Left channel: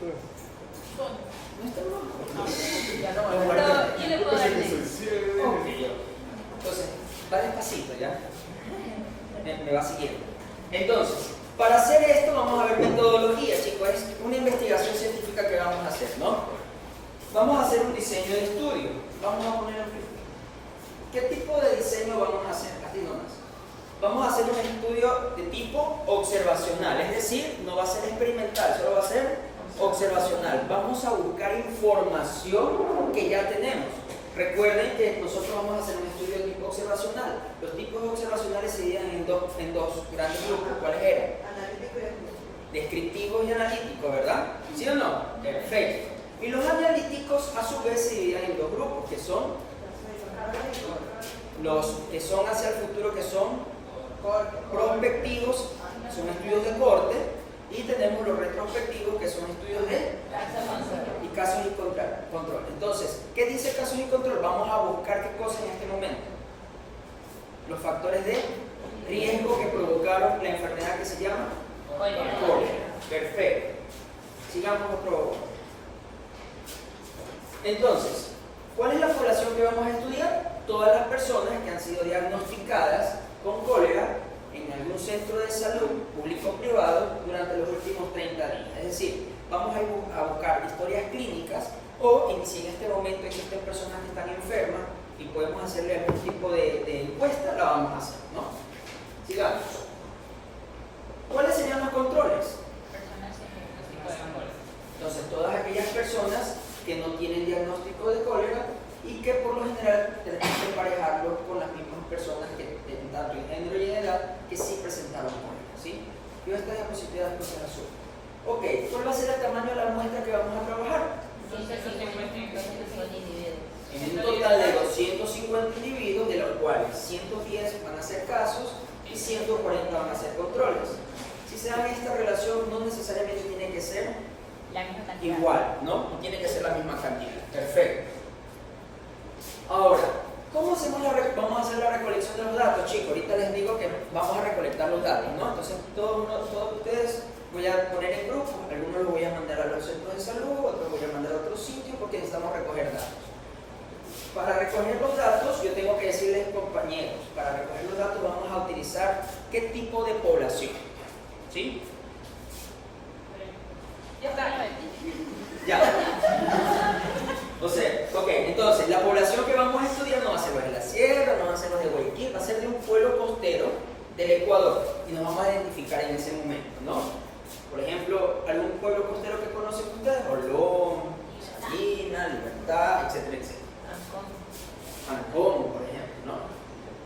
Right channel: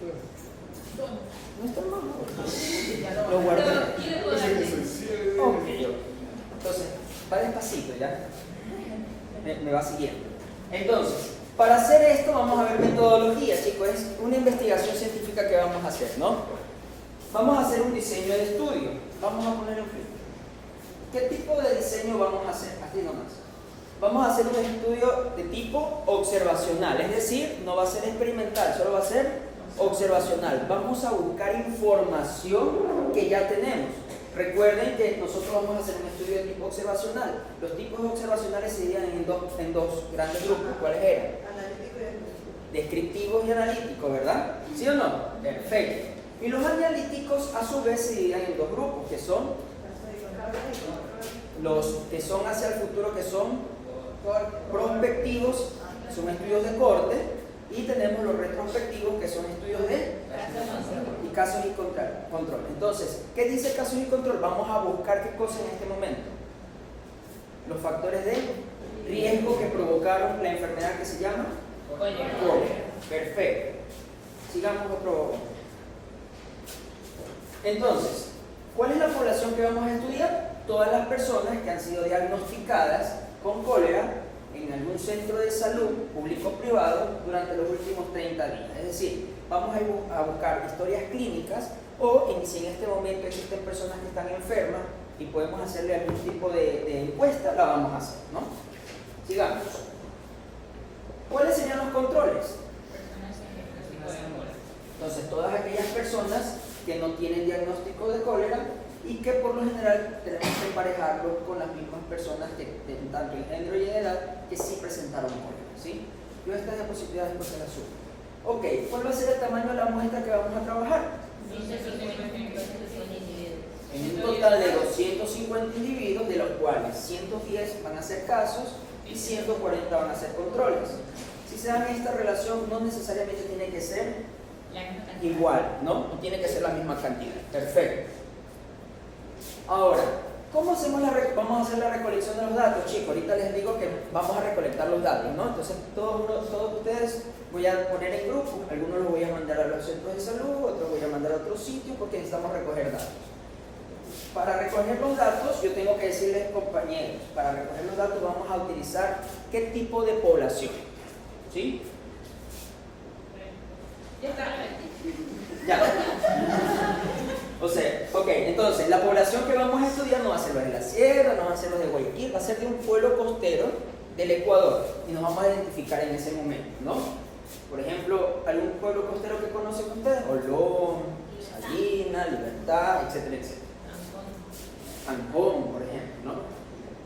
No está mal. Pero, ¿quién le puedo dar? Ok. Entonces, va despacito, ¿ya? Me va siguiendo. Entonces, para hacer esto vamos a ver metodología, chicos. Es una investigación científica que vamos a hacer, ¿no? Vamos a hacer un diseño de estudio. Vamos a poner el... ¿Qué tipo de diseño vamos a hacer? Aquí nomás. Vamos a hacer un estudio de tipo observacional, es decir, no va a ser experimental, solo va a ser observacional. Vamos a buscar información que ya tenemos. Recuerden que nosotros vamos a hacer un estudio de tipo observacional. Los tipos observacionales se dividen en dos grandes grupos. ¿Cuáles eran? Analítico y analítico. Descriptivos y analíticos, ¿verdad? ¿Sí o no? Perfecto. Y los analíticos a su vez se dividen en dos grupos, que son los que son hacia el futuro, que son prospectivos, son estudios de corte, y tenemos los retrospectivos, que son estudios de y casos y control. Entonces, ¿qué dice casos y control? Vamos a buscar qué cosa en este momento. Los factores de riesgo que provocaron la enfermedad que se llama cólera. Perfecto. Sigamos otro. Entonces, ¿cuál es la población que vamos a estudiar? Todas las personas que han sido diagnosticadas con cólera en algún centro de salud, público o privado, durante los últimos 30 días. Es decir, vamos a buscar historias clínicas o si en este momento existen personas que están enfermas y podemos hacerle algún tipo de encuesta, la vamos a hacer, ¿no? Sigamos. ¿Cuáles serían los controles? Entonces, todas aquellas personas que no tienen diagnóstico de cólera y que por lo general tenemos que emparejarlo con las mismas personas que tanto en género y en edad que sí presentaron cólera, ¿sí? Yo esta diapositiva después se la subo. Ok, ¿cuál va a ser el tamaño de la muestra que vamos a trabajar? En un total de 250 individuos, de los cuales 110 van a ser casos y 140 van a ser controles. Si se dan esta relación, no necesariamente tiene que ser igual, ¿no? No tiene que ser la misma cantidad. Perfecto. Ahora, ¿cómo hacemos vamos a hacer la recolección de los datos, chicos? Ahorita les digo que vamos a recolectar los datos, ¿no? Entonces, todos ustedes voy a poner en grupos, algunos los voy a mandar a los centros de salud, otros voy a mandar a otros sitios porque necesitamos recoger datos. Para recoger los datos, yo tengo que decirles, compañeros, para recoger los datos vamos a utilizar qué tipo de población, ¿sí? Ya. O sea, ok, entonces la población que vamos a estudiar no va a ser los de la sierra, no va a ser los de Guayaquil, va a ser de un pueblo costero del Ecuador y nos vamos a identificar en ese momento, ¿no? Por ejemplo, algún pueblo costero que conocen ustedes, Olón, Salina, Libertad, etcétera, etcétera. Ancón, por ejemplo, ¿no?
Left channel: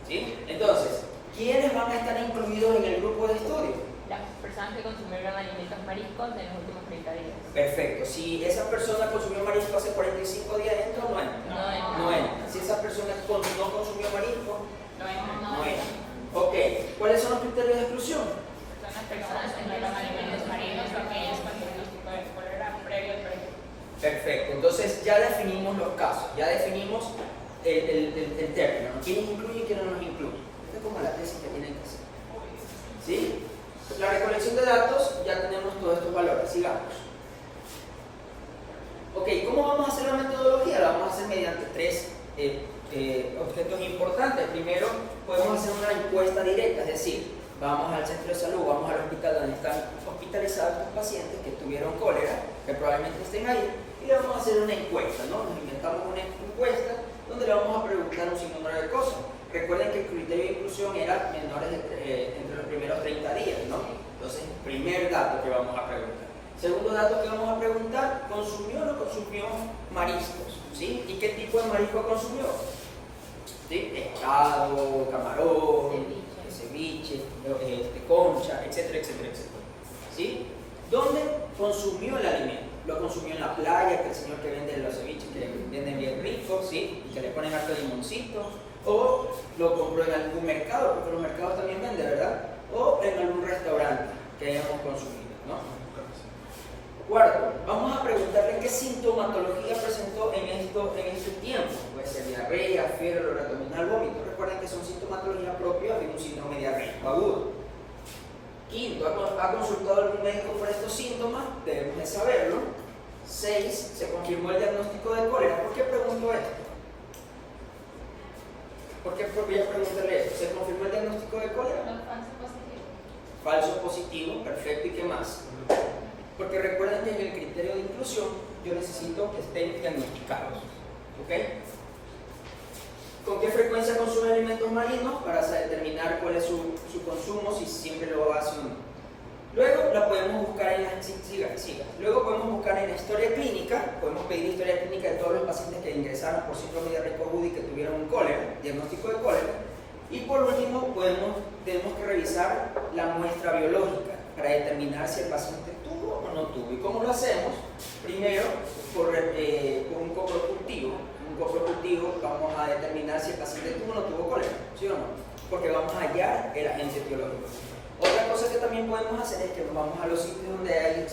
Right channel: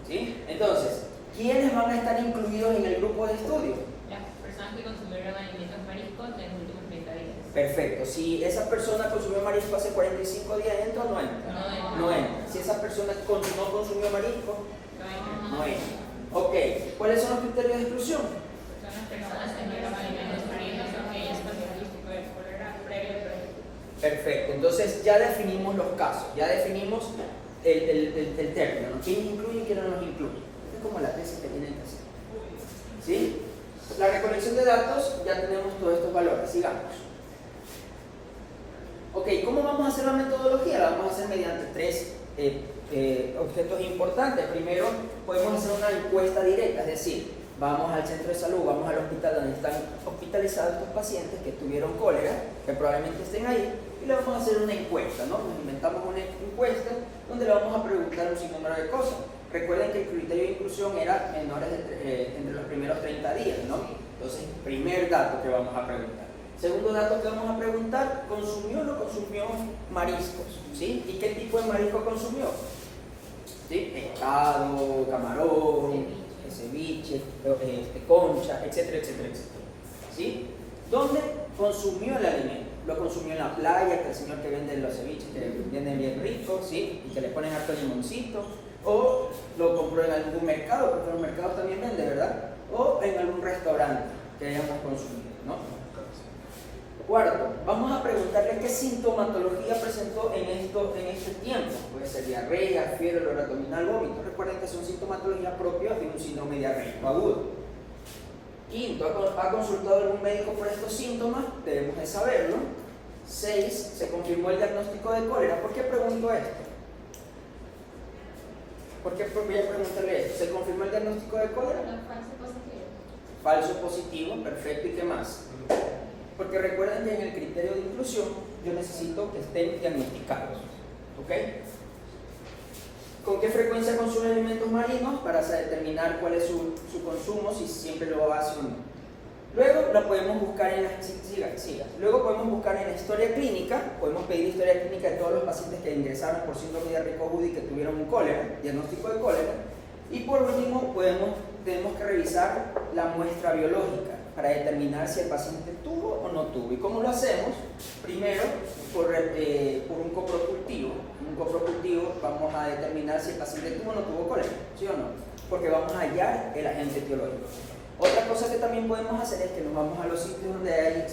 ¿Sí? Entonces, ¿quiénes van a estar incluidos en el grupo de estudio? Las personas que consumieron alimentos mariscos en los últimos 30 días. Perfecto. Si esa persona consumió marisco hace 45 días, ¿entra o no entra? No entra. Si esa persona no consumió marisco, No entra. Ok. ¿Cuáles son los criterios de exclusión? Son las personas que comieron alimentos mariscos o aquellas con diagnóstico de cólera previo. Perfecto. Entonces ya definimos los casos, ya definimos el término, ¿no? ¿Quién incluye y quién no nos incluye? Esto es como la tesis que tienen que hacer. ¿Sí? La recolección de datos, ya tenemos todos estos valores. Sigamos. Ok, ¿cómo vamos a hacer la metodología? La vamos a hacer mediante tres objetos importantes. Primero, podemos hacer una encuesta directa, es decir, vamos al centro de salud, vamos al hospital donde están hospitalizados estos pacientes que tuvieron cólera, que probablemente estén ahí, y le vamos a hacer una encuesta, ¿no? Nos inventamos una encuesta donde le vamos a preguntar un sinnúmero de cosas. Recuerden que el criterio de inclusión era menores entre los primeros 30 días, ¿no? Entonces, primer dato que vamos a preguntar. Segundo dato que vamos a preguntar, ¿consumió o no consumió mariscos? ¿Sí? ¿Y qué tipo de marisco consumió? ¿Sí? Pescado, camarón, ceviche, concha, etcétera, etcétera, etcétera. ¿Sí? ¿Dónde consumió el alimento? Lo consumió en la playa, que el señor que vende los ceviches, que venden bien ricos, ¿sí? Y que le ponen harto limoncito. O lo compró en algún mercado, porque los mercados también venden, ¿verdad? O en algún restaurante que hayamos consumido, ¿no? Cuarto, vamos a preguntarle qué sintomatología presentó en este tiempo. Puede ser diarrea, fiebre, dolor abdominal, vómito. Recuerden que son sintomatologías propias de un síndrome diarreico agudo. Quinto, ¿ha consultado algún médico por estos síntomas? Debemos de saberlo. 6 se confirmó el diagnóstico de cólera. ¿Por qué pregunto esto? ¿Por qué preguntarle esto? ¿Se confirmó el diagnóstico de cólera? Falso positivo, perfecto. ¿Y qué más? Porque recuerden que en el criterio de inclusión yo necesito que estén diagnosticados. ¿Ok? ¿Con qué frecuencia consume alimentos marinos? Para determinar cuál es su consumo, si siempre lo hace o no. Luego la podemos buscar en la Luego podemos buscar en la historia clínica, podemos pedir historia clínica de todos los pacientes que ingresaron por síndrome diarreico-agudo y que tuvieron un cólera, diagnóstico de cólera. Y por último, tenemos que revisar la muestra biológica para determinar si el paciente tuvo o no tuvo. ¿Y cómo lo hacemos? Primero, por un coprocultivo. En un coprocultivo vamos a determinar si el paciente tuvo o no tuvo cólera, ¿sí o no? Porque vamos a hallar el agente etiológico. Otra cosa que también podemos hacer es que nos vamos a los sitios donde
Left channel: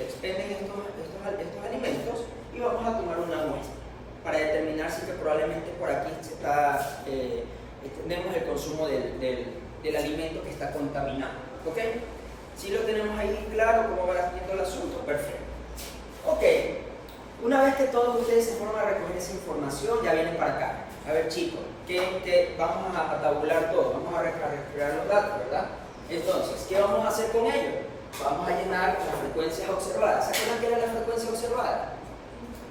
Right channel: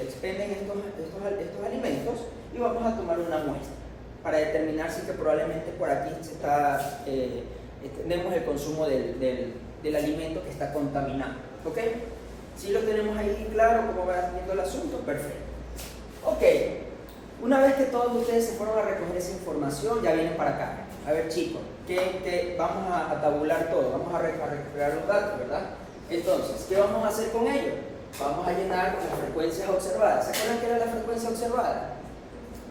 expenden estos alimentos y vamos a tomar una muestra para determinar si que probablemente por aquí tenemos el consumo del alimento que está contaminado. ¿Ok? Si lo tenemos ahí claro, cómo va viendo el asunto, perfecto. Ok, una vez que todos ustedes se fueron a recoger esa información, ya vienen para acá. A ver, chicos, vamos a tabular todo, vamos a recrear los datos, ¿verdad? Entonces, ¿qué vamos a hacer con ello? Vamos a llenar las frecuencias observadas. ¿Se acuerdan qué era la frecuencia observada?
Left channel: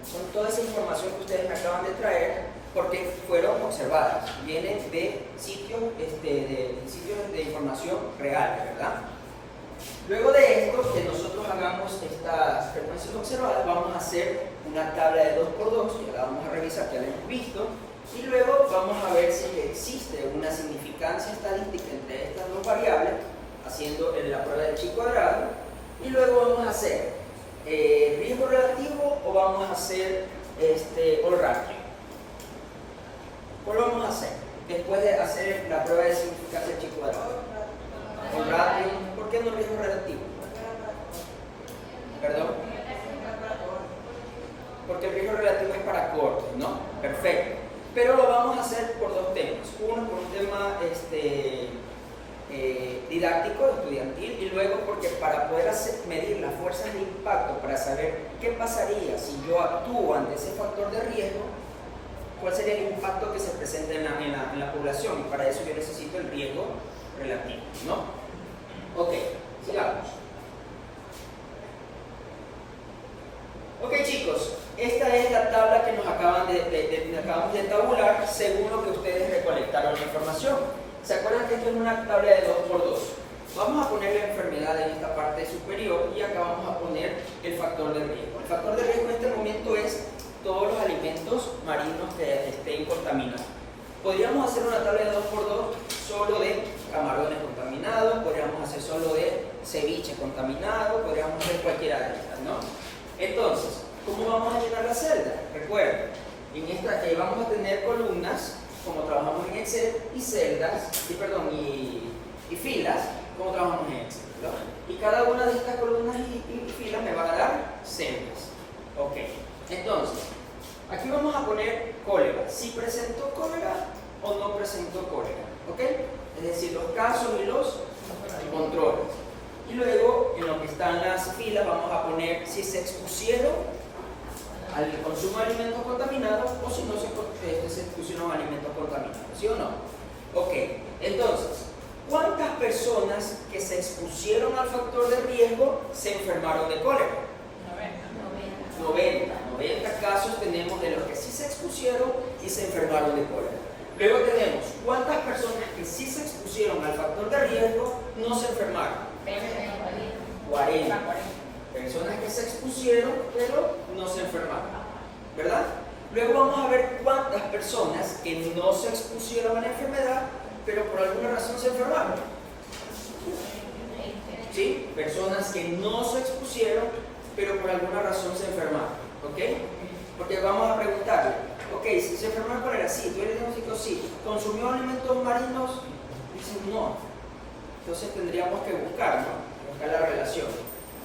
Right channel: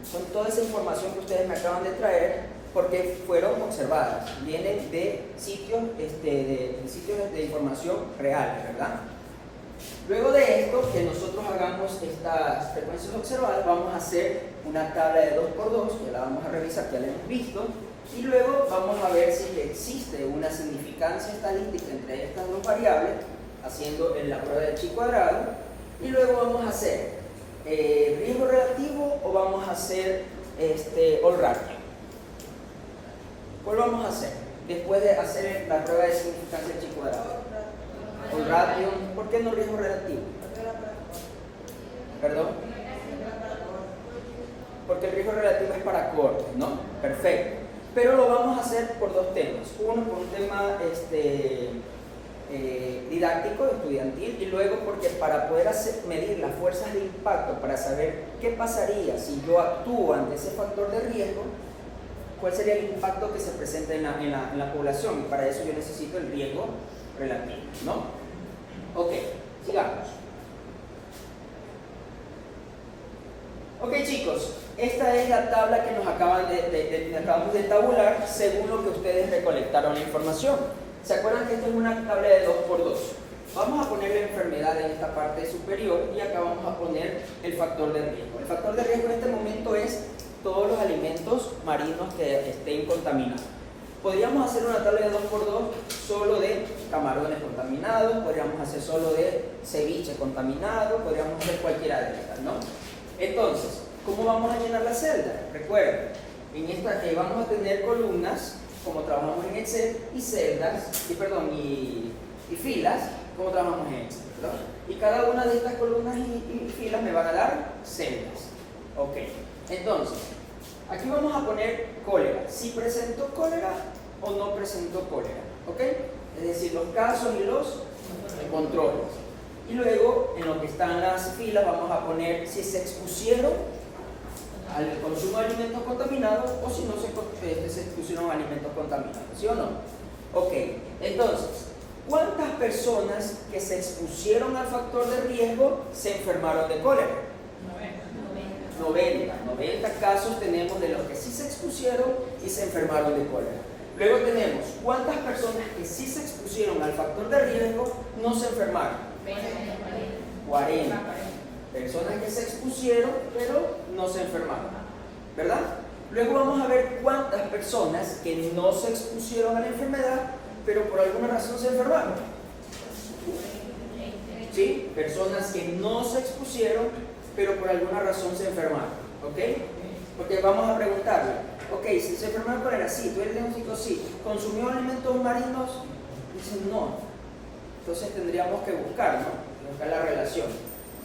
Son toda esa información que ustedes me acaban de traer porque fueron observadas. Vienen de sitios de información reales, ¿verdad? Luego de esto, que nosotros hagamos estas frecuencias observadas, vamos a hacer una tabla de 2×2, que la vamos a revisar, que ya la hemos visto. Y luego vamos a ver si existe una significancia estadística entre estas dos variables, haciendo la prueba del chi cuadrado. Y luego vamos a hacer riesgo relativo o vamos a hacer all ratio. ¿Cuál vamos a hacer? Después de hacer la prueba de significancia del chi cuadrado. All ratio. ¿Por qué no riesgo relativo? ¿Perdón? Porque el riesgo relativo es para cortes, ¿no? Perfecto. Pero lo vamos a hacer por dos temas. Uno, por un tema didáctico, estudiantil, y luego porque para poder medir las fuerzas de impacto, para saber qué pasaría si yo actúo ante ese factor de riesgo, cuál sería el impacto que se presenta en la población. Y para eso yo necesito el riesgo relativo, ¿no? Ok, sigamos. Ok, chicos. Esta es la tabla que nos acabamos de tabular según lo que ustedes recolectaron la información. ¿Se acuerdan que esto es una tabla de 2×2? Vamos a poner la enfermedad en esta parte superior y acá vamos a poner el factor de riesgo. El factor de riesgo en este momento es todos los alimentos marinos que estén contaminados. Podríamos hacer una tabla de 2×2 solo de camarones contaminados, podríamos hacer solo de ceviche contaminado, podríamos hacer cualquiera de estas, ¿no? Entonces, ¿cómo vamos a llenar la celda? Recuerden, en esta vamos a tener columnas, como trabajamos en Excel, y celdas, y filas, como trabajamos en Excel, ¿no? Y cada una de estas columnas y filas me van a dar celdas. Ok, entonces, aquí vamos a poner cólera. Si presentó cólera o no presentó cólera, ¿ok? Es decir, los casos y los controles. Y luego, en lo que están las filas, vamos a poner si se expusieron al consumo de alimentos contaminados o si no se expusieron a alimentos contaminados, ¿sí o no? Ok, entonces, ¿cuántas personas que se expusieron al factor de riesgo se enfermaron de cólera? 90 casos tenemos de los que sí se expusieron y se enfermaron de cólera. Luego tenemos cuántas personas que sí se expusieron al factor de riesgo no se enfermaron. 40 personas que se expusieron pero no se enfermaron, ¿verdad? Luego vamos a ver cuántas personas que no se expusieron a la enfermedad pero por alguna razón se enfermaron. ¿Sí? Personas que no se expusieron pero por alguna razón se enfermaron, ¿ok? Porque vamos a preguntarle, ok, si se enfermaron por cólera, sí, tú eres diagnóstico, sí, ¿consumió alimentos marinos? Dicen no. Entonces tendríamos que buscar, ¿no? Buscar la relación.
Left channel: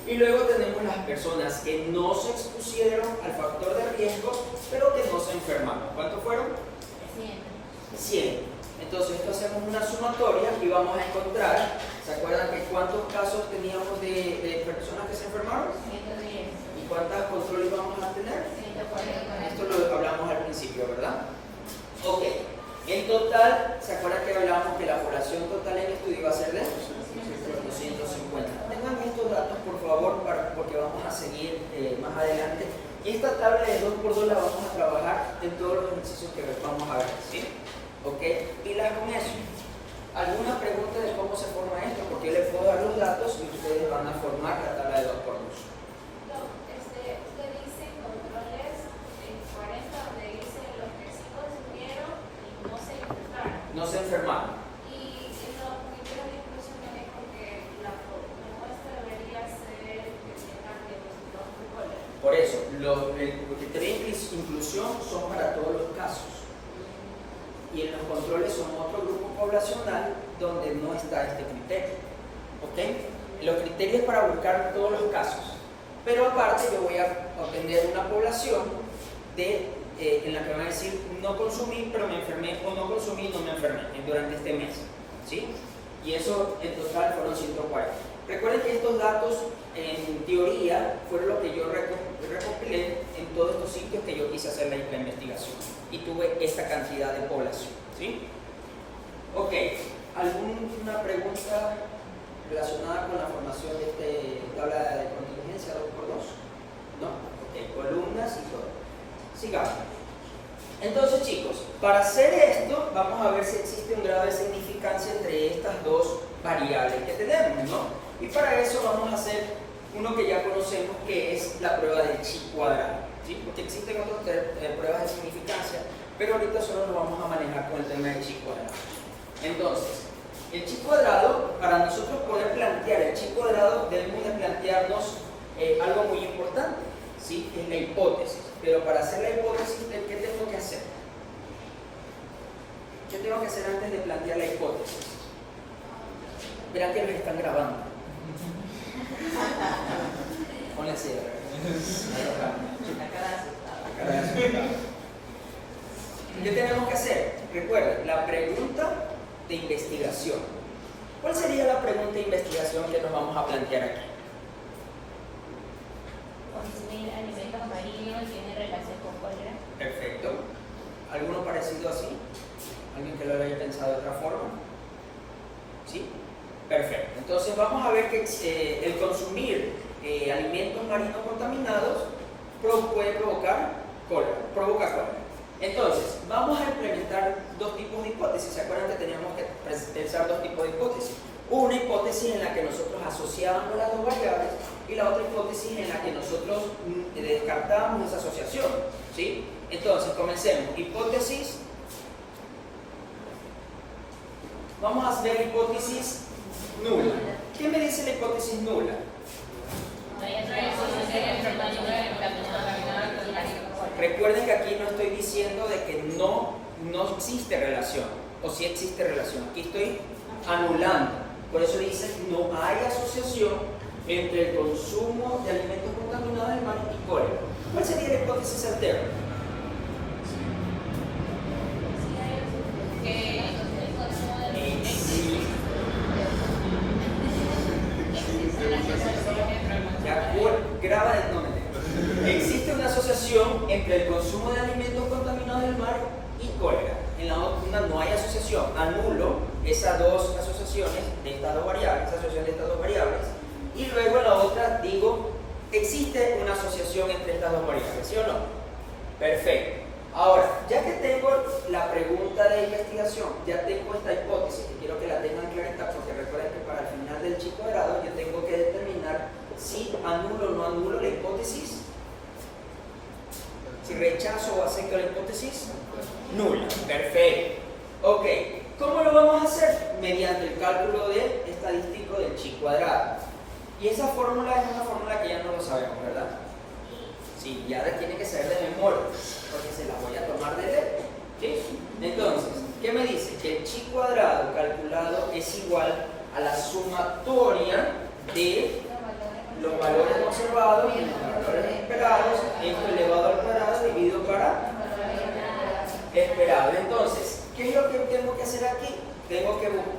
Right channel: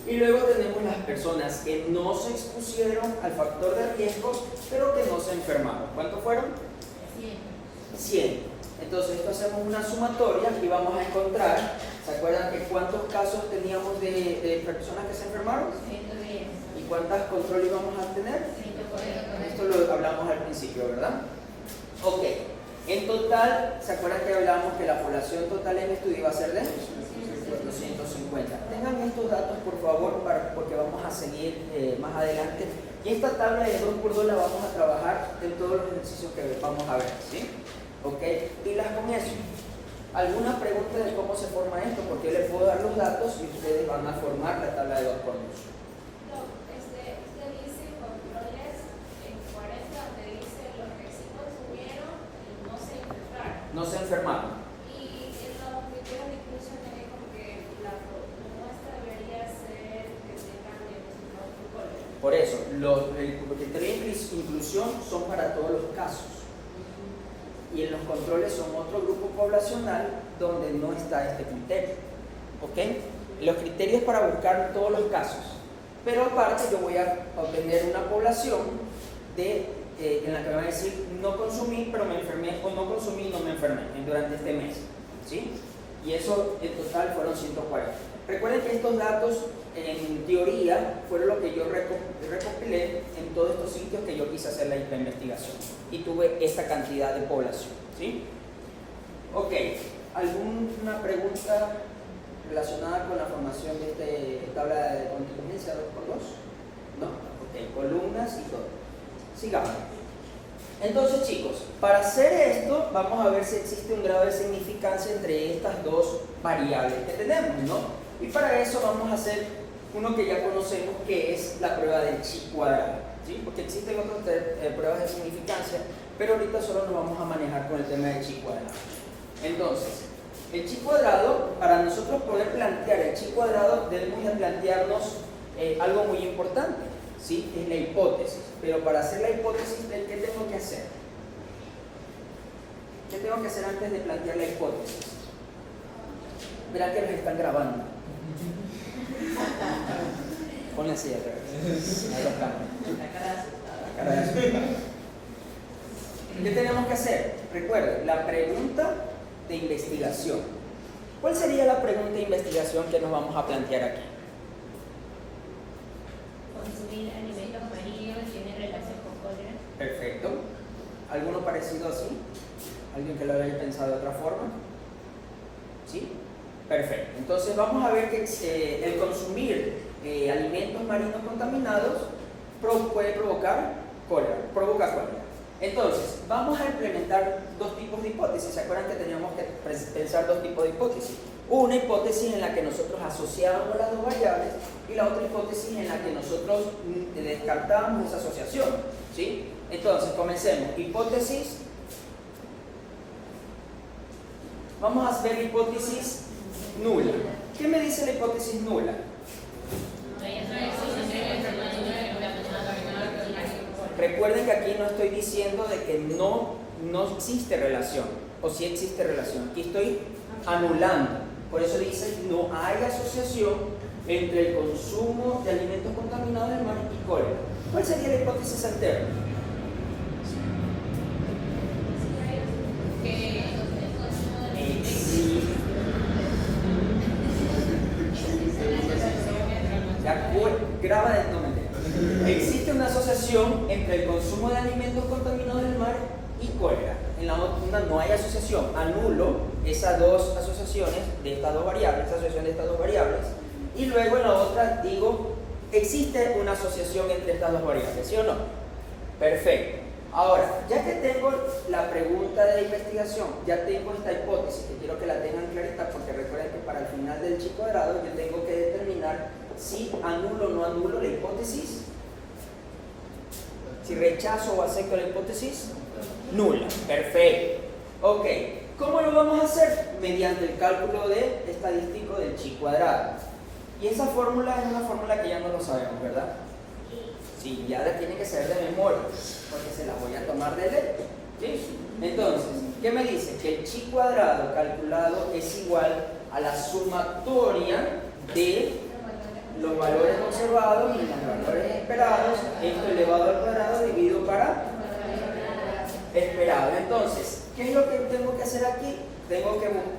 Y luego tenemos las personas que no se expusieron al factor de riesgo, pero que no se enfermaron. ¿Cuántos fueron? 100. Entonces esto hacemos una sumatoria y vamos a encontrar, ¿se acuerdan que cuántos casos teníamos de personas que se enfermaron? 110. ¿Y cuántas controles vamos a tener? 140. Esto lo hablamos al principio, ¿verdad? Ok. En total, ¿se acuerdan que hablábamos que la población total en el estudio iba a ser de 250? Tengan estos datos, por favor, porque vamos a seguir más adelante. Y esta tabla de 2x2 la vamos a trabajar en todos los ejercicios que vamos a ver, ¿sí? Ok. Pilas con eso. ¿Alguna pregunta de cómo se forma esto? Porque yo les puedo dar los datos y ustedes van a formar la tabla de 2x2. Usted dice controles en 40, donde dice los que sí consumieron y no se infectaron. No se enfermaron. Y en los criterios de inclusión viene con que la muestra debería ser que tengan los controles. Por eso, los criterios de inclusión son para todos los casos. Y en los controles son otro grupo poblacional donde no está este criterio. ¿Ok? Los criterios para buscar todos los casos. Pero aparte yo voy a obtener una población en la que me va a decir no consumí pero me enfermé o no consumí y no me enfermé durante este mes. ¿Sí? Y eso en total fueron 140. Recuerden que estos datos en teoría fueron lo que yo recopilé en todos estos sitios que yo quise hacer la investigación y tuve esta cantidad de población. ¿Sí? Ok, ¿alguna pregunta relacionada con la formación de esta tabla de contingencia 2x2? ¿No? Ok, columnas y todo. Sigamos. Entonces, chicos, para hacer esto vamos a ver si existe un grado de significancia entre estas dos variables que tenemos, ¿no? Y para eso vamos a hacer uno que ya conocemos, que es la prueba del chi cuadrado, ¿sí? Porque existen otras pruebas de significancia, pero ahorita solo nos vamos a manejar con el tema del chi cuadrado. Entonces, el chi cuadrado, para nosotros poder plantear el chi cuadrado, debemos de plantearnos algo muy importante, ¿sí? Es la hipótesis. Pero para hacer la hipótesis, ¿qué tengo que hacer? ¿Qué tengo que hacer antes de plantear la hipótesis? Verán que nos están grabando. Ponle así, la cara de asustada. ¿Qué tenemos que hacer? Recuerden, la pregunta de investigación. ¿Cuál sería la pregunta de investigación que nos vamos a plantear aquí? Consumir alimentos marinos tiene relación con cólera. Perfecto. ¿Alguno parecido así? ¿Alguien que lo había pensado de otra forma? ¿Sí? Perfecto. Entonces vamos a ver que el consumir alimentos marinos contaminados puede provocar cólera, provoca cólera. Entonces, vamos a implementar dos tipos de hipótesis. ¿Se acuerdan que teníamos que pensar dos tipos de hipótesis? Una hipótesis en la que nosotros asociábamos las dos variables y la otra hipótesis en la que nosotros descartábamos esa asociación, ¿sí? Entonces, comencemos. Hipótesis. Vamos a ver hipótesis nula. ¿Qué me dice la hipótesis nula? No hay asociación entre marinos y alimentos contaminados con cólera. Recuerden que aquí no estoy diciendo de que no existe relación, o sí existe relación. Aquí estoy anulando. Por eso dice no hay asociación entre el consumo de alimentos contaminados del mar y cólera. ¿Cuál sería la hipótesis alterna? Graba el nombre. Existe una asociación entre el consumo de alimentos contaminados del mar y cólera. En la otra no hay asociación. Anulo esas dos asociaciones de estas dos variables, esa asociación de estas dos variables. Y luego en la otra digo, existe una asociación entre estas dos variables, ¿sí o no? Perfecto. Ahora, ya que tengo la pregunta de investigación, ya tengo esta hipótesis, que quiero que la tengan clarita, porque recuerden que para el final del chi cuadrado yo tengo que determinar si anulo o no anulo la hipótesis, si rechazo o acepto la hipótesis nula. Perfecto. Ok, ¿cómo lo vamos a hacer? Mediante el cálculo estadístico del chi cuadrado. Y esa fórmula es una fórmula que ya no lo sabemos, ¿verdad? Sí, ya la tiene que saber de memoria, porque se la voy a tomar de letra. ¿Sí? Entonces, ¿qué me dice? Que el chi cuadrado calculado es igual a la sumatoria de los valores observados y los valores esperados, esto elevado al cuadrado dividido para esperado. Entonces, ¿qué es lo que tengo que hacer aquí?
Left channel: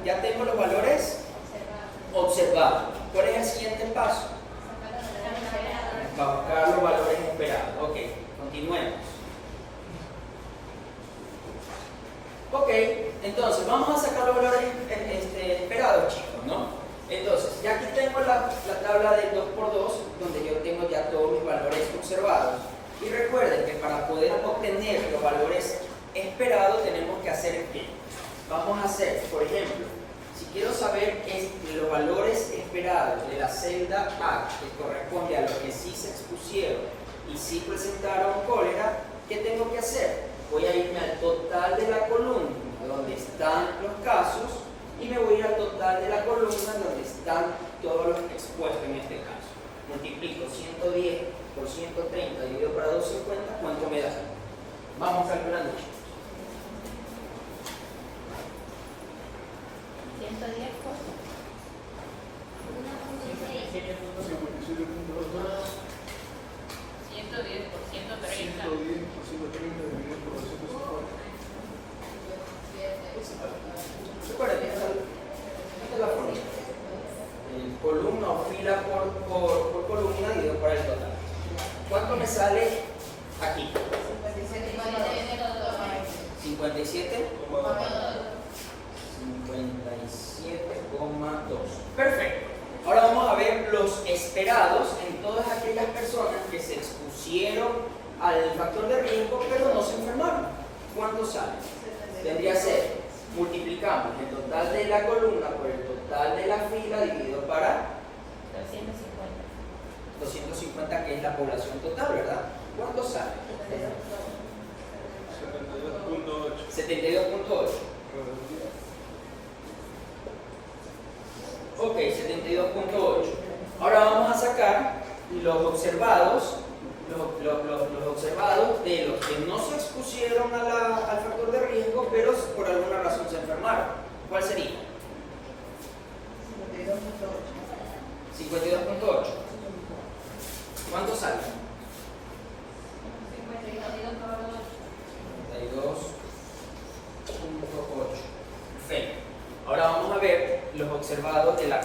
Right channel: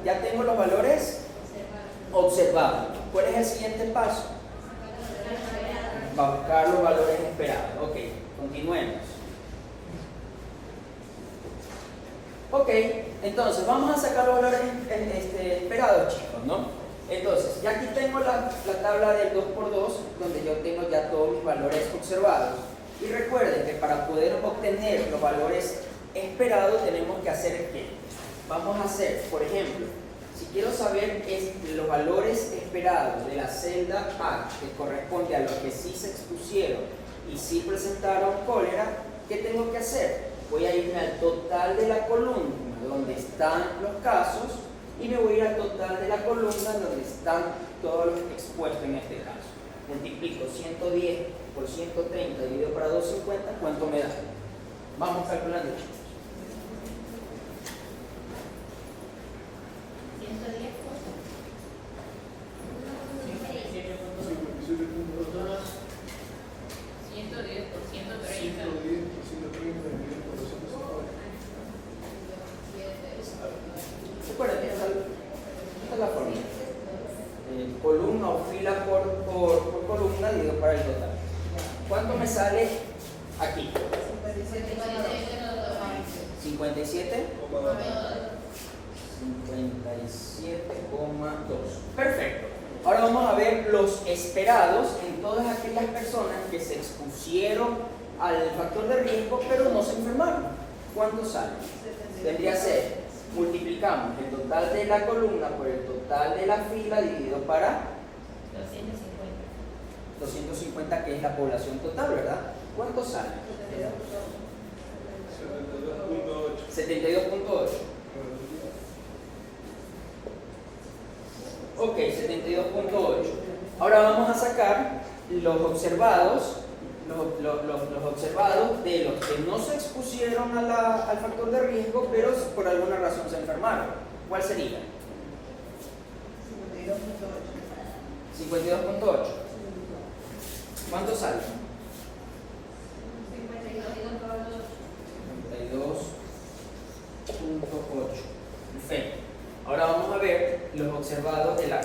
Ya tengo los valores observado. ¿Cuál es el siguiente paso? Para buscar los valores esperados. Ok, continuemos. Ok, entonces vamos a sacar los valores esperados, chicos, ¿no? Entonces, ya aquí tengo la tabla del 2×2, donde yo tengo ya todos mis valores observados. Y recuerden que para poder obtener los valores esperados tenemos que hacer ¿qué? Vamos a hacer, por ejemplo, si quiero saber los valores esperados de la celda A, que corresponde a los que sí se expusieron y sí presentaron cólera, ¿qué tengo que hacer? Voy a irme al total de la columna donde están los casos y me voy a ir al total de la columna donde están todos los expuestos en este caso. Multiplico 110 por 130 dividido por 250, ¿cuánto me da? Vamos calculando, chicos. 110 por 110 por 130. Recuerden, esta es la fórmula. Columna o fila por columna dividido para el total. ¿Cuánto me sale aquí? 57. 57,2. Perfecto. Ahora vamos a ver los esperados en todas aquellas personas que se expusieron al factor de riesgo pero no se enfermaron. ¿Cuánto sale? Tendría que ser, multiplicamos el total de la columna por el total de la fila dividido para 250, que es la población total, ¿verdad? ¿Cuánto sale? 72.8. Ok, 72.8. Ahora vamos a sacar los observados, los observados de los que no se expusieron al factor de riesgo, pero por alguna razón se enfermaron. ¿Cuál sería? 52.8. ¿Cuánto sale? 52.8. Perfecto. Ahora vamos a ver los observados de la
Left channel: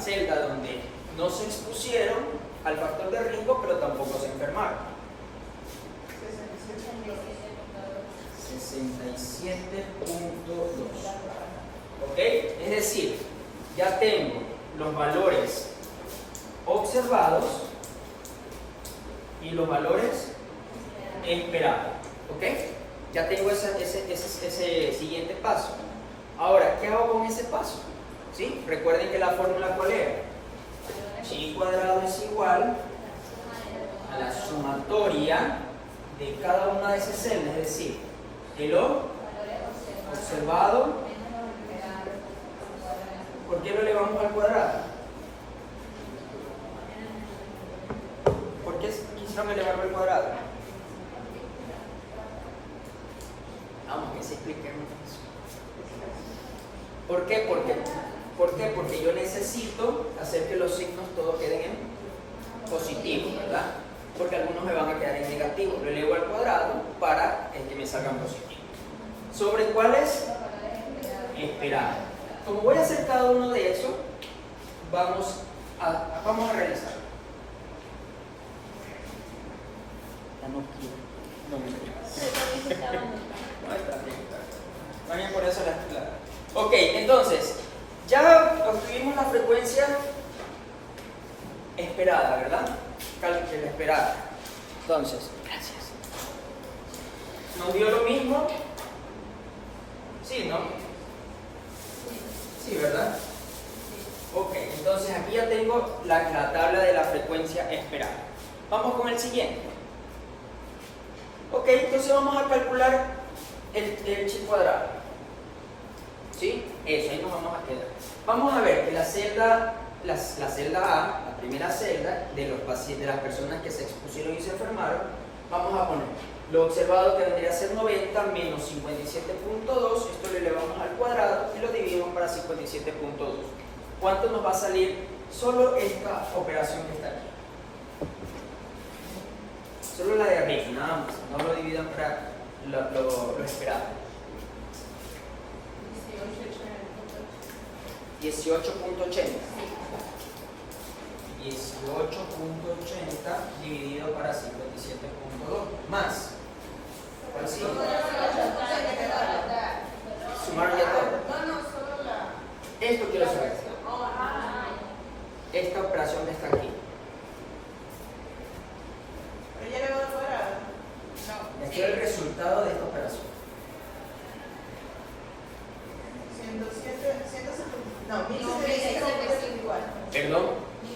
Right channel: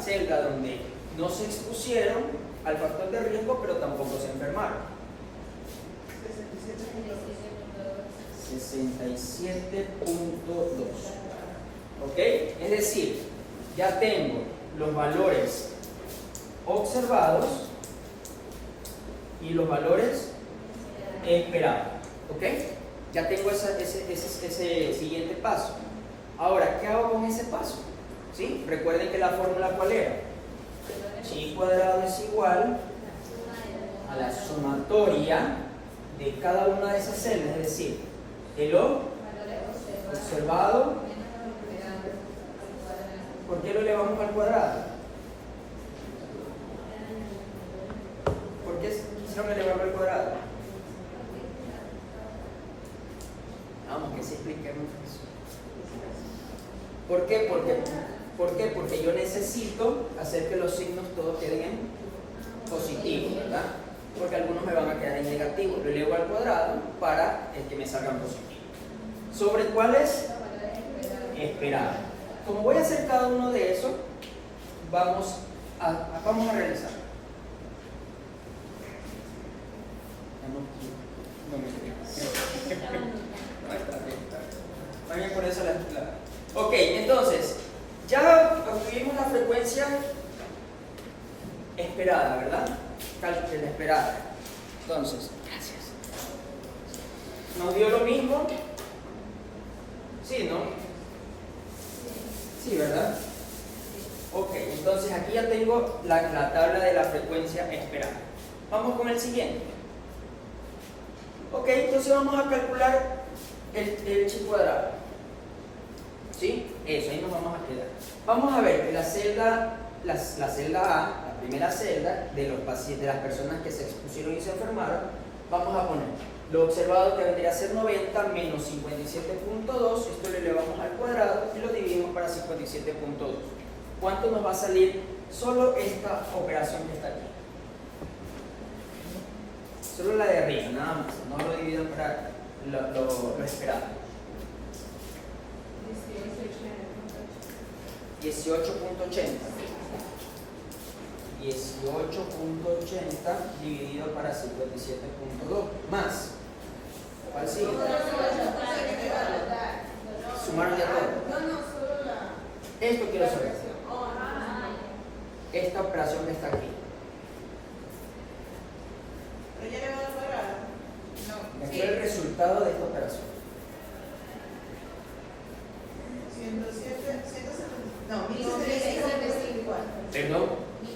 celda donde no se expusieron al factor de riesgo, pero tampoco se enfermaron. 67.2. ¿Ok? Es decir, ya tengo los valores observados y los valores esperados. ¿Ok? Ya tengo ese siguiente paso. Ahora, ¿qué hago con ese paso? ¿Sí? Recuerden que la fórmula ¿cuál era? Chi cuadrado es igual a la sumatoria de cada una de esas celdas, es decir, el observado. ¿Por qué lo elevamos al cuadrado? ¿Por qué quisieron elevarlo al cuadrado? Vamos, que se expliquemos eso. ¿Por qué? Porque yo necesito hacer que los signos todos queden en positivo, ¿verdad? Porque algunos me van a quedar en negativo. Lo elevo al cuadrado para que me salgan positivos. ¿Sobre cuáles? Esperados. Como voy a hacer cada uno de esos, vamos a realizar. No me Está bien, por eso la. Ok, entonces, ya obtuvimos la frecuencia esperada, ¿verdad? La esperada. Entonces, gracias. ¿Nos dio lo mismo? Sí, ¿no? Sí, ¿verdad? Ok, entonces aquí ya tengo la tabla de la frecuencia esperada. Vamos con el siguiente. Ok, entonces vamos a calcular el chi cuadrado. ¿Sí? Eso, ahí nos vamos a quedar. Vamos a ver que la celda A, la primera celda de las personas que se expusieron y se enfermaron, vamos a poner lo observado que vendría a ser 90 menos 57.2, esto lo elevamos al cuadrado y lo dividimos para 57.2. ¿Cuánto nos va a salir solo esta operación que está aquí? Solo la de arriba, nada más, no lo dividan para lo esperado. 18.80. 18.80 dividido para 57.2 más. ¿Cuál sigue? Sumarle todo. Esto quiero saber. Esta operación que está aquí. Y aquí el resultado de esta operación. 1074. Perdón. 1075.84.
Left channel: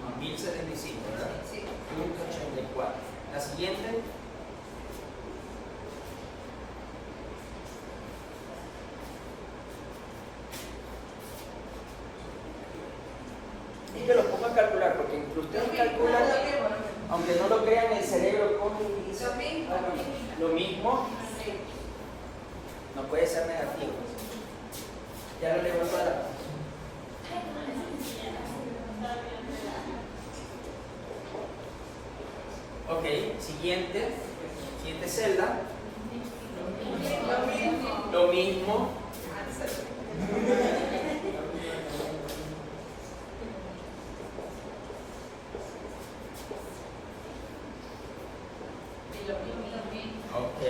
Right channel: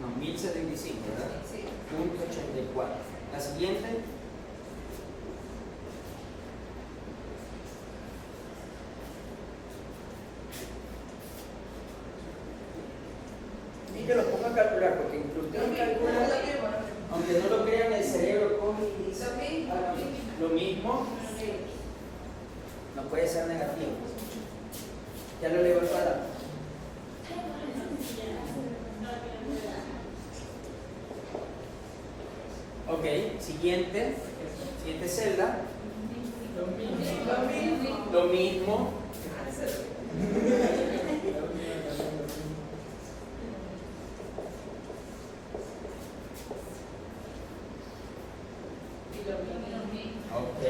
No, 1075, ¿verdad? Sí. Punto 84. La siguiente. Y que lo ponga a calcular, porque ustedes calculan, aunque no lo crean, el cerebro coge y dice lo mismo, no puede ser negativo. Ya lo leo al cuadrado. Ok, siguiente celda. Lo mismo. Ok.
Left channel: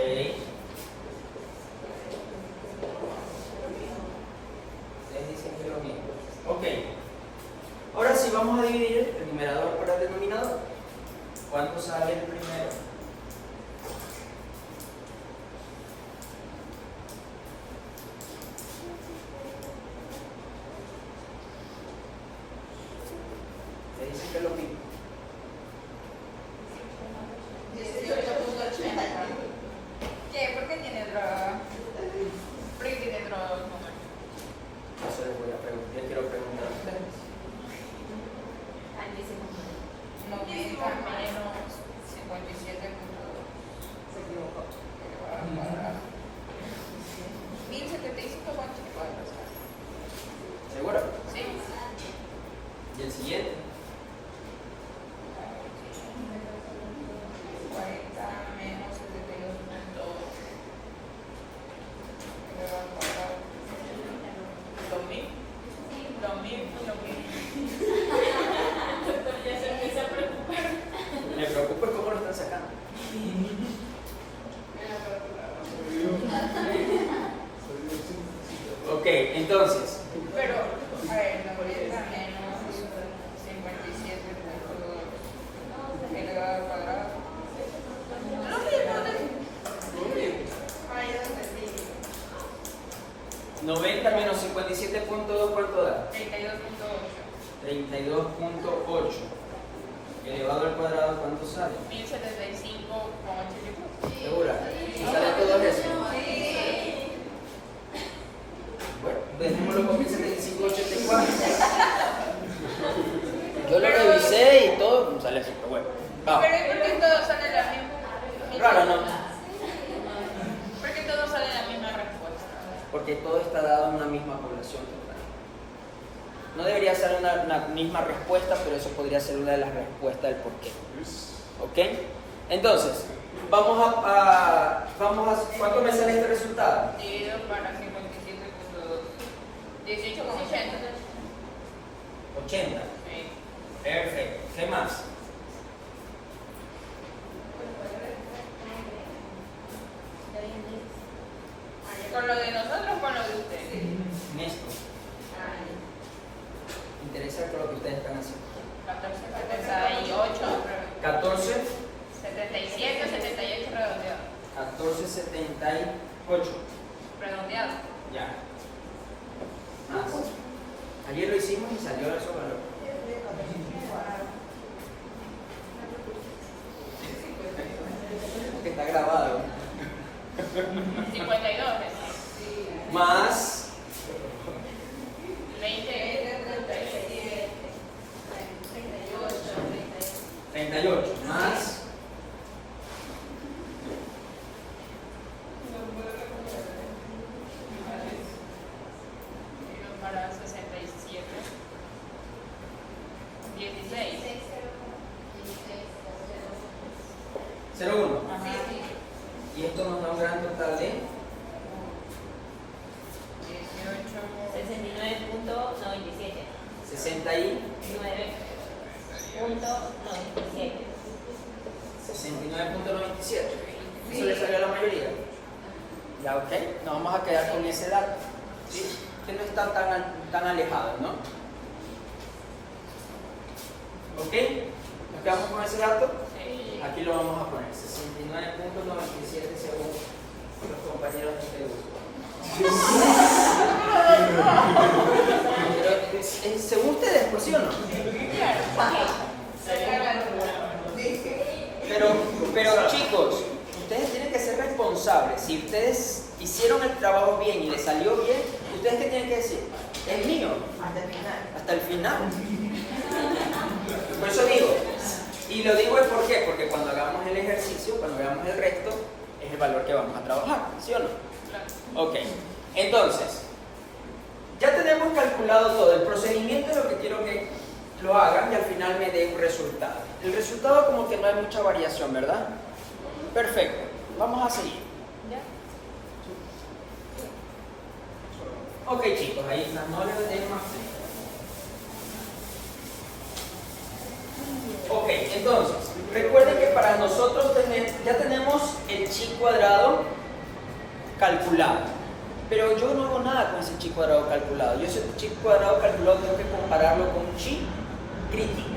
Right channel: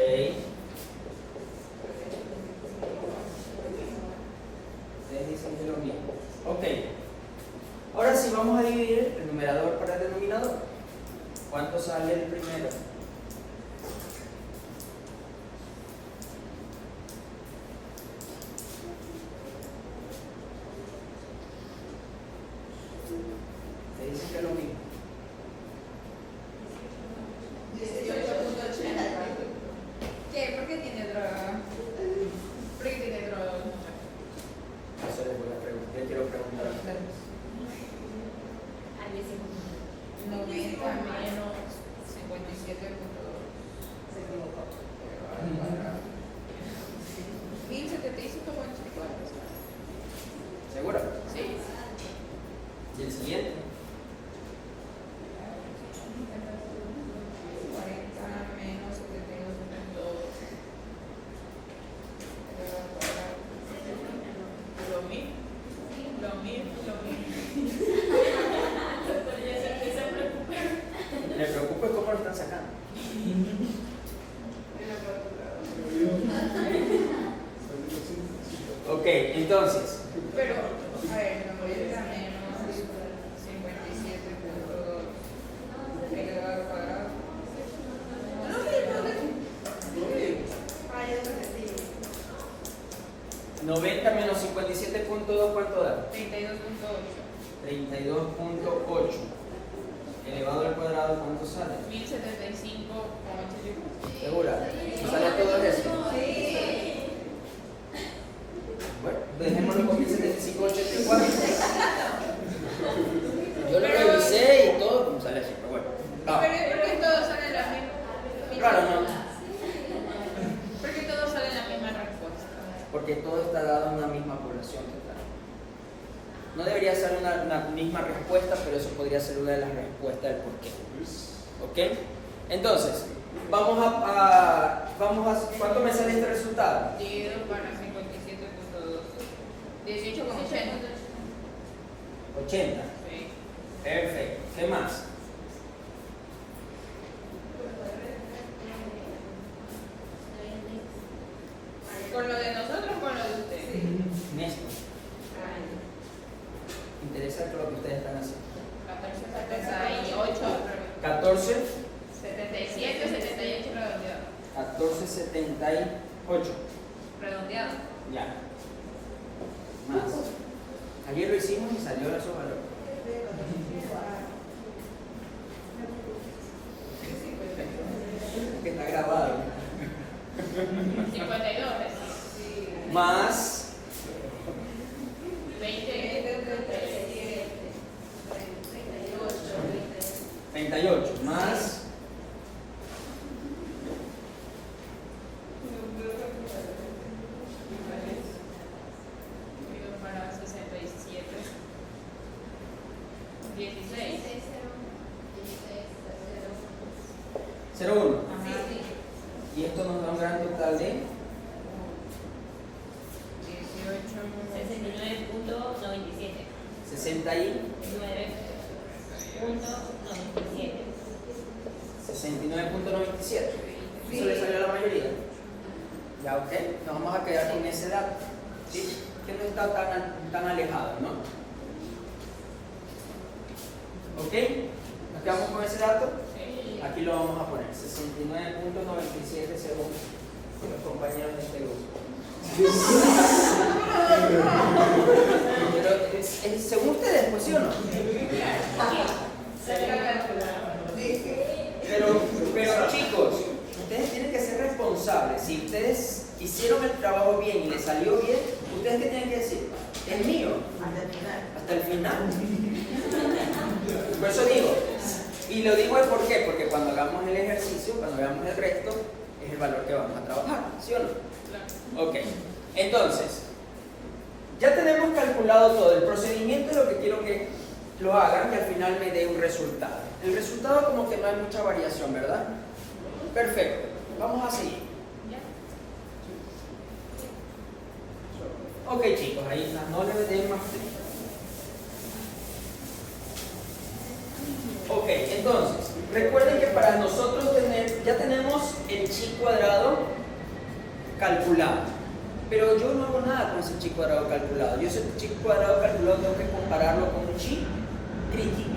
Les dicen que es lo mismo. Ok. Ahora sí vamos a dividir el numerador por el denominador. ¿Cuánto sale el primero? Le dicen que es lo mismo. 18.80. ¿Qué? ¿Por qué tiene otro? ¿Por qué tiene otro número? Eso les voy a preguntar. Yo quiero preguntar a ustedes. 90 menos 57.2. Se equivocó. 1075.84. ¿Seguro? Sí. ¿Y el siguiente? 40 menos 72.2. Lo mismo. Me preocupa cómo lo están sacando. Ok, entonces, Pero, a ver, 90 menos 57.2 elevado al cuadrado. Lo mismo. 90 menos 57.2, ¿cuánto da? 32.8. 32.8 elevado al cuadrado, ¿cuánto sale? 1075.84. ¿Segura? ¿Y sale todo eso? Bueno, dejémoslo con 1075.84. Yo lo revisé y todo, como sale así, pero bueno. Vamos. Pero ¿por qué todos salen la misma? Claro, no. ¿Por qué todos salen la misma respuesta? Porque todo está dado en una misma población total. No debería ser una misma respuesta, pero eso podría ser una de las respuestas del porqué. ¿Ok? Entonces, vamos a ¿cuánto me sale este resultado? Dividido para 57.2. 18.80. 80. Sí. Perfecto. ¿Qué más? ¿Con lo de nosotros o con lo de ustedes? Esto. Interesa con lo que ustedes están haciendo. 14.78. 14, 77 o 78 redondeado. 14.78. Redondeado. Ya. Más. Ayer lo hicimos y salió esos valores. Que está grabado. 52. Más 38. Más Para 67. 16. 0,1. Ajá. Y esto nos da un gran total de 69.97. ¿Eso le salió a la mayoría? Ya, ok. Nos vamos a quedar con ese dato. ¿Sí? Que no está tan alejado, ¿no? ¿Ok? ¿Nos quedamos con ese dato? Aquí lo vamos a poner. 69.97 según los compañeros de este grupo. Pero, según ustedes, pues, ¿sí o no? Pero chicos, ustedes tienen que ser responsables. Si ustedes hicieron el trabajo bien y les salió bien, ¿ustedes qué tienen que decir? Es mío. Hasta el final. Por eso digo, y lo digo ¿por qué? Porque cuando hagamos el ejercicio, cuando hagamos el resto, es el valor que vamos a trabajar, ¿sí o no? Ok, entonces, ya tenemos calculado todo. El procedimiento es lo que quiero que lo hagan y al final me dé un resultado. El resultado como que no hay mucha variación, ¿verdad? Perfecto, vamos a seguir. Ok chicos, ahí está, no les den más frío. Ok, entonces, recuerden que para nosotros ya tenemos el chi cuadrado calculado. Pero yo no hago nada con ese chi cuadrado calculado. Yo ese chi cuadrado calculado tengo que compararlo con un chi crítico.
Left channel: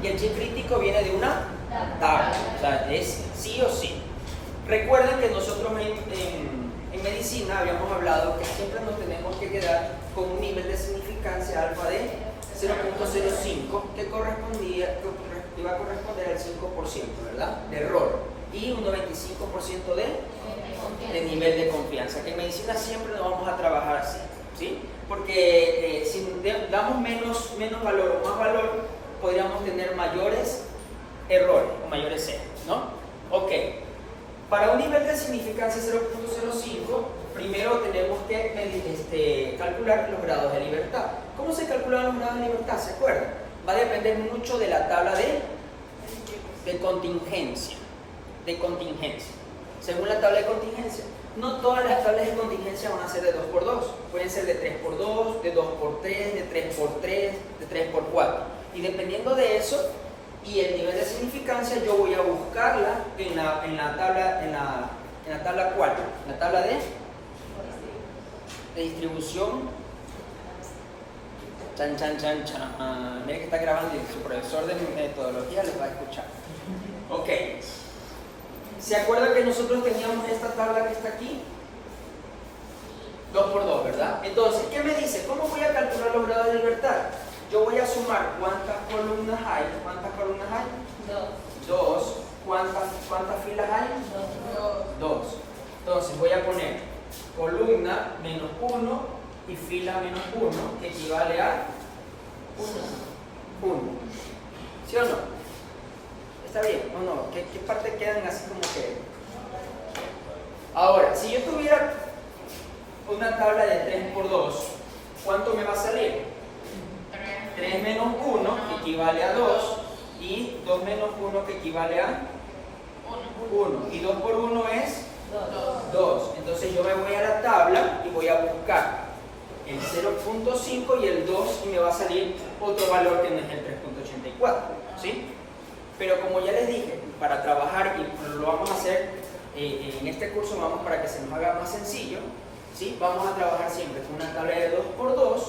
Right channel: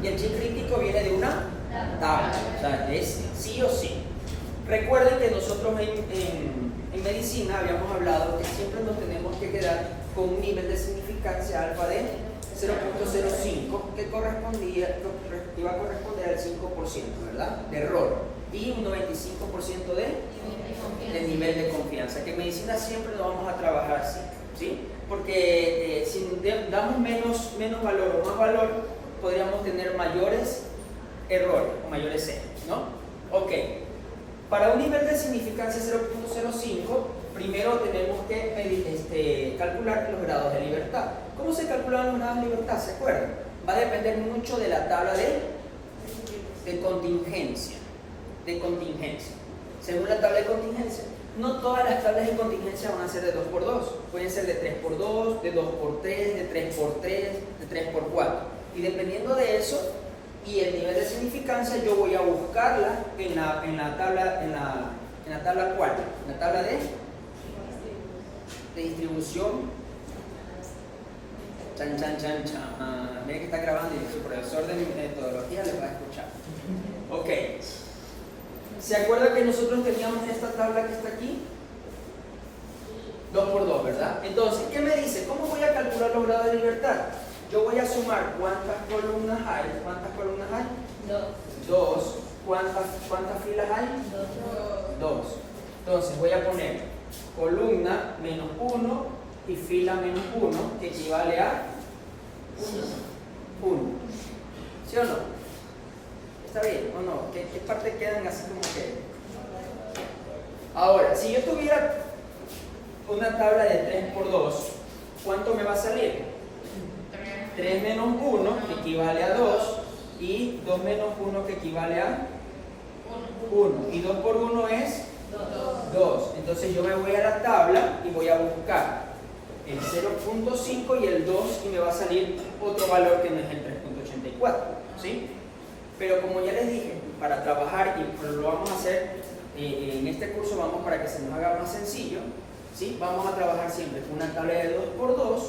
Y el chi crítico viene de una tabla. O sea, es sí o sí. Recuerden que nosotros en medicina habíamos hablado que siempre nos tenemos que quedar con un nivel de significancia alfa de 0.05 que iba a corresponder al 5%, ¿verdad? De error. Y un 95% de nivel de confianza. Que en medicina siempre lo vamos a trabajar así, ¿sí? Porque si damos menos valor o más valor, podríamos tener mayores errores o mayores errores, ¿no? Ok. Para un nivel de significancia 0.05, primero tenemos que calcular los grados de libertad. ¿Cómo se calculan los grados de libertad? ¿Se acuerdan? Va a depender mucho de la tabla de contingencia. Según la tabla de contingencia, no todas las tablas de contingencia van a ser de 2x2. Pueden ser de 3x2, de 2x3, de 3x3, de 3x4. Y dependiendo de eso y el nivel de significancia, yo voy a buscarla en la tabla cual, en la tabla de distribución. Chan. Miren que está grabando y su profesor de metodología les va a escuchar. Ok. ¿Se acuerdan que nosotros teníamos esta tabla que está aquí? 2x2, ¿verdad? Entonces, ¿qué me dice? ¿Cómo voy a calcular los grados de libertad? Yo voy a sumar cuántas columnas hay. ¿Cuántas columnas hay? 2. ¿Cuántas filas hay? 2. Entonces voy a poner columna menos 1 y fila menos 1, que equivale a 1. ¿Sí o no? ¿Está bien o no? ¿Qué partes quedan así como que? Ahora, si yo tuviera una tabla de 3x2, ¿cuánto me va a salir? 3 menos 1, que equivale a 2, y 2 menos 1, que equivale a 1. Y 2 por 1 es 2. Entonces yo me voy a la tabla y voy a buscar el 0.5 y el 2 y me va a salir otro valor que no es el 3.84, ¿sí? Pero como ya les dije, para trabajar, y lo vamos a hacer en este curso, vamos para que se nos haga más sencillo, ¿sí? Vamos a trabajar siempre con una tabla de 2x2,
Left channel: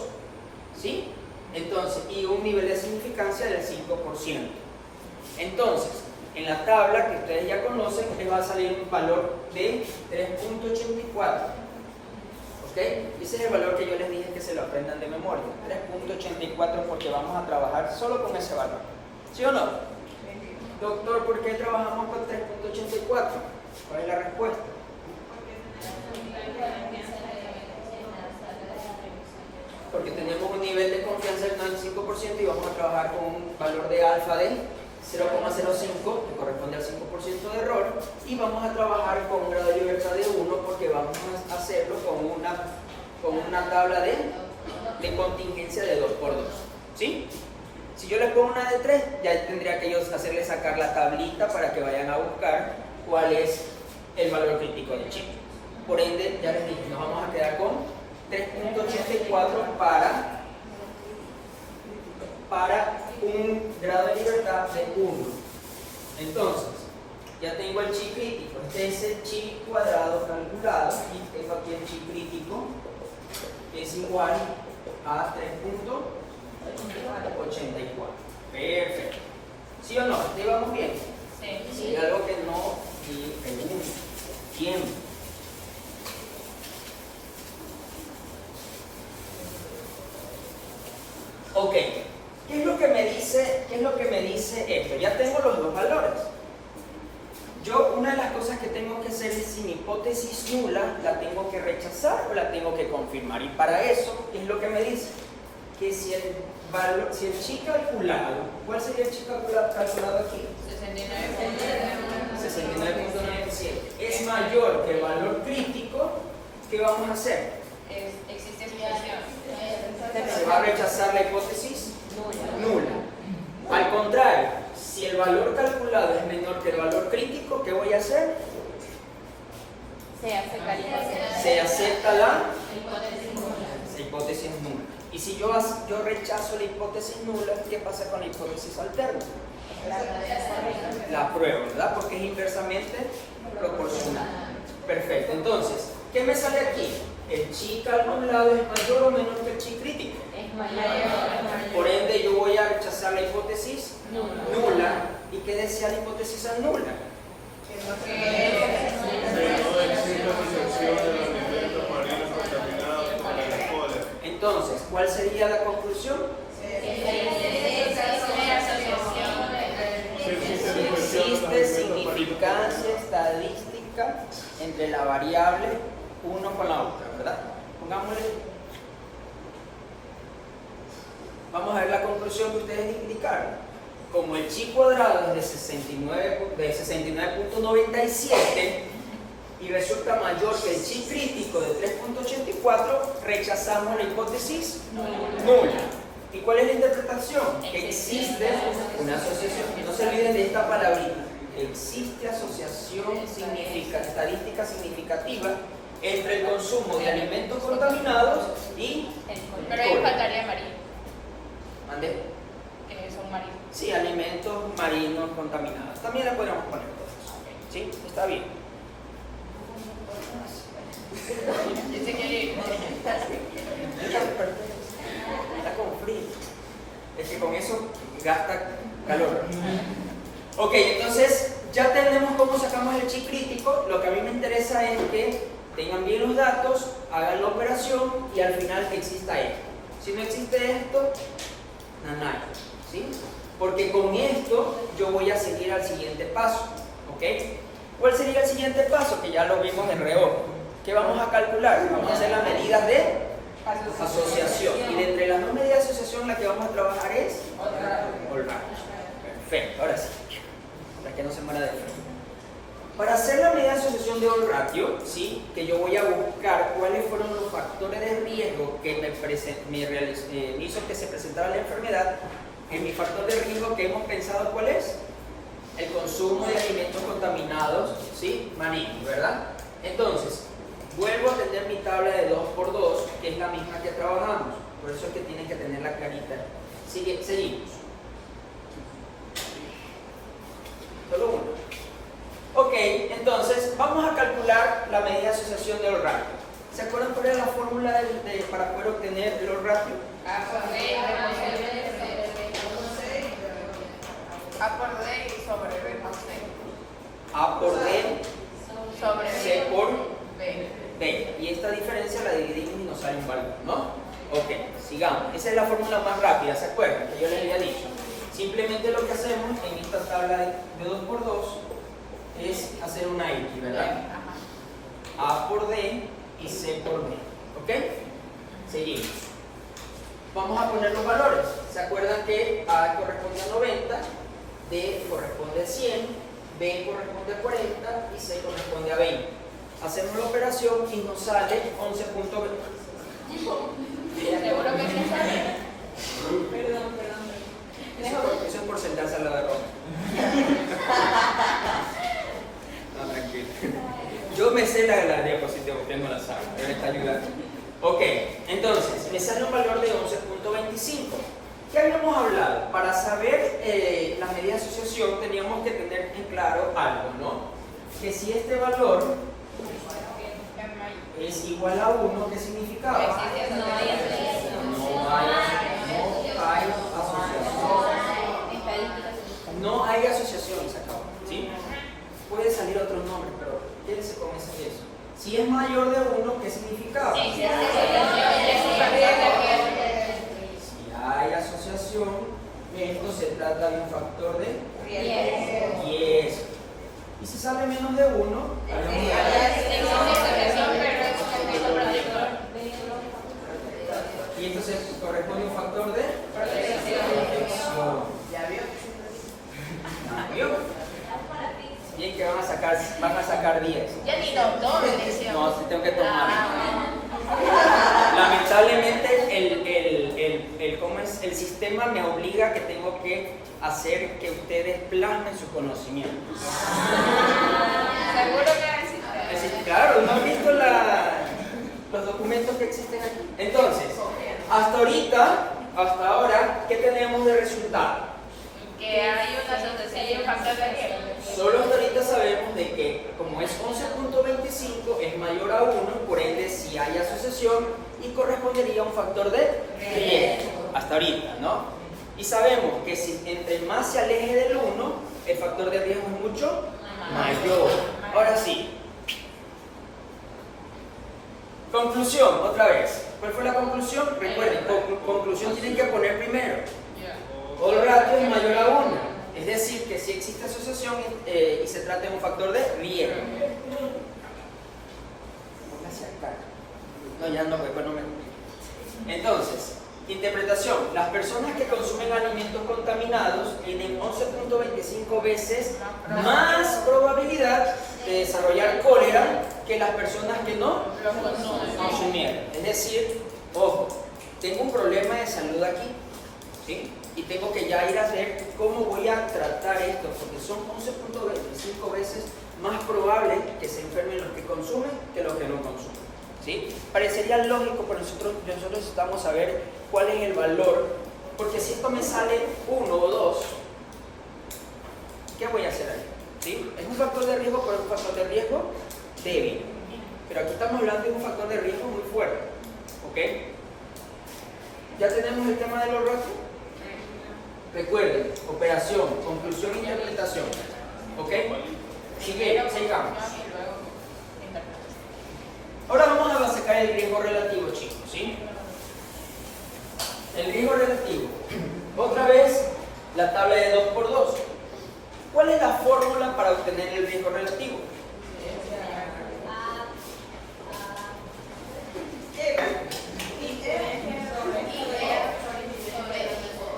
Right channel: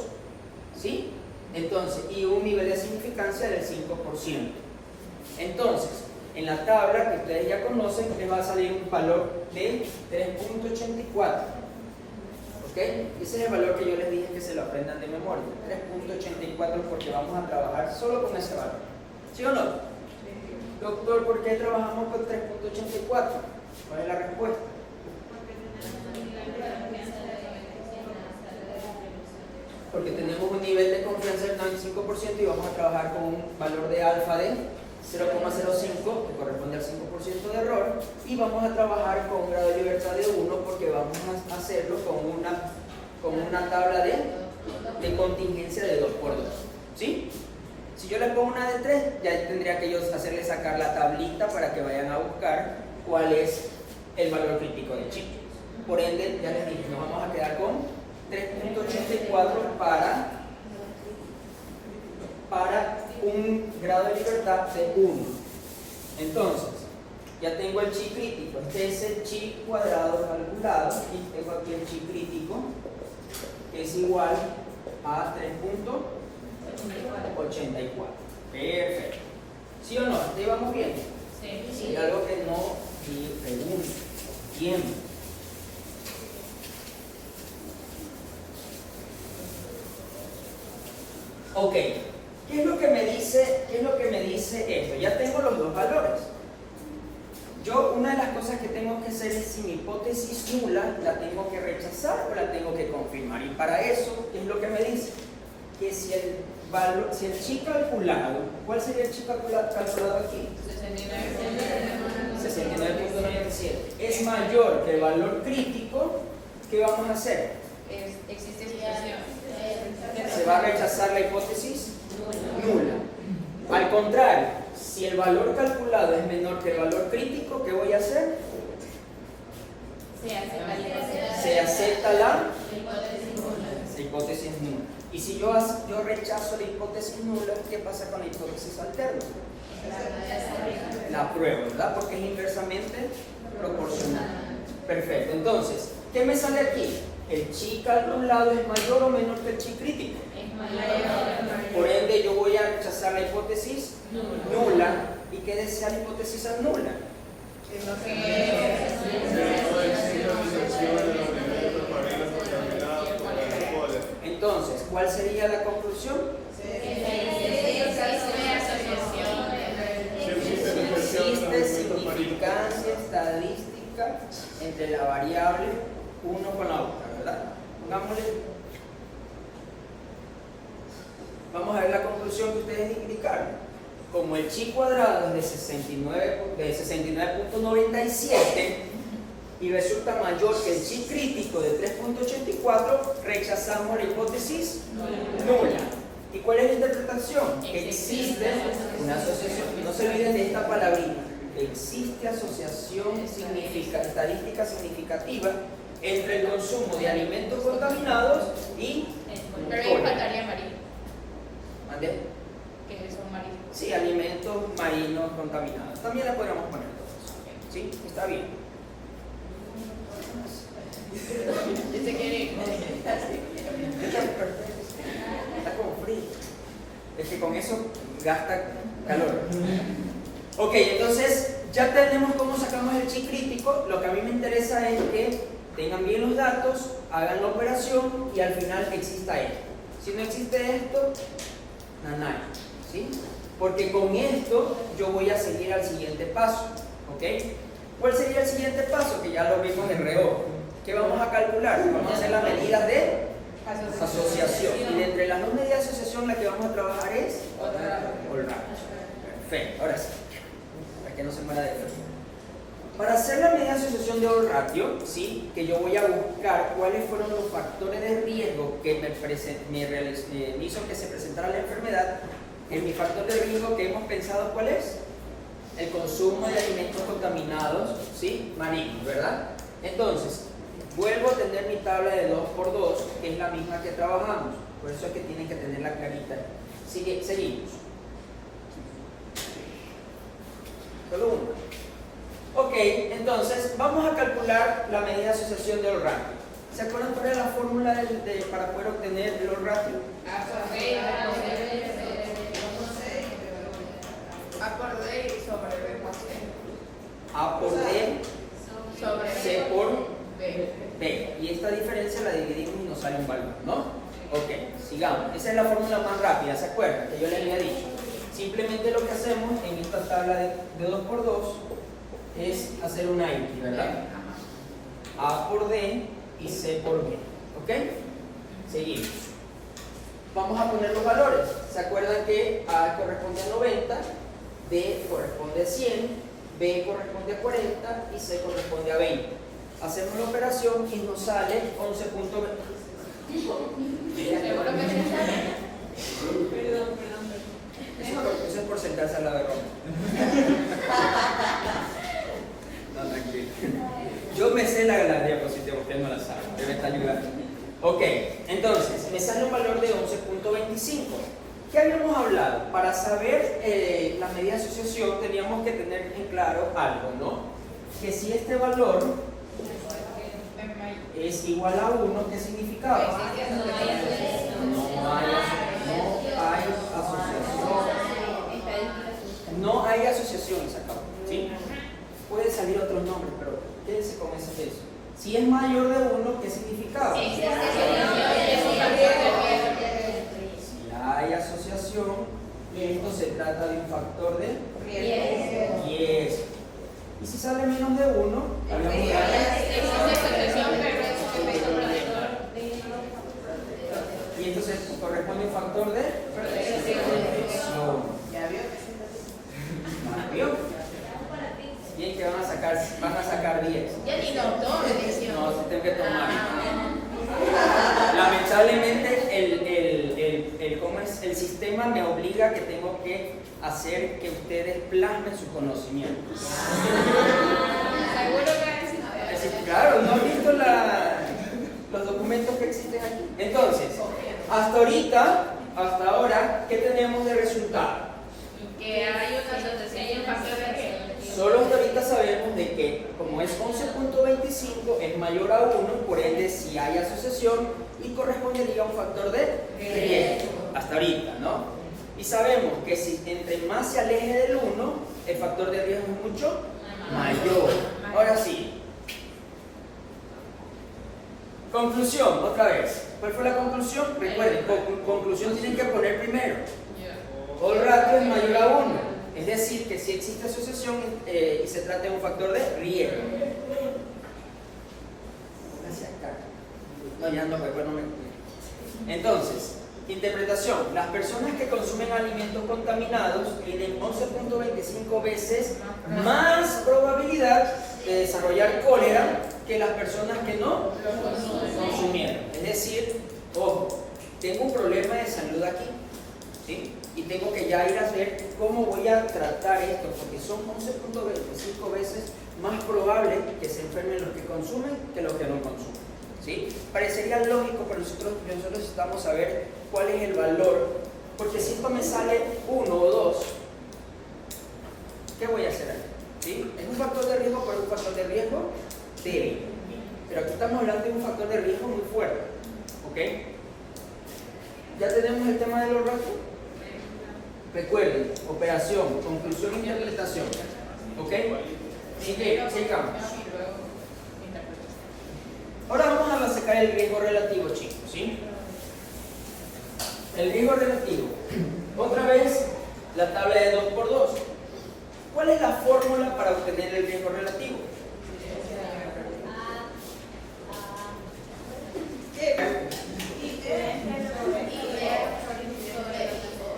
¿sí? Entonces, y un nivel de significancia del 5%. Entonces, en la tabla que ustedes ya conocen, les va a salir un valor de 3.84. ¿Ok? Ese es el valor que yo les dije que se lo aprendan de memoria. 3.84 porque vamos a trabajar solo con ese valor. ¿Sí o no? Doctor, ¿por qué trabajamos con 3.84? ¿Cuál es la respuesta? Porque tenemos un nivel de confianza del 95% y vamos a trabajar con un valor de alfa de 0.05, que corresponde al 5% de error, y vamos a trabajar con un grado de libertad de 1 porque vamos a hacerlo con una tabla de contingencia de 2x2. ¿Sí? Si yo les pongo una de 3, ya tendría que ellos hacerles sacar la tablita para que vayan a buscar cuál es el valor crítico de chi. Por ende, ya les dije, nos vamos a quedar con 3.84 para un grado de libertad de 1. Entonces, ya tengo el chi crítico. Este es el chi cuadrado calculado. Y tengo aquí el chi crítico, que es igual a 3.84. Perfecto. ¿Sí o no? ¿Te íbamos bien? Sí. Hay algo que no di pregunto. Bien. Ok. ¿Qué es lo que me dice esto? Ya tengo los dos valores. Yo, una de las cosas que tengo que hacer es, si mi hipótesis nula, la tengo que rechazar o la tengo que confirmar. Y para eso, ¿qué es lo que me dice? Que si el chi calculado, ¿cuál sería el chi calculado aquí? 69.97. Es mayor que el valor crítico, ¿qué vamos a hacer? Existe explicación. Se va a rechazar la hipótesis nula. Al contrario, si el valor calculado es menor que el valor crítico, ¿qué voy a hacer? Se acepta la hipótesis nula. Y si yo rechazo la hipótesis nula, ¿qué pasa con la hipótesis alterna? La pruebo, ¿verdad? Porque es inversamente proporcional. Perfecto. Entonces, ¿qué me sale aquí? El chi calculado es mayor o menor que el chi crítico. Por ende, yo voy a rechazar la hipótesis nula. ¿Y qué decía la hipótesis nula? Entonces, ¿cuál sería la conclusión? Existe significancia estadística entre la variable uno con la otra, ¿verdad? Pongámosle. Vamos a ver la conclusión que ustedes indicaron. Como el chi cuadrado es de 69.97 y resulta mayor que el chi crítico de 3.84, rechazamos la hipótesis nula. ¿Y cuál es la interpretación? Que existe una asociación, y no se olviden de esta palabrita, existe asociación estadística significativa entre el consumo de alimentos contaminados y... Pero ahí faltaría marino. ¿Mande? Que es un marino. Sí, alimentos marinos contaminados. También le podríamos poner todo eso. ¿Sí? Está bien. Dice que Está con frío. Es que con eso gasta calor. Ok, entonces ya tenemos cómo sacamos el chi crítico. Lo que a mí me interesa es que tengan bien los datos, hagan la operación y al final exista esto. Si no existe esto, nanay, ¿sí? Porque con esto yo voy a seguir al siguiente paso, ¿ok? ¿Cuál sería el siguiente paso? Que ya lo vimos en reojo. ¿Qué vamos a calcular? Vamos a hacer las medidas de asociación. Y de entre las dos medidas de asociación, la que vamos a trabajar es all ratio. Perfecto, ahora sí. Para que no se muera de frío. Para hacer la medida de asociación de all ratio, ¿sí? Que yo voy a buscar cuáles fueron los factores de riesgo que me hizo que se presentara la enfermedad. En mi factor de riesgo que hemos pensado, ¿cuál es? El consumo de alimentos contaminados, ¿sí? Malignos, ¿verdad? Entonces, vuelvo a tener mi tabla de 2×2, que es la misma que trabajamos. Por eso es que tienen que tenerla clarita. Seguimos. Solo uno. Ok, entonces vamos a calcular la medida de asociación de all ratio. ¿Se acuerdan cuál era la fórmula para poder obtener el all ratio? A por D y sobre B por C. A por D, Sobre C por B. B. Y esta diferencia la dividimos y nos sale un valor, ¿no? Ok, sigamos. Esa es la fórmula más rápida, ¿se acuerdan? Que yo les había dicho. Simplemente lo que hacemos en esta tabla de 2×2 es hacer una X, ¿verdad? A por D y C por B. ¿Ok? Seguimos. Vamos a poner los valores. ¿Se acuerdan que A corresponde a 90, D corresponde a 100, B corresponde a 40 y C corresponde a 20? Hacemos la operación y nos sale 11.20. Seguro que sí. Perdón. Eso es por sentarse al lado de Roma. No, tranquilo. Yo me sé la diapositiva, usted no la sabe, debe estar ayudando. Ok, entonces, me sale un valor de 11.25. ¿Qué habíamos hablado? Para saber la medida de asociación teníamos que tener en claro algo, ¿no? Que si este valor es igual a 1, ¿qué significaba? No hay asociación. No hay asociación, se acabó, ¿sí? Puede salir otros nombres, pero quédense con eso. Si es mayor de 1, ¿qué significaba? Si hay asociación, esto se trata de un factor de 10. Y si sale menos de 1, y entonces corresponde un factor de protección. ¿Ya vio? Bien que van a sacar 10. Ya ni doctor, decía. No, sí tengo que tomar. Lamentablemente el sistema me obliga a que tengo que hacer que ustedes plasmen su conocimiento. ¿Seguro que existe? Claro, ¿no han visto los documentos que existen aquí? Entonces, hasta ahora, ¿qué tenemos de resultado? Que hay una asociación y un factor de riesgo. Solo hasta ahorita sabemos de que como es 11.25 es mayor a 1, por ende si hay asociación y correspondería a un factor de riesgo. Hasta ahorita, ¿no? Y sabemos que si entre más se aleje del 1, el factor de riesgo es mucho mayor. Ahora sí. Conclusión, otra vez. ¿Cuál fue la conclusión? Recuerden, conclusión tienen que poner primero. El ratio es mayor a 1. Es decir, que si existe asociación y se trata de un factor de riesgo. Póngase acá. No, ya no, pues no me... Entonces, interpretación. Las personas que consumen alimentos contaminados tienen 11.25 veces más probabilidad de desarrollar cólera que las personas que no consumieron. Es decir, ojo, tengo un problema de salud aquí, ¿sí? Y tengo que ya ir a ver cómo voy a tratar esto, porque son 11.25 veces más probable que se enfermen los que consumen que los que no consumen, ¿sí? Parecería lógico, pero nosotros necesitamos saber cuál es el valor, porque si esto me sale 1 o 2, ¿qué voy a hacer ahí? ¿Sí? Es un factor de riesgo, pero es un factor de riesgo débil. Pero aquí estamos hablando de un factor de riesgo muy fuerte, ¿ok? ¿Ya tenemos el tema de los ratios? Recuerden, operación, conclusión, interpretación. ¿Ok? Sigamos. Ahora vamos a sacar el riesgo relativo, chicos, ¿sí? El riesgo relativo. Otra vez, la tabla de 2×2. ¿Cuál es la fórmula para obtener el riesgo relativo?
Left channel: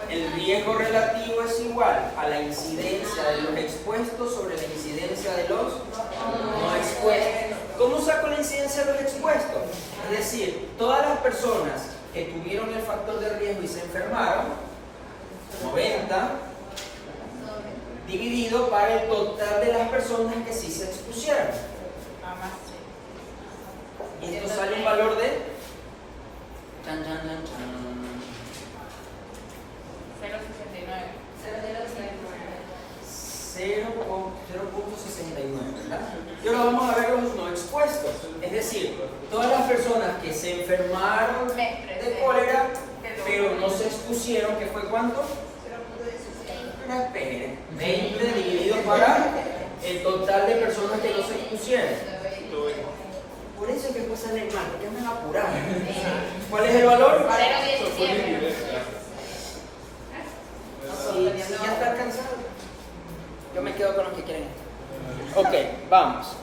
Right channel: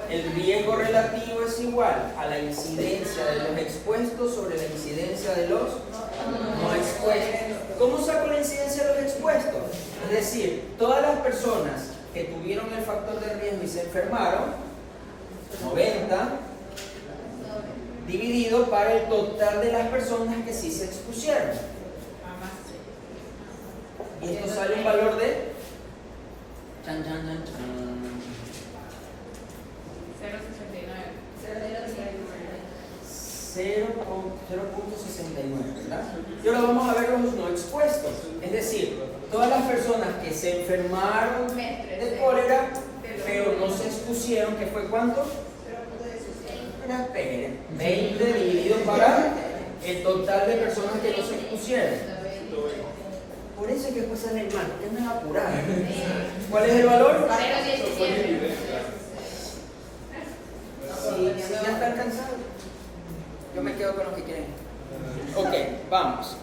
El riesgo relativo es igual a la incidencia de los expuestos sobre la incidencia de los no expuestos. ¿Cómo saco la incidencia de los expuestos? Es decir, todas las personas que tuvieron el factor de riesgo y se enfermaron, 90, dividido para el total de las personas que sí se expusieron. Y esto sale un valor de... Chan, chan, chan, chan. 0.69, ¿verdad? Y ahora vamos a ver los no expuestos, es decir, todas las personas que se enfermaron de cólera pero no se expusieron, ¿qué fue cuánto? 20 dividido para el total de personas que no se expusieron. Por eso es que después sale mal, porque me va a apurar. ¿Cuál es el valor? Si ya están cansados, yo me quedo con los que quieren. Ok, vamos.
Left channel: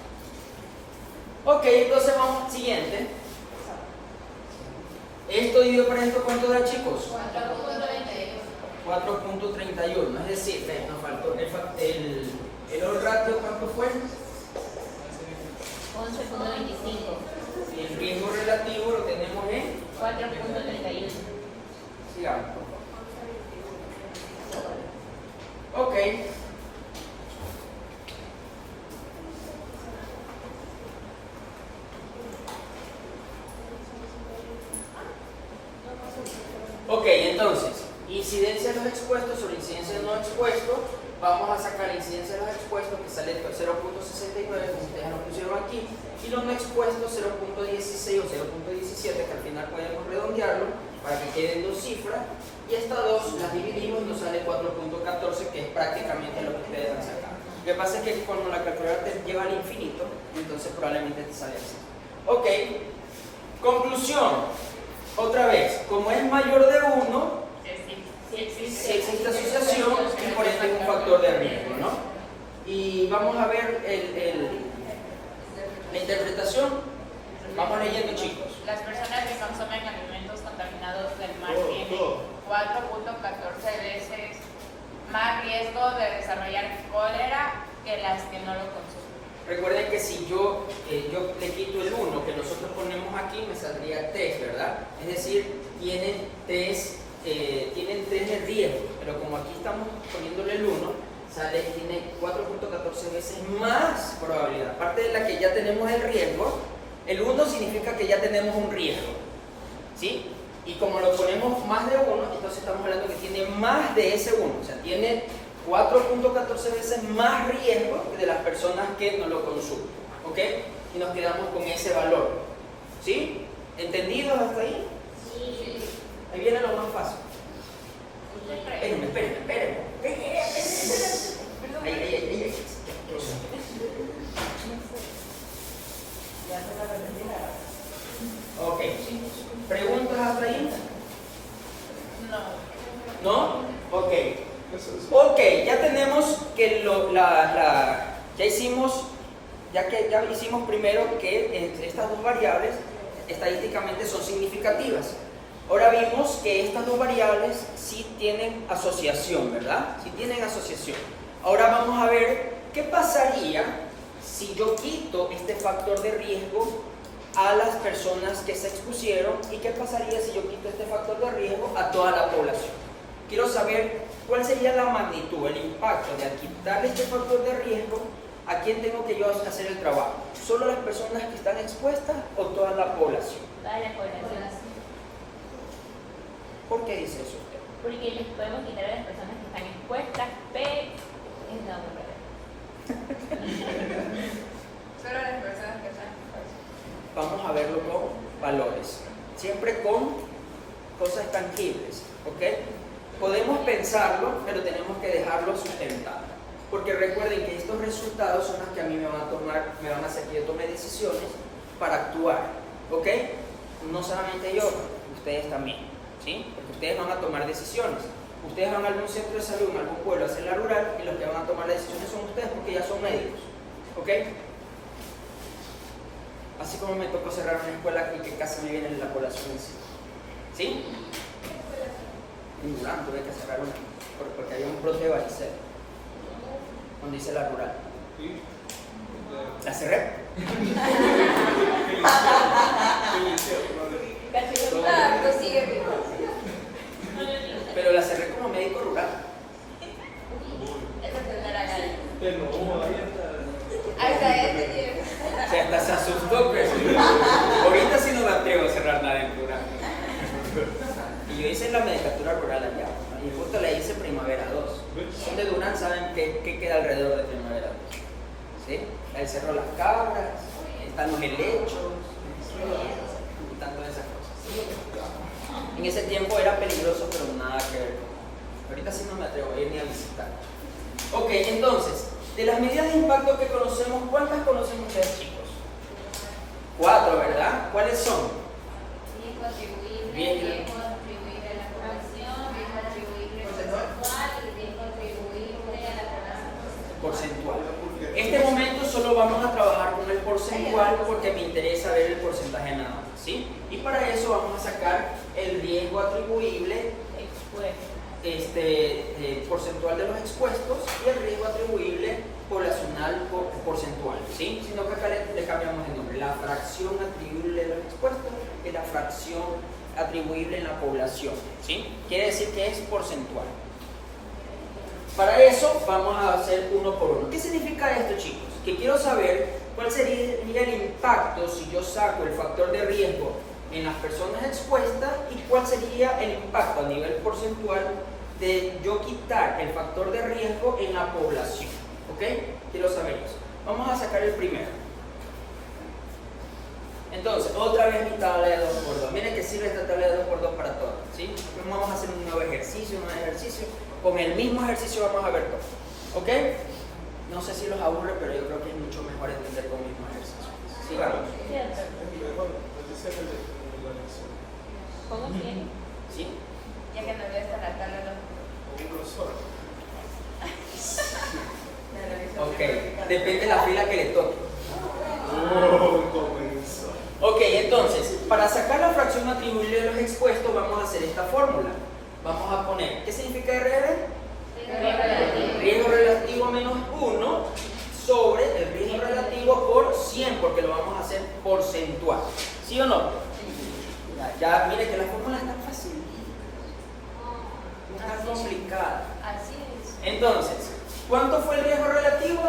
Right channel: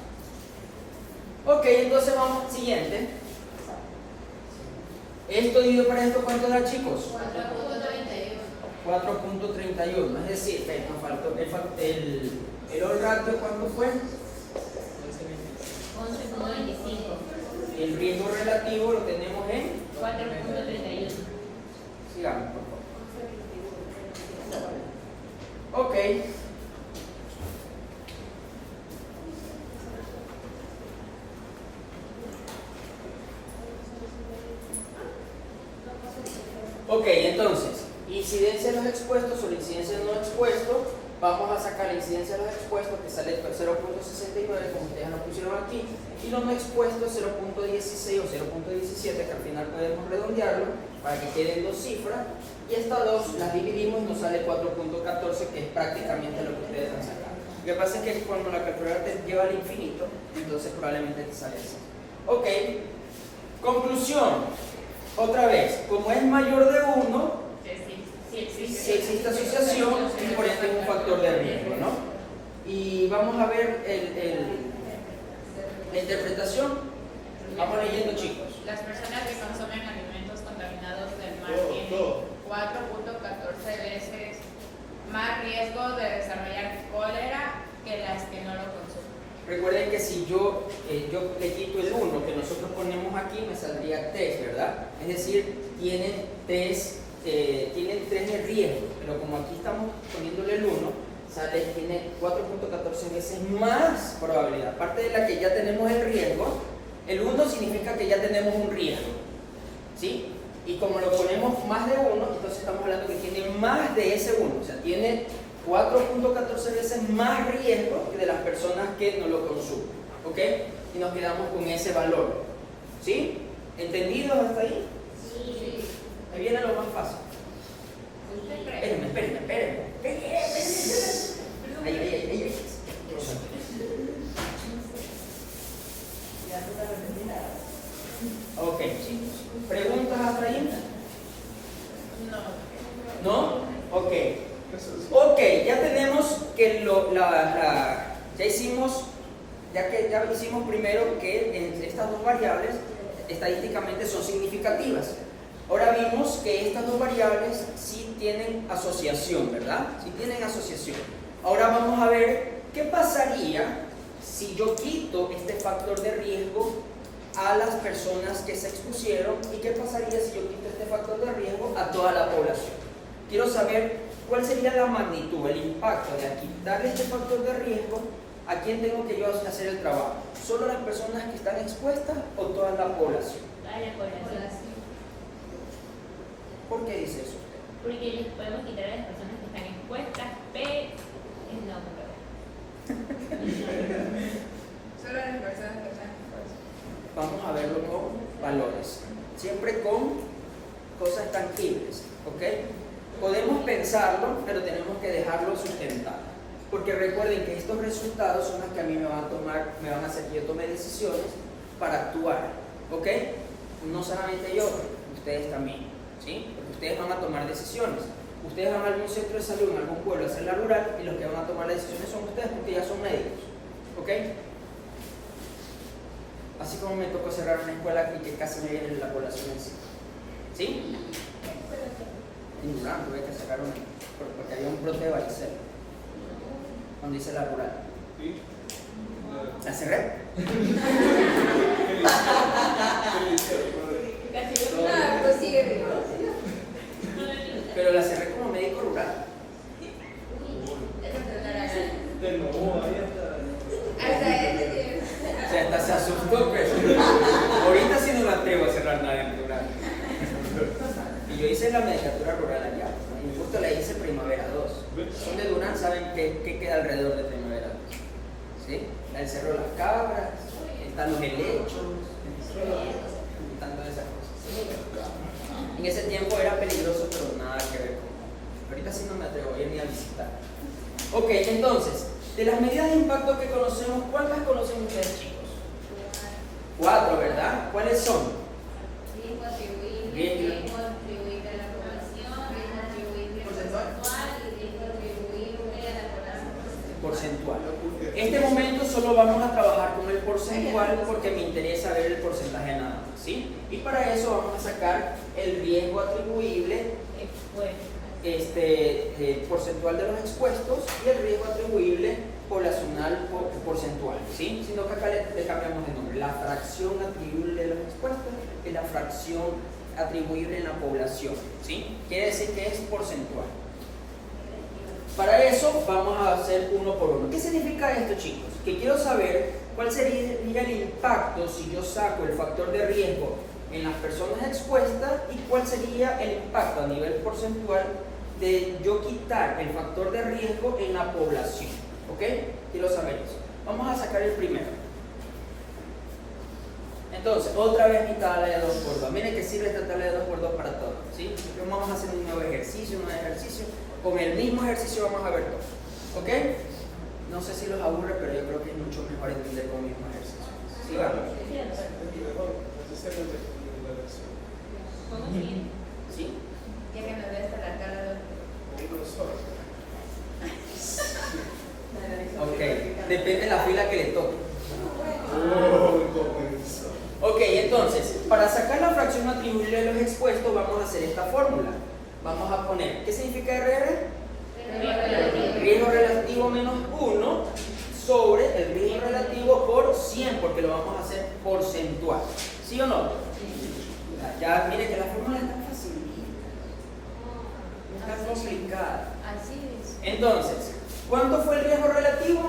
Ok, entonces vamos al siguiente. Esto dividido para esto, ¿cuánto da, chicos? 4.31. Es decir, que nos faltó el all ratio, ¿cuánto fue? 11.25. El riesgo relativo lo tenemos en 4.31. sigamos, por favor. Ok. Ok, entonces, Incidencia de los expuestos sobre incidencia de no expuestos. Vamos a sacar la incidencia de los expuestos, que sale 0.69, como ustedes lo pusieron aquí, y los no expuestos 0.16 o 0.17, que al final podemos redondearlo para que queden dos cifras, y estas dos las dividimos y nos sale 4.14, que es prácticamente lo que ustedes han sacado. Lo que pasa es que cuando la calculadora te lleva al infinito, entonces probablemente te sale así. Ok, conclusión. Otra vez, como es mayor de 1, si existe asociación, y por ende es un factor de riesgo, ¿no? Y vamos a ver la interpretación. Vamos leyendo, chicos. Las personas que consumen alimentos contaminados del mar tienen 4.14 veces más riesgo de desarrollar cólera que las que no lo consumen. Recuerden que si yo le quito el 1 que nosotros ponemos aquí, me saldría 3, ¿verdad? Es decir, tienen 3 de riesgo, pero como aquí estamos poniéndole el 1, tiene 4.14 veces más probabilidad. Aparte de la que ya tenemos el riesgo, el 1 significa que ya tenemos un riesgo, ¿sí? Y como lo ponemos más de 1, entonces estamos hablando que tiene más de ese 1, o sea, tiene 4.14 veces más riesgo que de las personas que no lo consumen, ¿ok? Y nos quedamos con ese valor, ¿sí? ¿Entendido hasta ahí? Sí. Ahí viene lo más fácil. Espérenme. Ahí. Ok, chicos. ¿Preguntas hasta ahí? No. ¿No? Ok. Ok, ya tenemos que ya hicimos primero que estas dos variables estadísticamente son significativas. Ahora vimos que estas dos variables sí tienen asociación, ¿verdad? Sí tienen asociación. Ahora vamos a ver qué pasaría si yo quito este factor de riesgo a las personas que se expusieron y qué pasaría si yo quito este factor de riesgo a toda la población. Quiero saber cuál sería la magnitud, el impacto de quitarle este factor de riesgo. ¿A quién tengo que yo hacer el trabajo? ¿Solo las personas que están expuestas o toda la población? Toda la población. ¿Por qué dice eso usted? Porque les podemos quitar a las personas que están expuestas, pero es la otra cosa. Solo las personas que están expuestas. Vamos a verlo con valores, siempre con cosas tangibles, ¿ok? Podemos pensarlo, pero tenemos que dejarlo sustentado, porque recuerden que estos resultados son los que a mí me van a hacer que yo tome decisiones para actuar, ¿ok? No solamente yo, ustedes también, ¿sí? Porque ustedes van a tomar decisiones. Ustedes van a algún centro de salud, en algún pueblo, a hacer la rural, y los que van a tomar las decisiones son ustedes, porque ya son médicos, ¿ok? Así como me tocó cerrar una escuela y que casi me viene la población en sí. ¿Sí? En Durán tuve que cerrar una, porque había un brote de varicela cuando hice la rural. La cerré. Claro, sigue. Pero la cerré como médico rural. O sea, hasta se asustó, pero ahorita sí no me atrevo a cerrar nada en rural. Y yo hice la medicatura rural allá, ¿no? Y justo la hice Primavera 2. Son de Durán, saben qué queda alrededor de Primavera 2. ¿Sí? El Cerro Las Cabras, están los helechos, están todas esas cosas. En ese tiempo era peligroso, pero nada que ver. Ahorita sí no me atrevo a ir ni a visitar. Ok, entonces, de las medidas de impacto que conocemos, ¿cuántas conocen ustedes, chicos? 4, ¿verdad? ¿Cuáles son? Riesgo atribuible, Bien. riesgo atribuible a la población, riesgo atribuible porcentual y riesgo atribuible a la población. Porcentual. En este momento solo vamos a trabajar con el porcentual porque me interesa ver el porcentaje nada más, ¿sí? Y para eso vamos a sacar el riesgo atribuible porcentual de los expuestos y el riesgo atribuible poblacional porcentual, ¿sí? Sino que acá le cambiamos el nombre. La fracción atribuible de los expuestos es la fracción atribuible en la población, ¿sí? Quiere decir que es porcentual. Para eso vamos a hacer uno por uno. ¿Qué significa esto, chicos? Que quiero saber cuál sería el impacto si yo saco el factor de riesgo en las personas expuestas y cuál sería el impacto a nivel porcentual de yo quitar el factor de riesgo en la población. ¿Ok? Quiero saber eso. Vamos a sacar el primero. Entonces, otra vez mi tabla de 2 por 2. Miren que sirve esta tabla de 2 por 2 para todos. ¿Sí? Vamos a hacer un nuevo ejercicio, Con el mismo ejercicio vamos a ver todo. ¿Ok? No sé si los aburre, pero yo creo que es mucho mejor entender con el mismo ejercicio. Sigamos. ¿Cómo bien? ¿Sí? Ya que nos des la tabla. Ok. Depende de la fila que le toque. Ok, entonces, para sacar la fracción atribuible de los expuestos, vamos a hacer esta fórmula. Vamos a poner, ¿qué significa RR? Riesgo relativo menos 1 sobre el riesgo relativo por 100, porque lo vamos a hacer porcentual. ¿Sí o no? Ya mire que la fórmula es tan fácil. No es tan complicada. Así es. Entonces, ¿cuánto fue el riesgo relativo?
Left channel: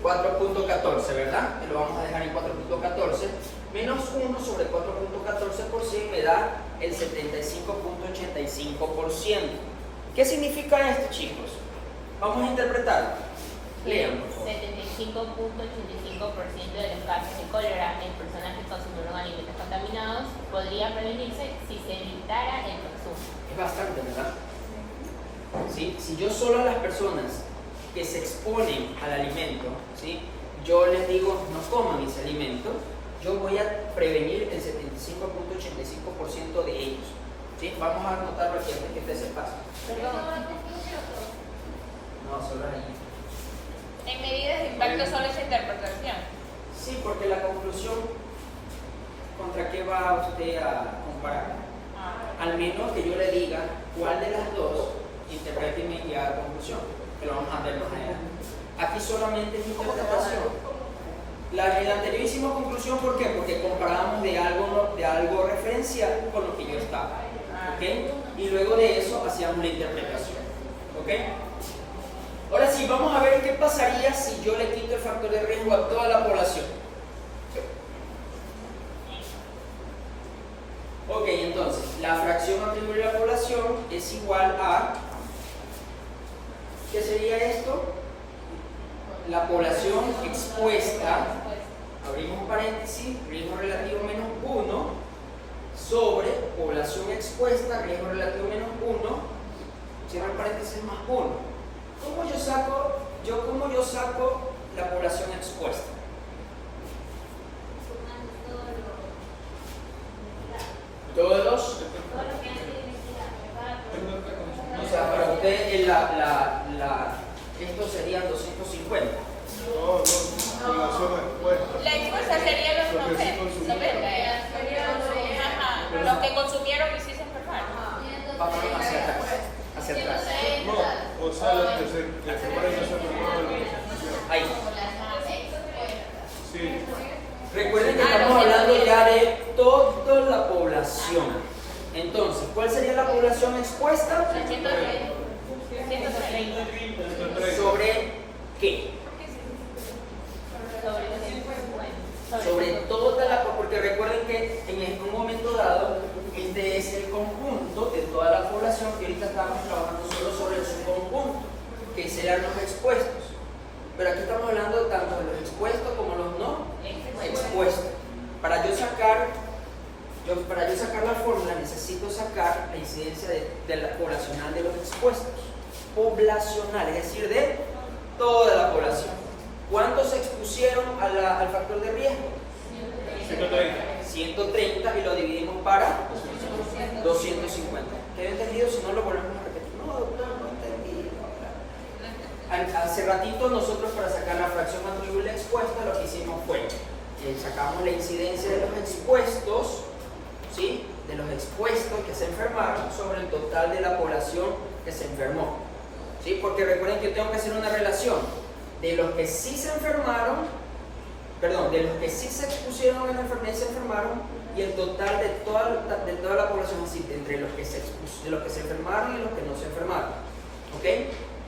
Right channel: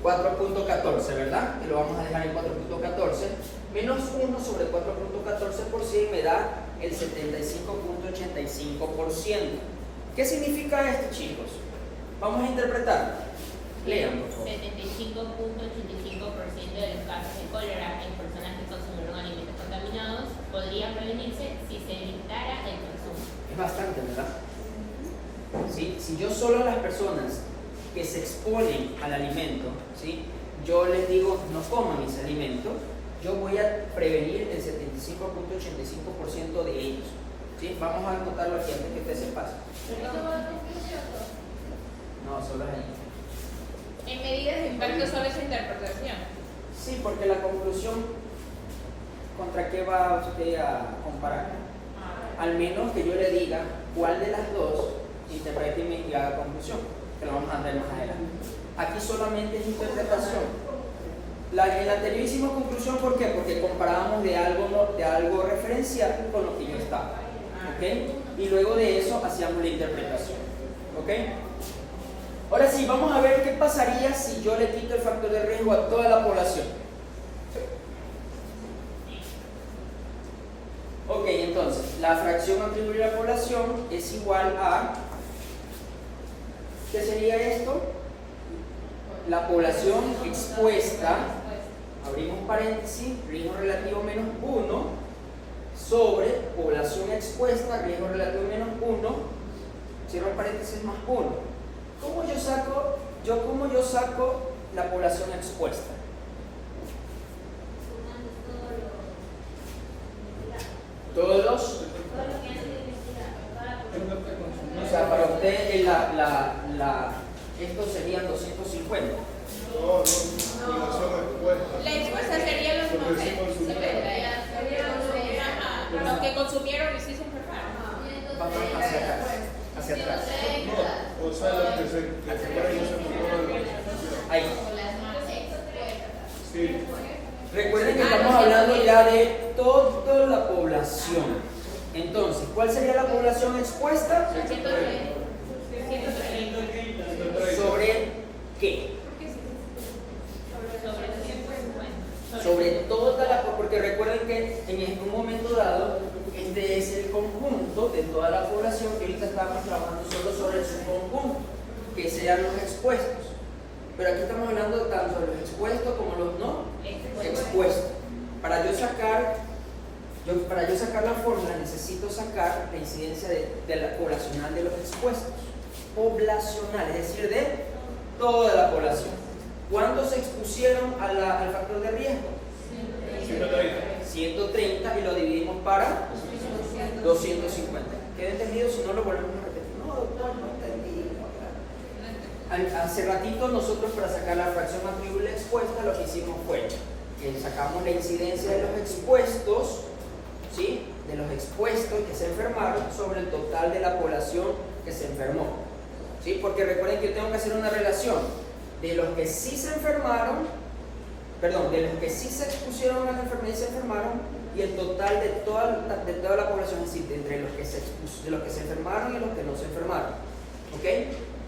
4.14, ¿verdad? Y lo vamos a dejar en 4.14. Menos 1 sobre 4.14 por 100 me da el 75.85%. ¿Qué significa esto, chicos? Vamos a interpretarlo. Lean, por favor. 75.85% de los casos de cólera en personas que consumieron alimentos contaminados podría prevenirse si se evitara el consumo. Es bastante, ¿verdad? ¿Sí? Si yo solo a las personas que se exponen al alimento, ¿sí?, yo les digo no coman ese alimento, yo voy a prevenir el 75.85% de ellos. ¿Sí? Vamos a anotarlo aquí antes que usted se pase. No, solo es ahí. En medidas de impacto solo es interpretación. Sí, porque la conclusión, ¿contra qué va usted a comparar? Al menos que yo le diga cuál de las dos interprete y haga conclusión, que lo vamos a ver más adelante. Aquí solamente es interpretación. La anterior hicimos conclusión, ¿por qué? Porque comparábamos de algo referencial con lo que yo estaba. ¿Ok? Y luego de eso hacíamos la interpretación. ¿Ok? Ahora sí, vamos a ver qué pasaría si yo le quito el factor de riesgo a toda la población. Ok, entonces, la fracción atribuible a la población es igual a... ¿Qué sería esto? La población expuesta, abrimos paréntesis, riesgo relativo menos 1, sobre población expuesta, riesgo relativo menos 1, cierro paréntesis más 1. ¿Cómo yo saco la población expuesta? Todos los... O sea, para usted esto serían 250. No, población expuesta. La expuesta sería los 90. Los que consumieron y sí se enfermaron. Vamos hacia atrás. No, o sea, los que se separan y no se enfermaron de la organización. Ahí. Sí. Recuerden que estamos hablando ya de toda la población. Entonces, ¿cuál sería la población expuesta? 130. ¿Sobre qué? Sobre toda la población, porque recuerden que en un momento dado, este es el conjunto de toda la población, que ahorita estamos trabajando solo sobre el subconjunto, que sean los expuestos. Pero aquí estamos hablando de tanto de los expuestos como los no expuestos. Para yo sacar la fórmula necesito sacar la incidencia de la poblacional de los expuestos. Poblacional, es decir, de toda la población. ¿Cuántos se expusieron al factor de riesgo? 130. 130 y lo dividimos para 250. ¿Quedó entendido? Si no lo volvemos a repetir. No, doctor, no entendí. Hace ratito nosotros, para sacar la fracción atribuible expuesta, lo que hicimos fue que sacamos la incidencia de los expuestos, ¿sí?, de los expuestos que se enfermaron sobre el total de la población que se enfermó, ¿sí? Porque recuerden que yo tengo que hacer una relación de los que sí se enfermaron, de los que sí se expusieron a la enfermedad y se enfermaron, y el total de toda la población, es decir, entre los que se enfermaron y los que no se enfermaron. ¿Ok?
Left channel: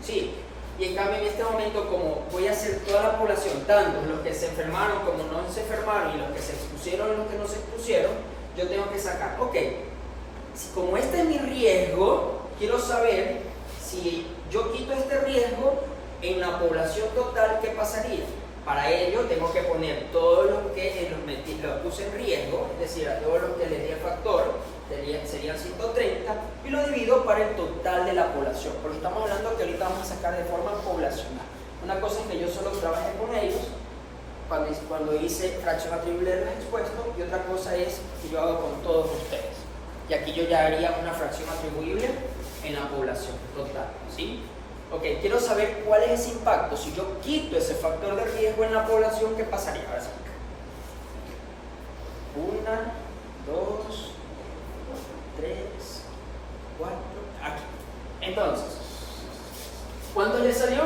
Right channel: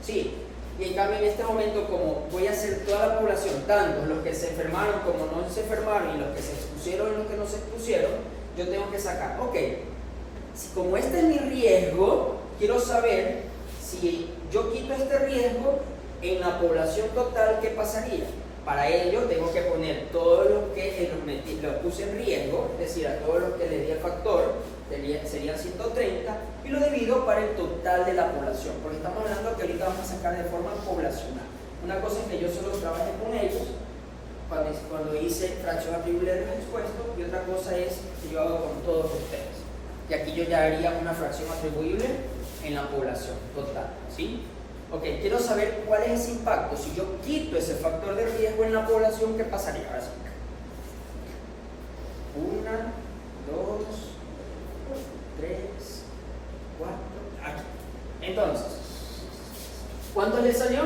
Sí. Y en cambio en este momento, como voy a hacer toda la población, tanto los que se enfermaron como no se enfermaron y los que se expusieron y los que no se expusieron, yo tengo que sacar, ok, si como este es mi riesgo, quiero saber si yo quito este riesgo en la población total, ¿qué pasaría? Para ello tengo que poner todos los que los puse en riesgo, es decir, a todos los que les di el factor, serían 130, y lo divido para el total de la población, porque estamos hablando que ahorita vamos a sacar de forma poblacional. Una cosa es que yo solo trabajé con ellos, cuando hice fracción atribuible de los expuestos, y otra cosa es que yo hago con todos ustedes. Y aquí yo ya haría una fracción atribuible en la población total, ¿sí? Ok, quiero saber cuál es ese impacto. Si yo quito ese factor de riesgo en la población, ¿qué pasaría? Ahora sí. 1, 2, 3, 4, aquí. Entonces, ¿cuánto le salió?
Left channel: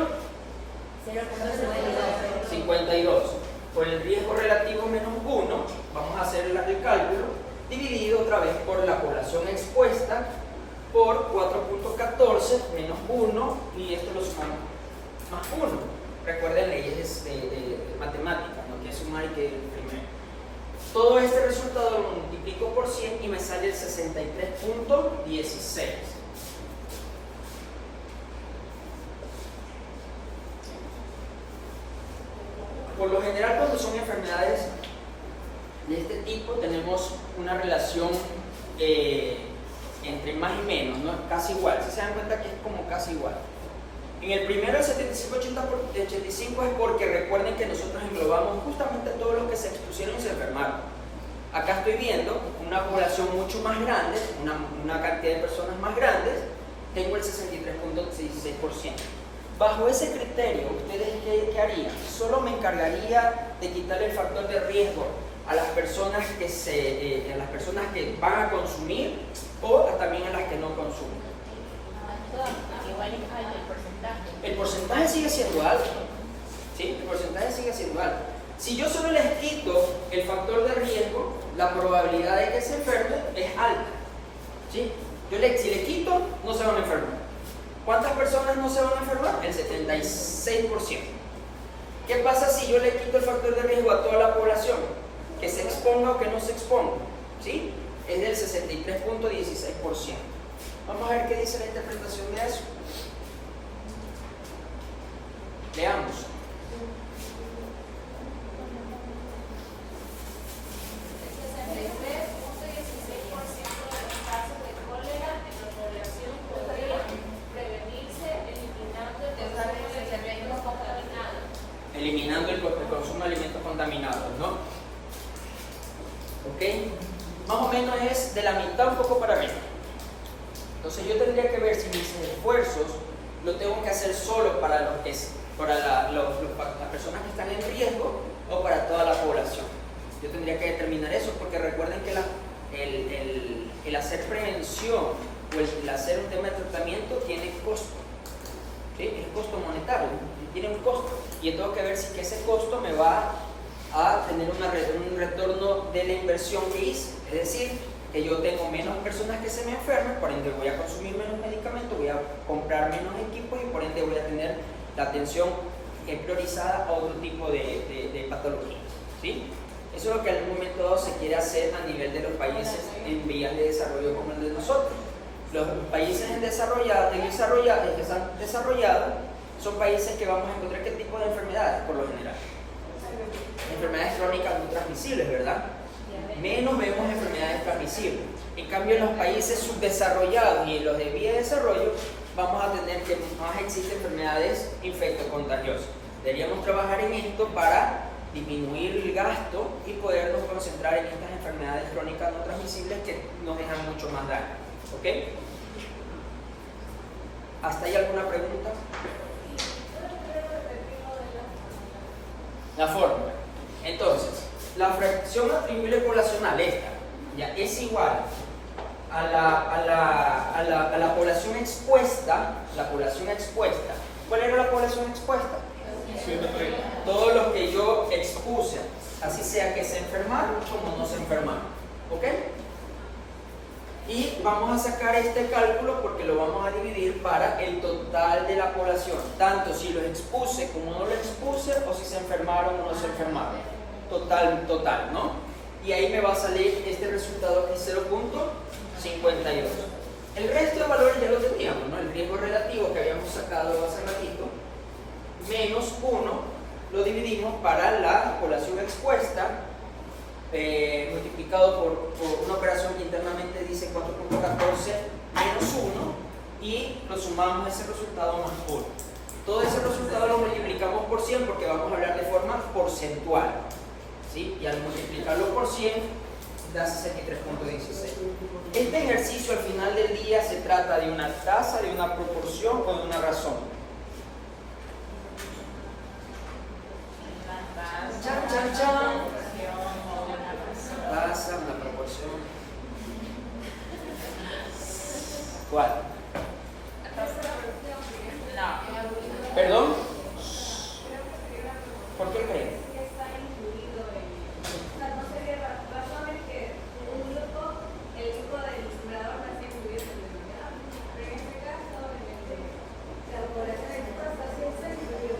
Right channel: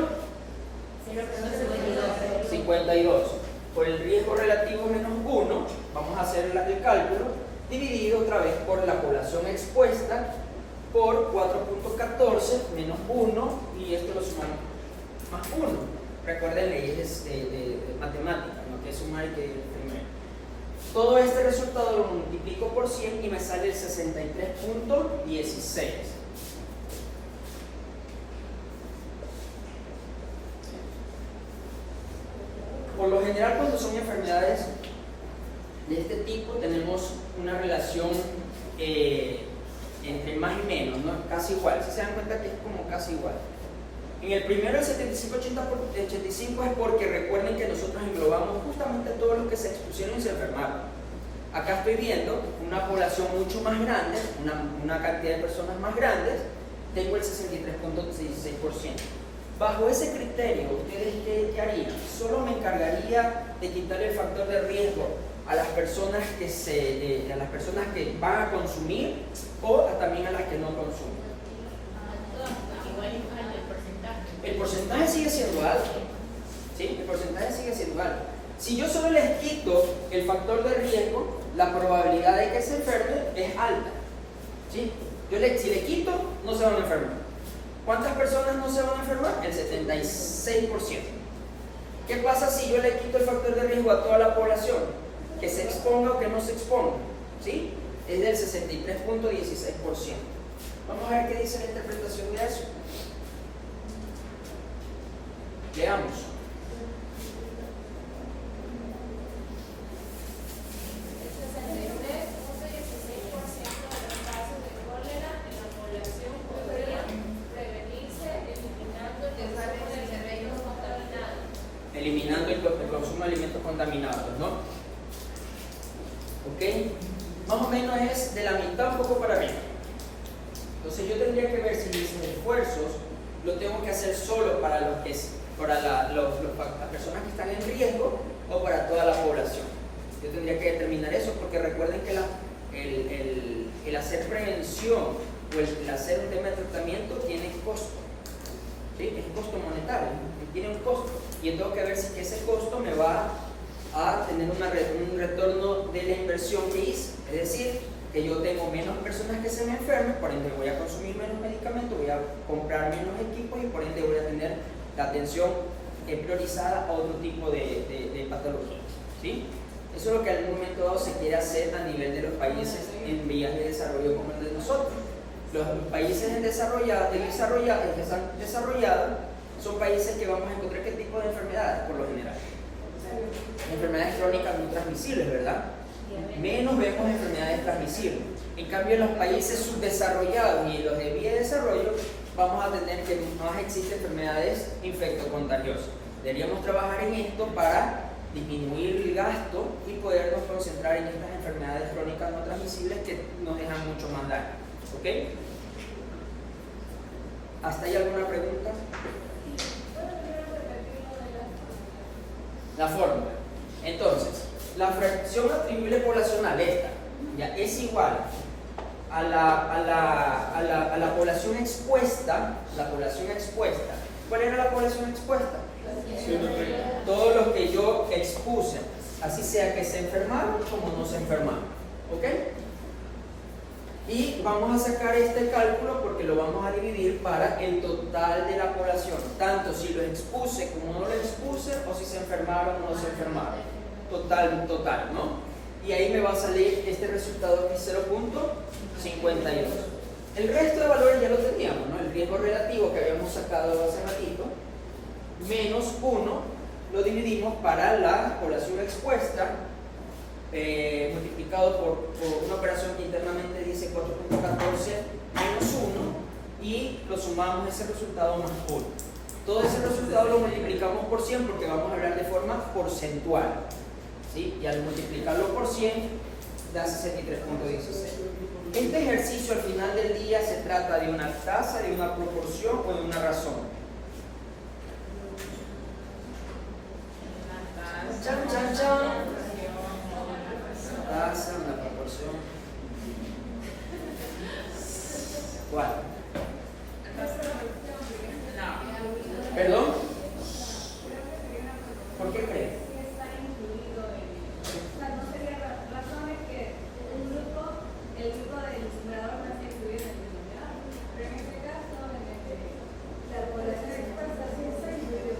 52. Por el riesgo relativo menos 1, vamos a hacer el cálculo, dividido otra vez por la población expuesta, por 4.14 menos 1, y esto lo sumamos más 1. Recuerden leyes de matemáticas, no que sumar y que primero. Todo este resultado lo multiplico por 100 y me sale el 63.16. Por lo general, cuando son enfermedades de este tipo, tenemos una relación entre más y menos, ¿no? Casi igual. Si se dan cuenta que es como casi igual. En el primero, el 75-85 es porque recuerden que nosotros englobamos justamente todos los que se expusieron y se enfermaron. Acá estoy viendo una población mucho más grande, una cantidad de personas más grandes, tengo el 63.16%. Bajo ese criterio, ¿ustedes qué harían? Solo me encargaría de quitar el factor de riesgo a las personas que van a consumir o también a las que no consumen. Igual es alto el porcentaje. El porcentaje sigue siendo alto. ¿Sí? El porcentaje sigue siendo alto. Si yo solo les quito el factor de riesgo, la probabilidad de que se enfermen es alta. ¿Sí? Si le quito, no se van a enfermar. ¿Cuántas personas no se van a enfermar? El 76%. ¿Qué pasa si yo le quito el factor de riesgo a toda la población? Que se exponga o que no se exponga. ¿Sí? Es del 63.16%. Vamos a ver qué dice la interpretación de eso. Veamos. Eliminando el consumo de alimentos contaminados, ¿no? ¿Ok? Más o menos es de la mitad un poco para arriba. Entonces yo tendría que ver si mis esfuerzos lo tengo que hacer solo para las personas que están en riesgo o para toda la población. Yo tendría que determinar eso porque recuerden que el hacer prevención o el hacer un tema de tratamiento tiene costo. ¿Sí? Es costo monetario, tiene un costo y yo tengo que ver si que ese costo me va a tener un retorno de la inversión que hice, es decir, que yo tengo menos personas que se me enfermen, por ende voy a consumir menos medicamentos, voy a comprar menos equipos y por ende voy a tener la atención priorizada a otro tipo de patologías. ¿Sí? Eso es lo que en algún momento dado se quiere hacer a nivel de los países en vías de desarrollo como el de nosotros. Los países que están desarrollados son países que vamos a encontrar qué tipo de enfermedades por lo general. Enfermedades crónicas no transmisibles, ¿verdad? Menos vemos enfermedades transmisibles. En cambio, en los países subdesarrollados y en los de vía de desarrollo, vamos a tener que más existen enfermedades infectocontagiosas. Deberíamos trabajar en esto para disminuir el gasto y podernos concentrar en estas enfermedades crónicas no transmisibles que nos dejan mucho más daño. ¿Ok? ¿Hasta ahí alguna pregunta? La fórmula. Entonces, la fracción atribuible poblacional, esta, ya es igual a la población expuesta. La población expuesta. ¿Cuál era la población expuesta? 130. Todos los que yo expuse, así sea que se enfermaron como no se enfermaron. ¿Ok? Y vamos a sacar este cálculo porque lo vamos a dividir para el total de la población, tanto si los expuse como no los expuse, o si se enfermaron o no se enfermaron. Total, ¿no? Y ahí me va a salir este resultado aquí, 0.52. El resto de valores ya lo teníamos, ¿no? El riesgo relativo que habíamos sacado hace ratito, menos 1, lo dividimos para la población expuesta, multiplicado por una operación que internamente dice 4.14 menos 1, y lo sumamos ese resultado más 1. Todo ese resultado lo multiplicamos por 100 porque vamos a hablar de forma porcentual, ¿sí? Y al multiplicarlo por 100 da 63.16. Este ejercicio al final del día se trata de una tasa, de una proporción o de una razón. Chan, chan, chan. Tasa, una proporción. ¿Cuál? No. ¿Perdón? ¿Por qué creen? El grupo del numerador no está incluido en el denominador. Pero en este caso, la población expuesta sí está incluida.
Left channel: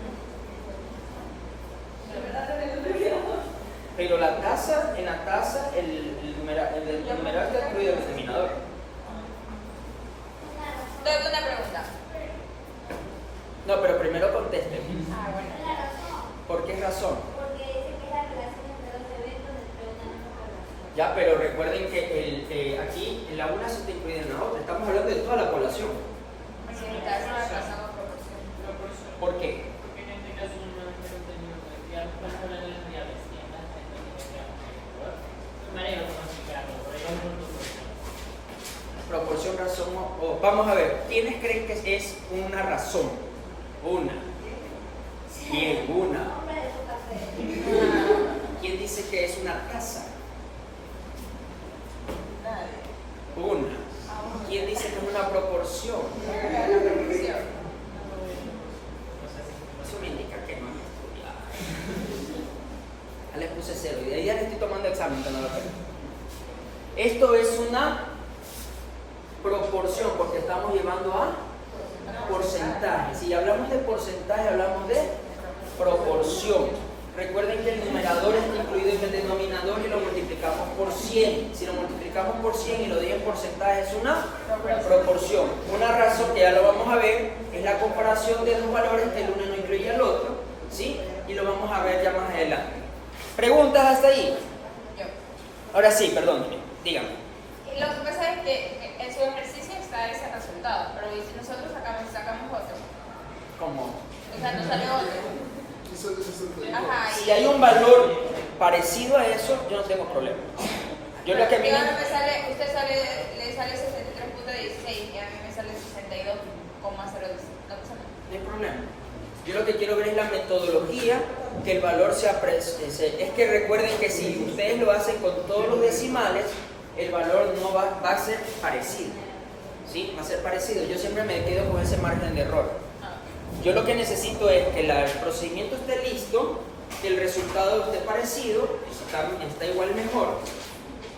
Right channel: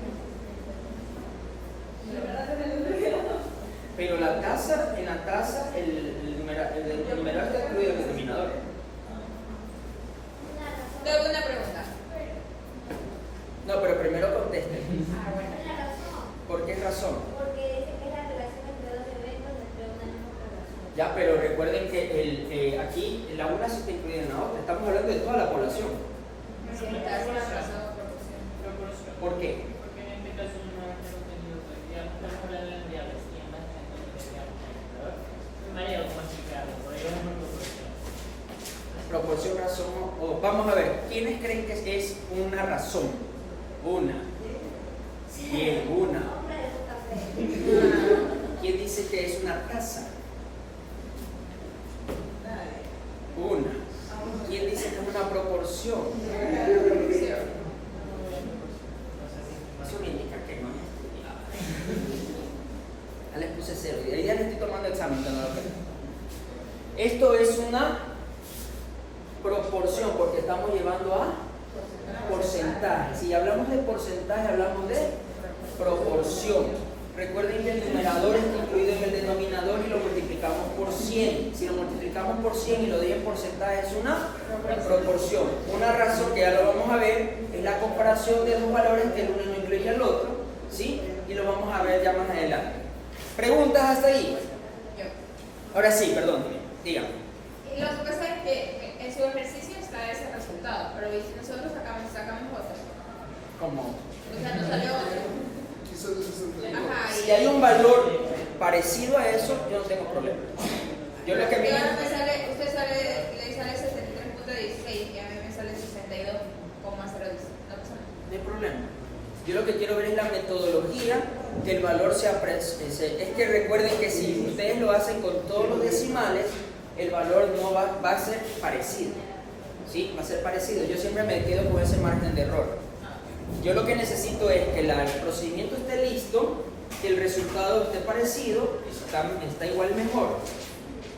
La verdad en el denominador. Pero la tasa, en la tasa, el numerador está incluido en el denominador. Tengo una pregunta. No, pero primero contesten. ¿Por qué razón? Porque dice que es la relación entre dos eventos entre una misma población. Ya, pero recuerden que aquí la una sí está incluida en la otra. Estamos hablando de toda la población. Si me das una razón o proporción. ¿Por qué? Porque en este caso no es contenido ya estamos hablando de variables, siempre está contenido de manera automática, por ahí vamos a proporción. Proporción, razón o... Vamos a ver, ¿quiénes creen que es una razón? Una. Bien, una. ¿Quién dice que es una tasa? Una. ¿Quién dice que es una proporción? Eso me indica que no he estudiado. Ya les puse 0 y de ahí ya le estoy tomando examen cuando lo quiero. Esto es una proporción porque estamos llevando a porcentaje. Si hablamos de porcentaje, hablamos de proporción. Recuerden que el numerador está incluido en el denominador y lo multiplicamos por 100. Si lo multiplicamos por 100 y lo doy en porcentaje, es una proporción. Una razón que ya lo vamos a ver es la comparación de dos valores que el uno no incluye al otro, ¿sí? Y lo vamos a ver ya más adelante. ¿Preguntas hasta ahí? Yo. Ahora sí, perdón, díganme. Y lo que pasa es que en su ejercicio está ese resultado, pero si nosotros sacamos otro, ¿Cómo? o sea, nos salió otro. Quizás de 62. Ajá, Si hay un valor parecido a eso, yo no tengo problema. Yo lo que a mí Usted le sale 63.16 y a mí me sale 62,010. No pasa nada. no hay problema. Yo lo que quiero ver es la metodología, que el valor sea es que recuerden que si ustedes lo hacen con todos los decimales, el valor no va a ser parecido. ¿Sí? Va a ser parecido. Yo siempre me quedo con ese margen de error. Yo lo que necesito es que el procedimiento esté listo, que el resultado esté parecido, está igual mejor,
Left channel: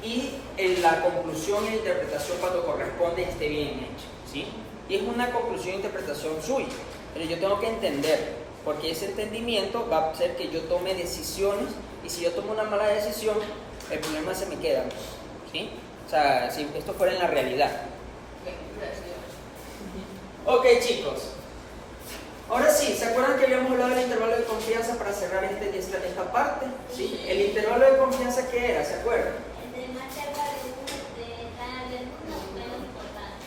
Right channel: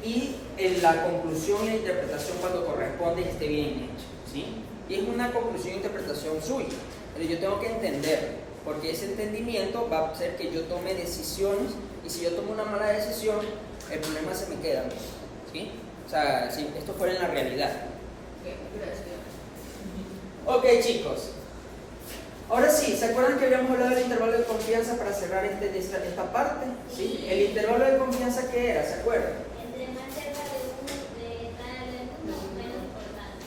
y en la conclusión y la interpretación cuando corresponde esté bien hecho, ¿sí? Y es una conclusión e interpretación suya, pero yo tengo que entender, porque ese entendimiento va a hacer que yo tome decisiones, y si yo tomo una mala decisión, el problema se me queda, ¿sí? O sea, si esto fuera en la realidad. Ok, chicos. Ahora sí, ¿se acuerdan que habíamos hablado del intervalo de confianza para cerrar esta parte? ¿Sí? ¿El intervalo de confianza qué era? ¿Se acuerdan? Entre más cerca de uno, tal del uno, menos importante.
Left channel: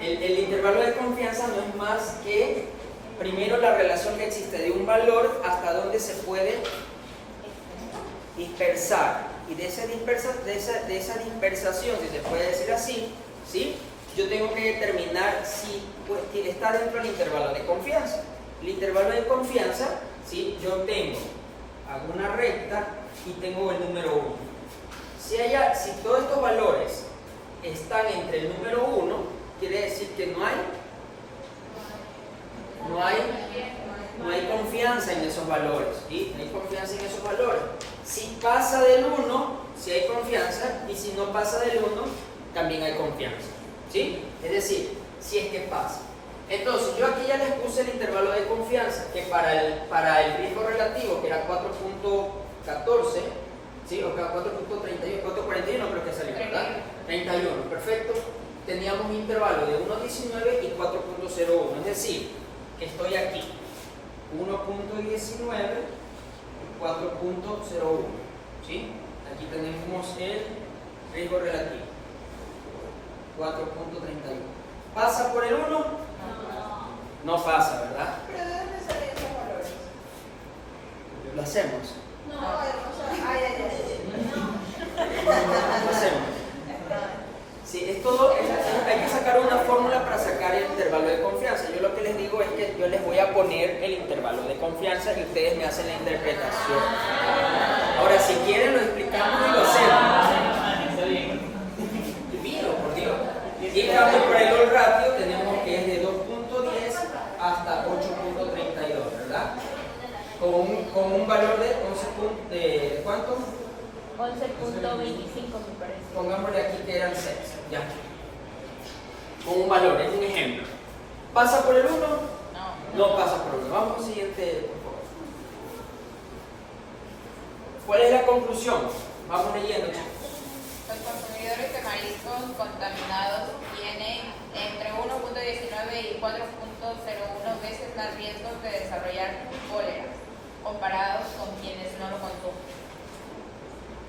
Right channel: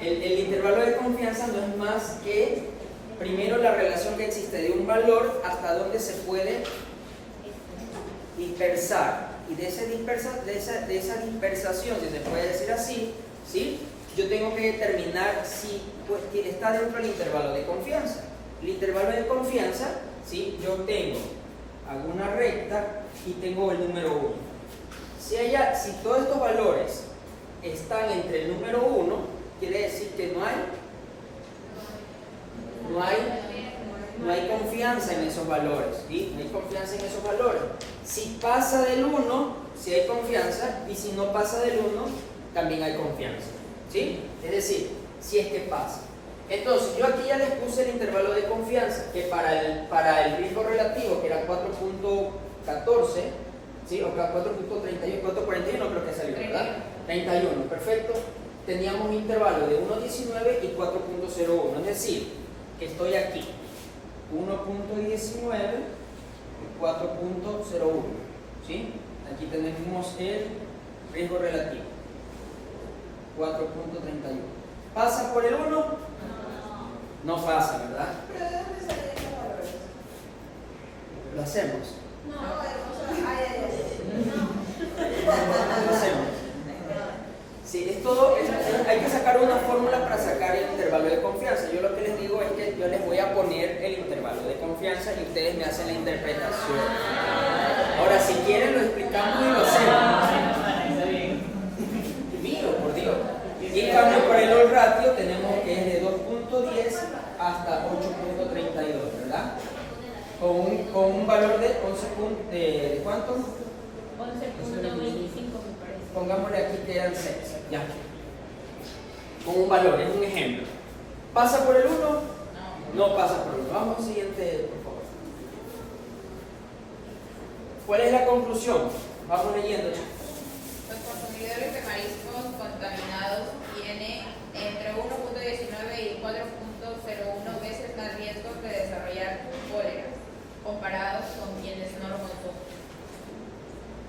El intervalo de confianza no es más que, primero, la relación que existe de un valor hasta dónde se puede dispersar. Y de esa dispersación, si se puede decir así, ¿sí? Yo tengo que determinar si está dentro del intervalo de confianza. El intervalo de confianza, ¿sí? Yo hago una recta y tengo el número 1. Si todos estos valores están entre el número 1, quiere decir que no hay confianza en esos valores, ¿sí? No hay confianza en esos valores. Si pasa del 1, si hay confianza, y si no pasa del 1, también hay confianza. ¿Sí? Es decir, si es que pasa. Entonces, yo aquí ya les puse el intervalo de confianza, que para el riesgo relativo, que era 4.14, ¿sí? O 4.31, 4.41 creo que salió, ¿verdad? 31, perfecto. Teníamos un intervalo de 1.19 y 4.01, es decir, que estoy aquí, 1.19 y 4.01, ¿sí? Aquí tenemos el riesgo relativo, 4.31. ¿Pasa por el 1? No pasa, ¿verdad? ¿Pero de dónde salían esos valores? Lo hacemos. No, Lo hacemos. Sí, es todo, hay que sacar una fórmula para sacar el intervalo de confianza. Yo lo que les digo es que yo les voy a poner el intervalo de confianza y ustedes me hacen la interpretación. Ahora, si quieren lo explicamos y lo hacemos. Está bien. Divino, por Dios. Y en cambio por el OL ratio tenemos que es de 2.10 hasta 8.32, ¿verdad? Con un valor de 11 ¿de cuánto? 11.25 me parece. Pongámosle aquí que eran 6, ya. Con un valor, es un ejemplo. ¿Pasa por el 1? No pasa por el 1. Vamos al siguiente, por favor. ¿Cuál es la conclusión? Vamos leyendo, chicos. Los consumidores de mariscos contaminados tienen entre 1.19 y 4.01 veces más riesgos de desarrollar cólera comparados con quienes no lo consumen.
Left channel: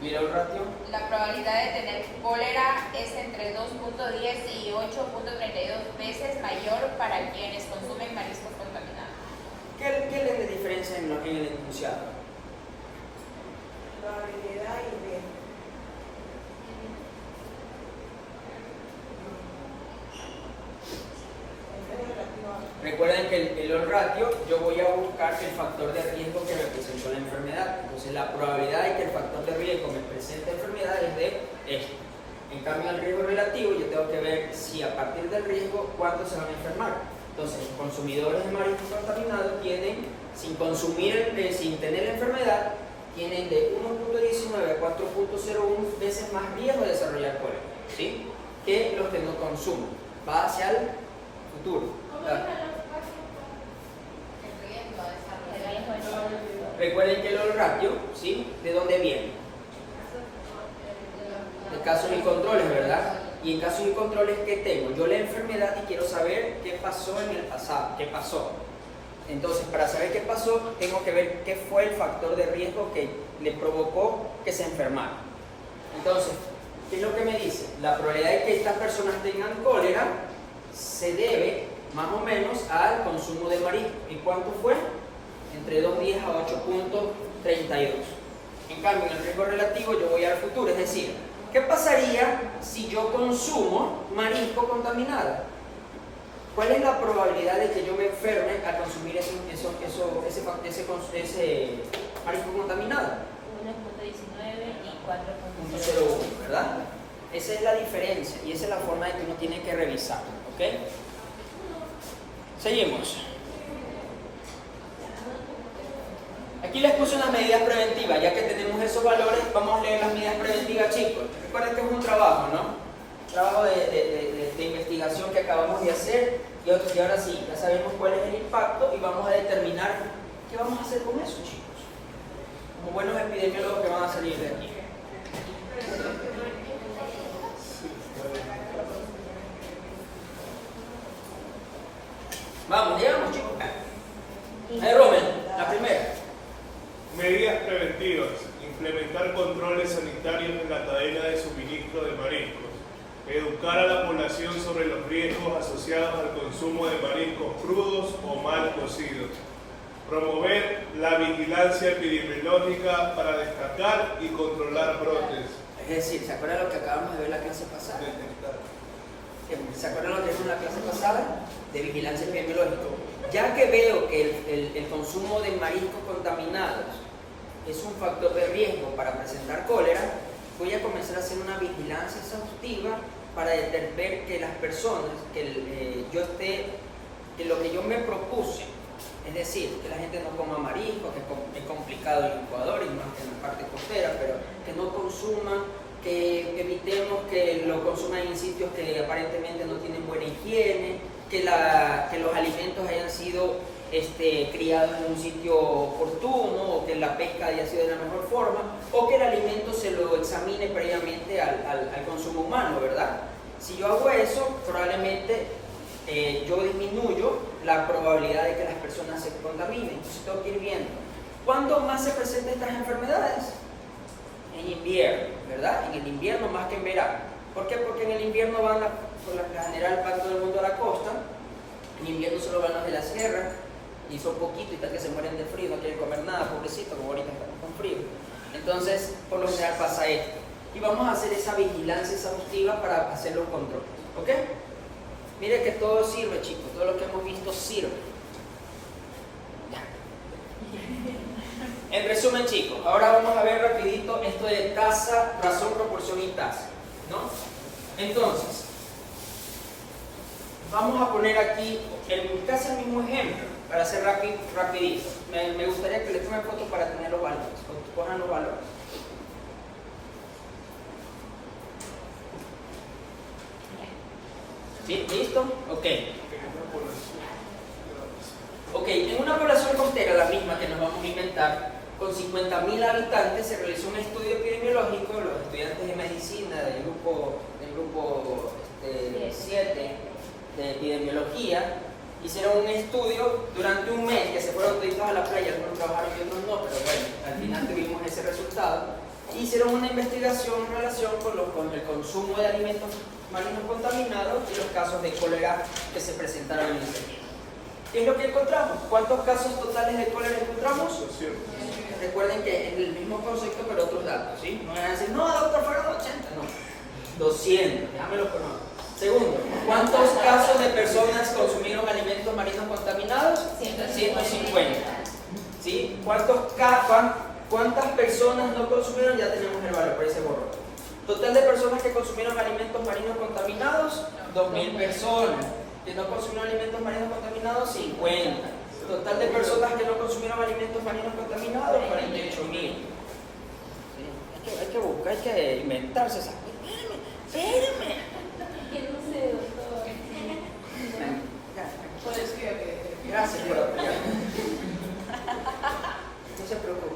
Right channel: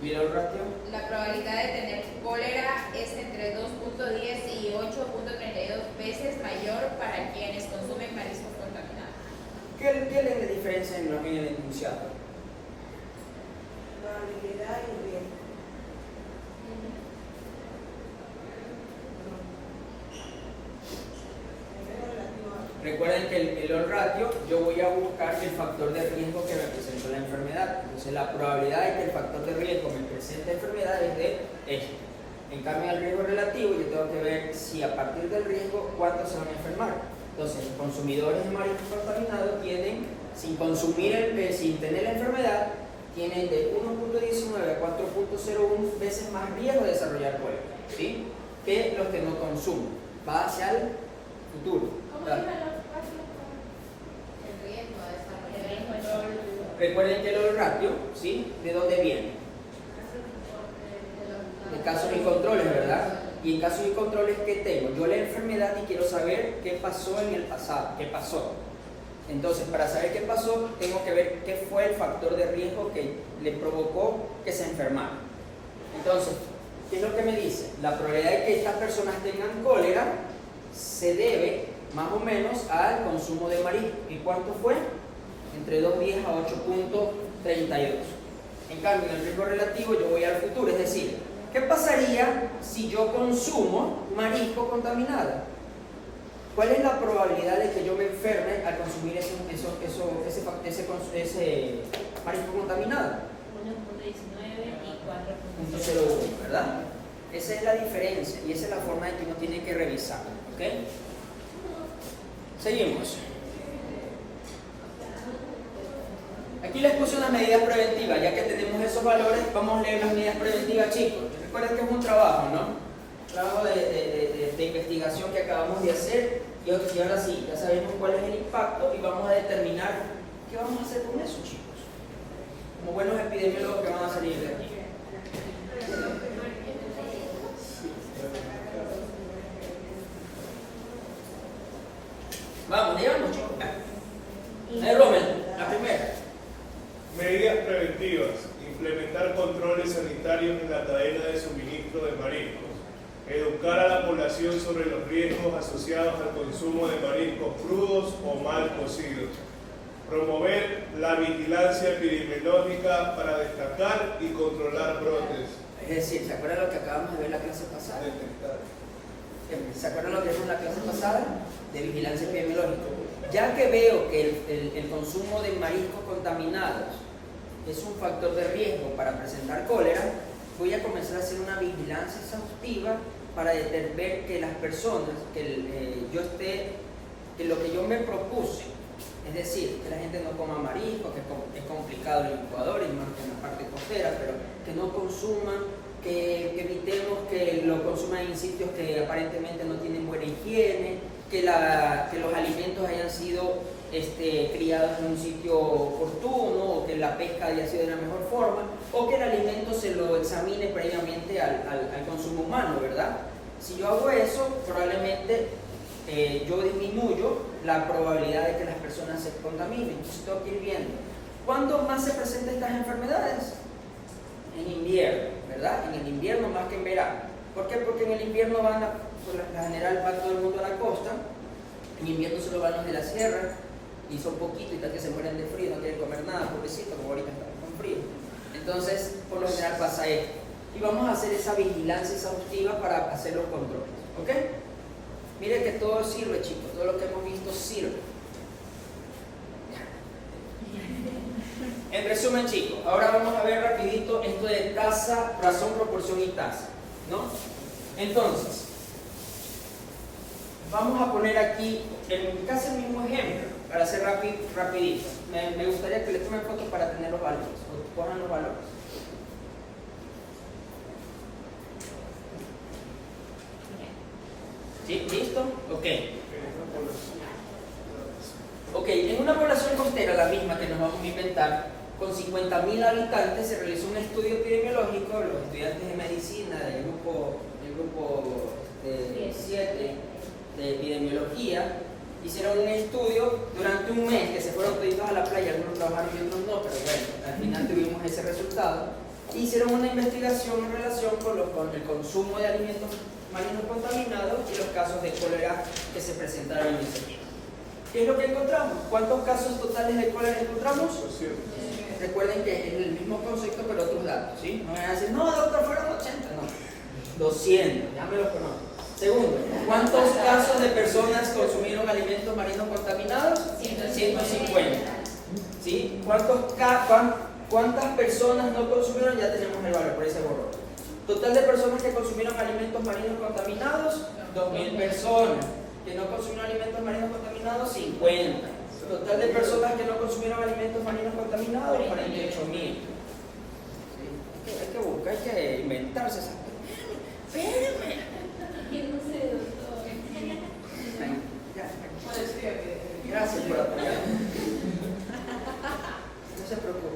¿Y el ratio? La probabilidad de tener cólera es entre 2.10 y 8.32 veces mayor para quienes consumen mariscos contaminados. ¿Qué es la diferencia en el enunciado? probabilidad y riesgo. Recuerden que el odds ratio, yo voy a buscar el factor de riesgo que me presentó la enfermedad. Entonces la probabilidad de que el factor de riesgo me presente enfermedad es de esto. En cambio, el riesgo relativo, yo tengo que ver si a partir del riesgo, cuántos se van a enfermar. Entonces, los consumidores de mariscos contaminados tienen, sin tener la enfermedad, tienen de 1.19 a 4.01 veces más riesgo de desarrollar cólera, ¿sí?, que los que no consumen. Va hacia el futuro. Recuerden que el odds ratio, ¿sí?, ¿de dónde viene? De casos y controles, ¿verdad? Y en casos y controles, ¿qué tengo? Yo la enfermedad y quiero saber qué pasó en el pasado, qué pasó. Entonces, para saber qué pasó, tengo que ver qué fue el factor de riesgo que le provocó que se enfermara. Entonces, ¿qué es lo que me dice? La probabilidad de que estas personas tengan cólera se debe más o menos al consumo de marisco. ¿Y cuánto fue? Entre 2.10 a 8.32. En cambio, en el riesgo relativo yo voy al futuro, es decir, ¿qué pasaría si yo consumo marisco contaminado? ¿Cuál es la probabilidad de que yo me enferme al consumir ese marisco contaminado? 1.19 y 4.01. 0.1, ¿verdad? Esa es la diferencia y esa es la forma de que uno tiene que revisar, ¿ok? Seguimos. Aquí les puse unas medidas preventivas, ya que tenemos esos valores, vamos a leer las medidas preventivas, chicos. Recuerden que es un trabajo, ¿no? Un trabajo de investigación que acabamos de hacer y ahora sí, ya sabemos cuál es el impacto y vamos a determinar qué vamos a hacer con eso, chicos. Como buenos epidemiólogos que van a salir de aquí. Vamos, llegamos, chicos. Rommel, la primera. Medidas preventivas. Implementar controles sanitarios en la cadena de suministro de mariscos. Educar a la población sobre los riesgos asociados al consumo de mariscos crudos o mal cocidos. Promover la vigilancia epidemiológica para destacar y controlar brotes. Es decir, ¿se acuerdan lo que acabamos de ver en la clase pasada? Detectar. ¿Se acuerdan lo que vimos en la clase pasada? De vigilancia epidemiológica. Ya que veo que el consumo de mariscos contaminados es un factor de riesgo para presentar cólera, voy a comenzar a hacer una vigilancia exhaustiva para ver que las personas, que lo que yo me propuse, Es decir, que la gente no coma marisco, que es complicado en Ecuador y más en la parte costera, pero que no consuma, que evitemos que lo consuman en sitios que aparentemente no tienen buena higiene, que los alimentos hayan sido criados en un sitio oportuno, o que la pesca haya sido de la mejor forma, o que el alimento se lo examine previamente al consumo humano, ¿verdad? Si yo hago eso, probablemente yo disminuyo la probabilidad de que las personas se contaminen. Entonces tengo que ir viendo. ¿Cuándo más se presentan estas enfermedades? En invierno, ¿verdad? En el invierno más que en verano. ¿Por qué? Porque en el invierno por la general va todo el mundo a la costa, en invierno solo van los de la sierra, y son poquitos y tal que se mueren de frío, no quieren comer nada, pobrecito, como ahorita están con frío. Entonces, por lo general pasa esto. Y vamos a hacer esa vigilancia exhaustiva para hacer los controles, ¿ok? Mire que todo sirve, chicos, todo lo que hemos visto sirve. En resumen, chicos, ahora vamos a ver rapidito esto de tasa, razón, proporción y tasa, ¿no? Entonces, vamos a poner aquí casi el mismo ejemplo para hacer rapidito. Me gustaría que le tomen fotos para tener los valores, o cojan los valores. ¿Sí? ¿Listo? Ok. Ok, en una población costera, la misma que nos vamos a inventar, con 50.000 habitantes, se realizó un estudio epidemiológico. Los estudiantes de medicina del grupo 7 de epidemiología hicieron un estudio durante un mes, que se fueron toditos a la playa, algunos trabajaron y otros no, pero bueno, al final tuvimos ese resultado. Hicieron una investigación en relación con el consumo de alimentos marinos contaminados y los casos de cólera que se presentaron en ese tiempo. ¿Qué es lo que encontramos? ¿Cuántos casos totales de cólera encontramos? 200. Recuerden que es el mismo concepto pero otros datos, ¿sí? No van a decir, no, doctor, fueron 80, no. 200, ya me lo conozco. Segundo, ¿cuántos casos de personas consumieron alimentos marinos contaminados? 150. ¿Sí? ¿Cuántas personas no consumieron? Ya tenemos el valor, por ese borrón. Total de personas que consumieron alimentos marinos contaminados, 2.000 personas. Que no consumieron alimentos marinos contaminados, 50. Total de personas que no consumieron alimentos marinos contaminados, 48.000. ¿Sí? Hay que buscar, hay que inventarse esas. Espérame. No sé, doctor. Gracias por apoyarme. No se preocupe.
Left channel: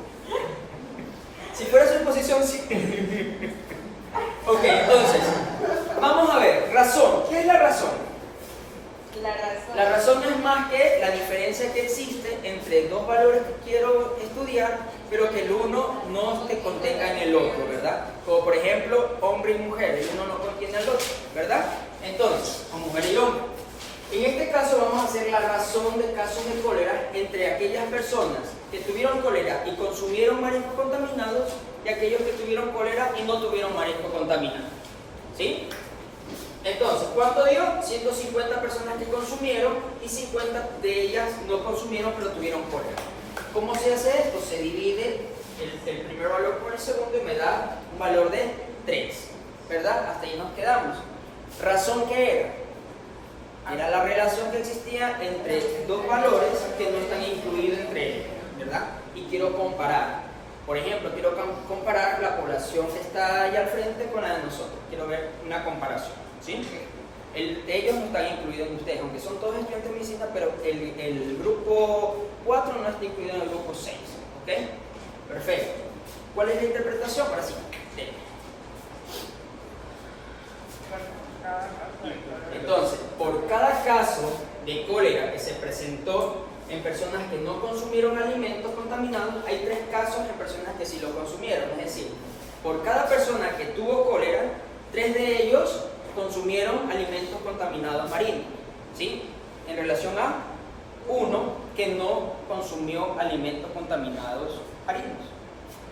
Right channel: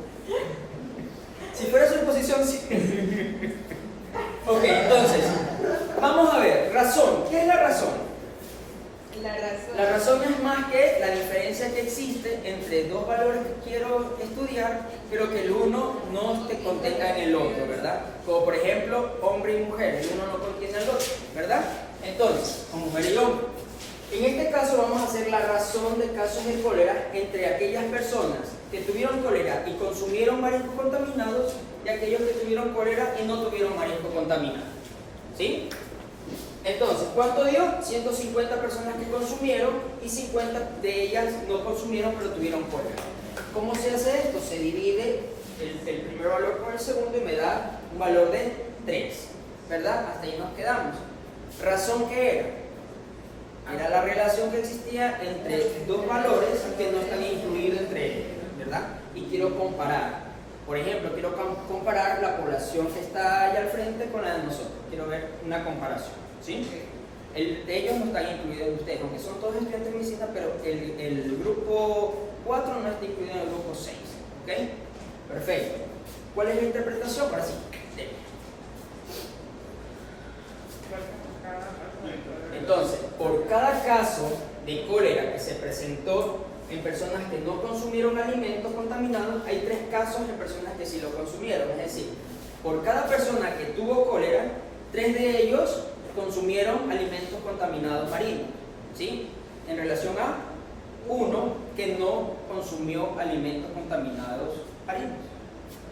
Si fuera su posición, sí. Ok, entonces, vamos a ver, razón. ¿Qué es la razón? La razón es más que la diferencia que existe entre dos valores que quiero estudiar, pero que el uno no te contenga en el otro, ¿verdad? Como por ejemplo, hombre y mujer, el uno no contiene al otro, ¿verdad? Entonces, o mujer y hombre. En este caso vamos a hacer la razón de casos de cólera entre aquellas personas que tuvieron cólera y consumieron mariscos contaminados y aquellos que tuvieron cólera y no tuvieron marisco contaminado. ¿Sí? Entonces, ¿cuánto dio? 150 personas que consumieron y 50 de ellas no consumieron pero tuvieron cólera. ¿Cómo se hace esto? Se divide el primer valor por el segundo y me da un valor de 3, ¿verdad? Hasta ahí nos quedamos. ¿Razón qué era? Era la relación que existía entre dos valores que no están incluidos entre ellos, ¿verdad? Y quiero comparar. Por ejemplo, quiero comparar la población que está allá al frente con la de nosotros. Quiero ver una comparación, ¿sí? Ellos no están incluidos en ustedes, aunque son todos estudiantes de medicina, pero el grupo 4 no está incluido en el grupo 6, ¿ok? Perfecto. ¿Cuál es la interpretación? Ahora sí. Entonces, por cada caso de cólera que se presentó en personas que no consumieron alimentos contaminados, hay 3 casos en personas que sí lo consumieron. Es decir, por cada persona que tuvo cólera, 3 de ellos consumieron alimentos contaminados marinos, ¿sí? En relación a uno que no consumió alimentos contaminados marinos,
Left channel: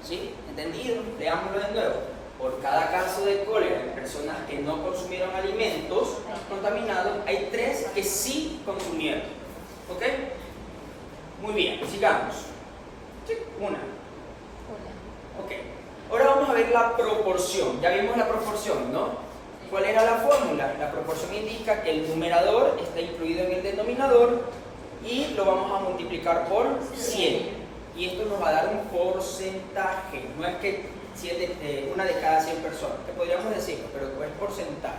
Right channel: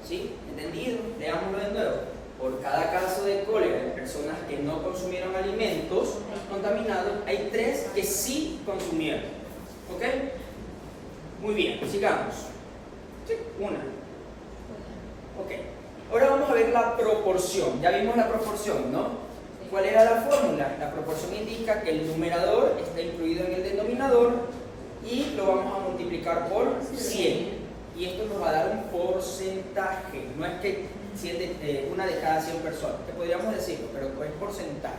¿sí? ¿Entendido? Leámoslo de nuevo. Por cada caso de cólera en personas que no consumieron alimentos contaminados, hay 3 que sí consumieron. ¿Ok? Muy bien, sigamos. Sí, una. Ok. Ahora vamos a ver la proporción. Ya vimos la proporción, ¿no? ¿Cuál era la fórmula? La proporción indica que el numerador está incluido en el denominador y lo vamos a multiplicar por 100. Y esto nos va a dar un porcentaje. No es que una de cada 100 personas, que podríamos decirlo, pero es porcentaje.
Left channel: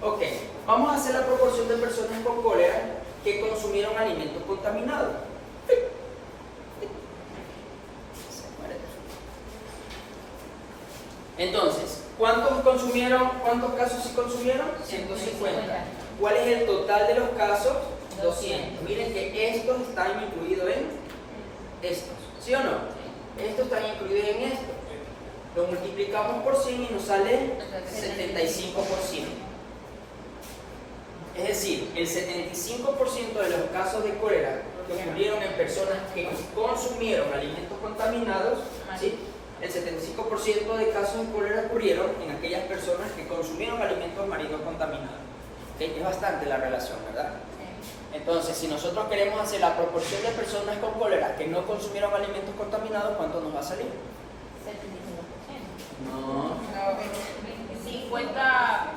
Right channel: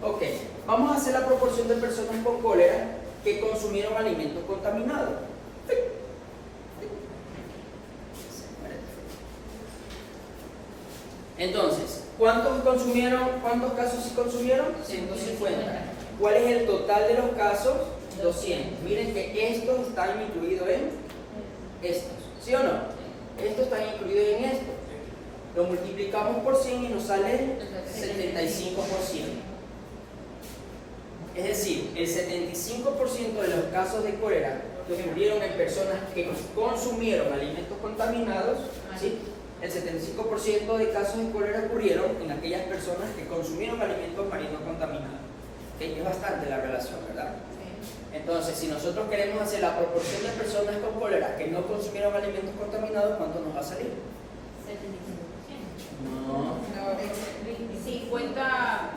Ok, vamos a hacer la proporción de personas con cólera que consumieron alimentos contaminados. Entonces, ¿cuántos casos sí consumieron? 150. ¿Cuál es el total de los casos? 200. Miren que estos están incluidos en estos, ¿sí o no? Estos están incluidos en estos. Lo multiplicamos por 100 y nos sale 75%. Es decir, el 75% de los casos de cólera que ocurrieron en personas que consumieron alimentos contaminados, ¿sí? El 75% de casos de cólera ocurrieron en aquellas personas que consumieron alimentos marinos contaminados. ¿Okay? Es bastante la relación, ¿verdad? Entonces, si nosotros queremos hacer la proporción de personas con cólera que no consumieron alimentos contaminados, ¿cuánto nos va a salir? 75%. No. 50.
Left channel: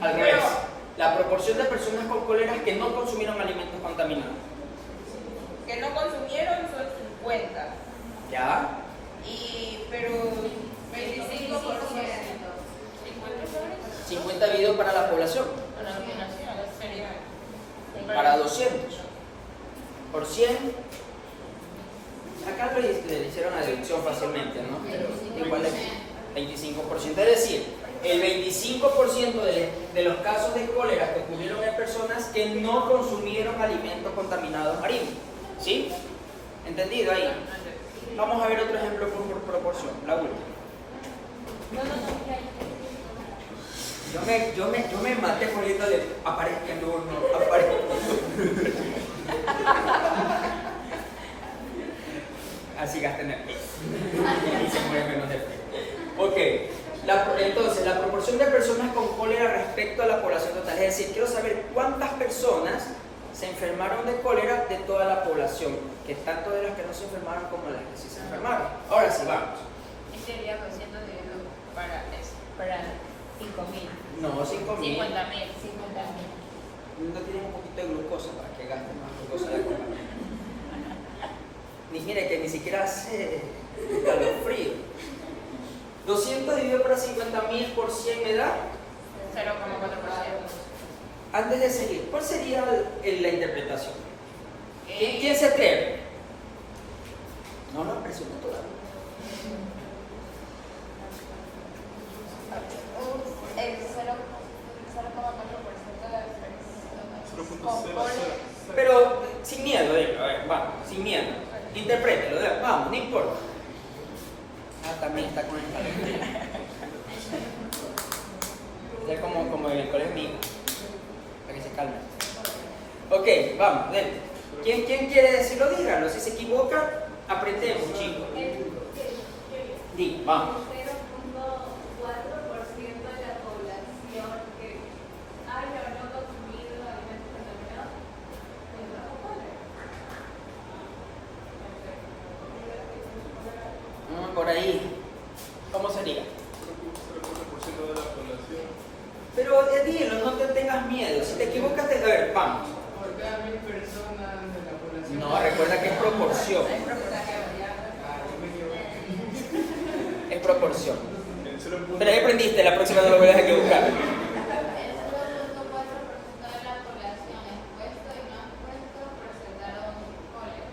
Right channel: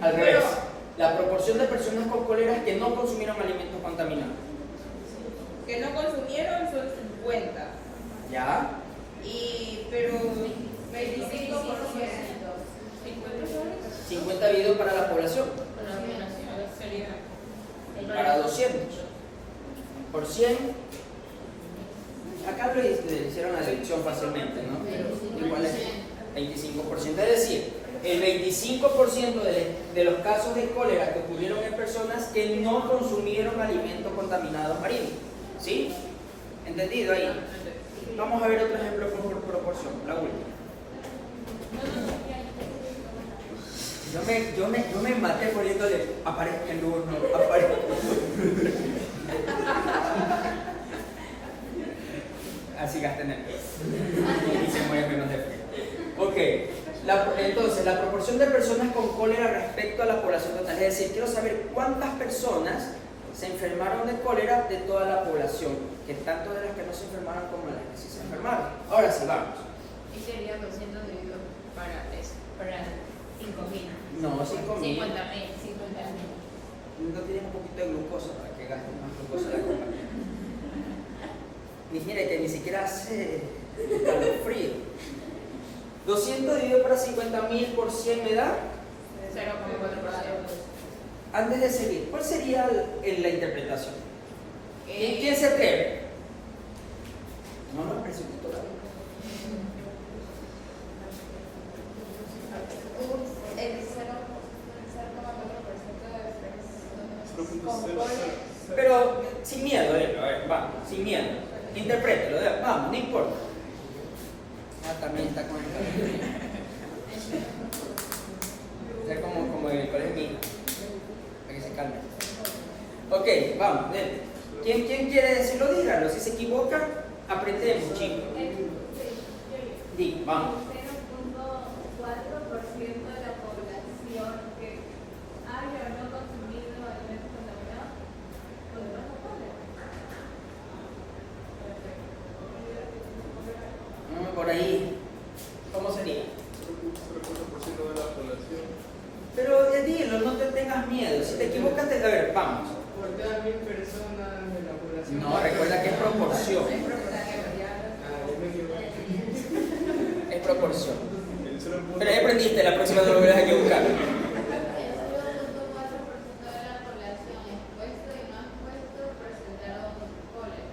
Al revés. La proporción de personas con cólera que no consumieron alimentos contaminados. Que no consumieron son 50. ¿Ya? Pero 25%. 50 dividido para la población. Para 200. Por 100. Acá le hicieron la deducción fácilmente, ¿no? Pero igual es 25%. Es decir, el 25% de los casos de cólera que ocurrieron en personas que no consumieron alimentos contaminados marinos. ¿Sí? ¿Entendido ahí? Vamos a ver otro ejemplo por proporción, la última. Yo me maté poniéndole aparezca el uno, aparezca el uno. Así gasté energía. Y se mueve menos de frío. Ok, entonces la proporción de personas con cólera respecto a la población total. Es decir, quiero saber cuántas personas se enfermaron de cólera de toda la población, que tanto de las que no se enfermaron como de las que sí se enfermaron. Ahora sí, vamos. Y sería 200 dividido para eso. Para 5.000. No, 5.000. 50.000. No tienen un poquito de glucosa para que gasten más glucosa de la coca. Mire que ni siquiera hace calofrío. 200 dividido para 50.000 por 100 me da 0,4%. Antes de seguir, ¿cuál sería la interpretación? ¿Quién se atreve? No lo presioné todavía. El 0,4% de Pero sin miedo, a ver, vamos, sin miedo. Interprételo, vamos, no importa. También está con el calor. Es como en el colegio niño. Para que se calme. Ok, vamos, dale. ¿Quién quiere decirlo? Dígalo. Si se equivoca, aprendemos, chicos. Vamos. 0.4% de la población que haya o no consumido alimentos contaminados podrá cólera. Por ahí. ¿Cómo sería? 0.4% de la población. Pero dilo, no te tengas miedo. Si te equivocas, a ver, vamos. Por cada 1.000 personas de la población. No, recuerda que es proporción. Yo me equivoqué. Es proporción. El 0.4% Pero ya aprendiste, la próxima no lo vuelvas a equivocar. El 0.4% de la población expuesto y no expuesto presentaron cólera.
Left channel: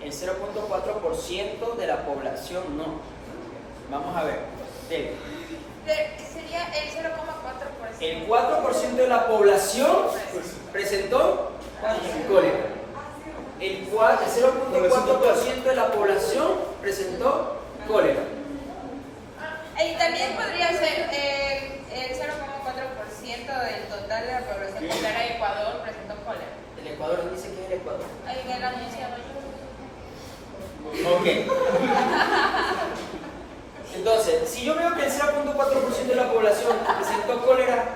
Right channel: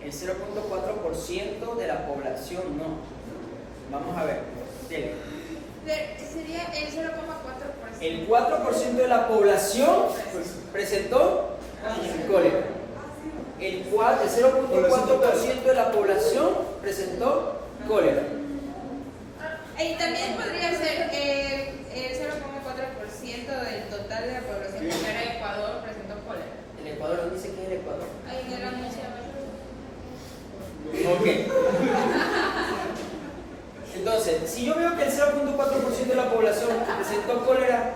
El 0.4% de la población no. Vamos a ver. Sería el 0,4%. El 4% de la población presentó cólera. El 0.4% de la población presentó cólera. Y también podría ser el 0,4% del total de la población que era Ecuador presentó cólera. El Ecuador no dice que es el Ecuador. Ahí en el anunciado yo. Ok. Entonces, si yo veo que el 0.4% de la población presentó cólera,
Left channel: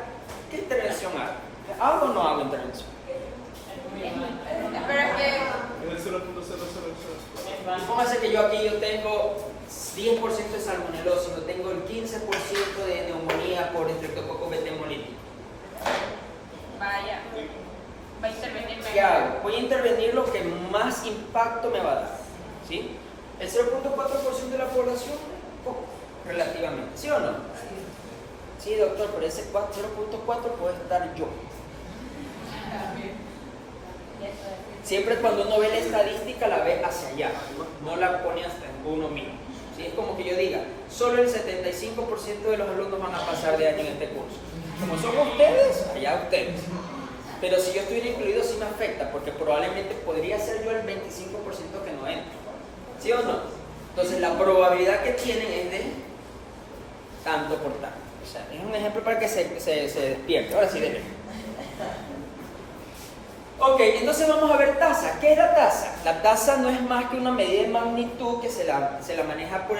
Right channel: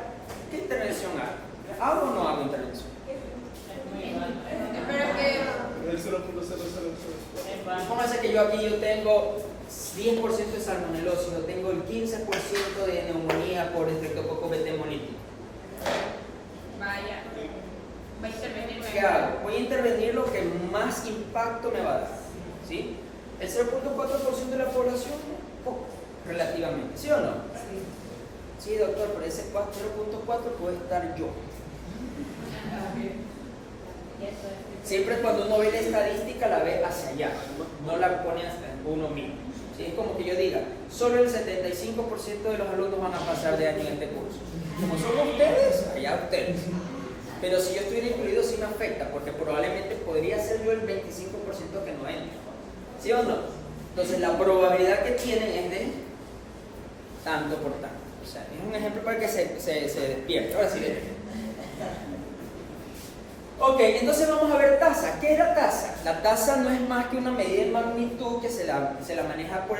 ¿qué intervención hago? ¿Hago o no hago intervención? Espera que. el 0.000. Y póngase que yo tengo 10% de salmonelosis, o tengo el 15% de neumonía por estreptococcus beta hemolítico. ¿qué hago? Voy a intervenir lo que más impacto me va a dar, ¿sí? El 0.4% de la población, poco, relativamente, ¿sí o no? Sí, doctor, por ese 0.4 puedo estar yo. Siempre cuando uno ve la estadística la ve hacia allá, no la pone hasta uno mismo. ¿Sí? Es como que yo diga, solo el 75% de los alumnos van a pasar de año en este curso. Como son ustedes, allá ustedes. Pero si yo estuviera incluido sí me afecta, porque probablemente podría ser yo el 25% que no entra. ¿Sí o no? Entonces la probabilidad que tienen es de tanto por tanto. O sea, es un ejemplo para que se despierte. Ahora sí, déjenme. Ok, entonces vamos a ver tasa. ¿Qué es la tasa? La tasa no es más que una medida de magnitud que se la maneja por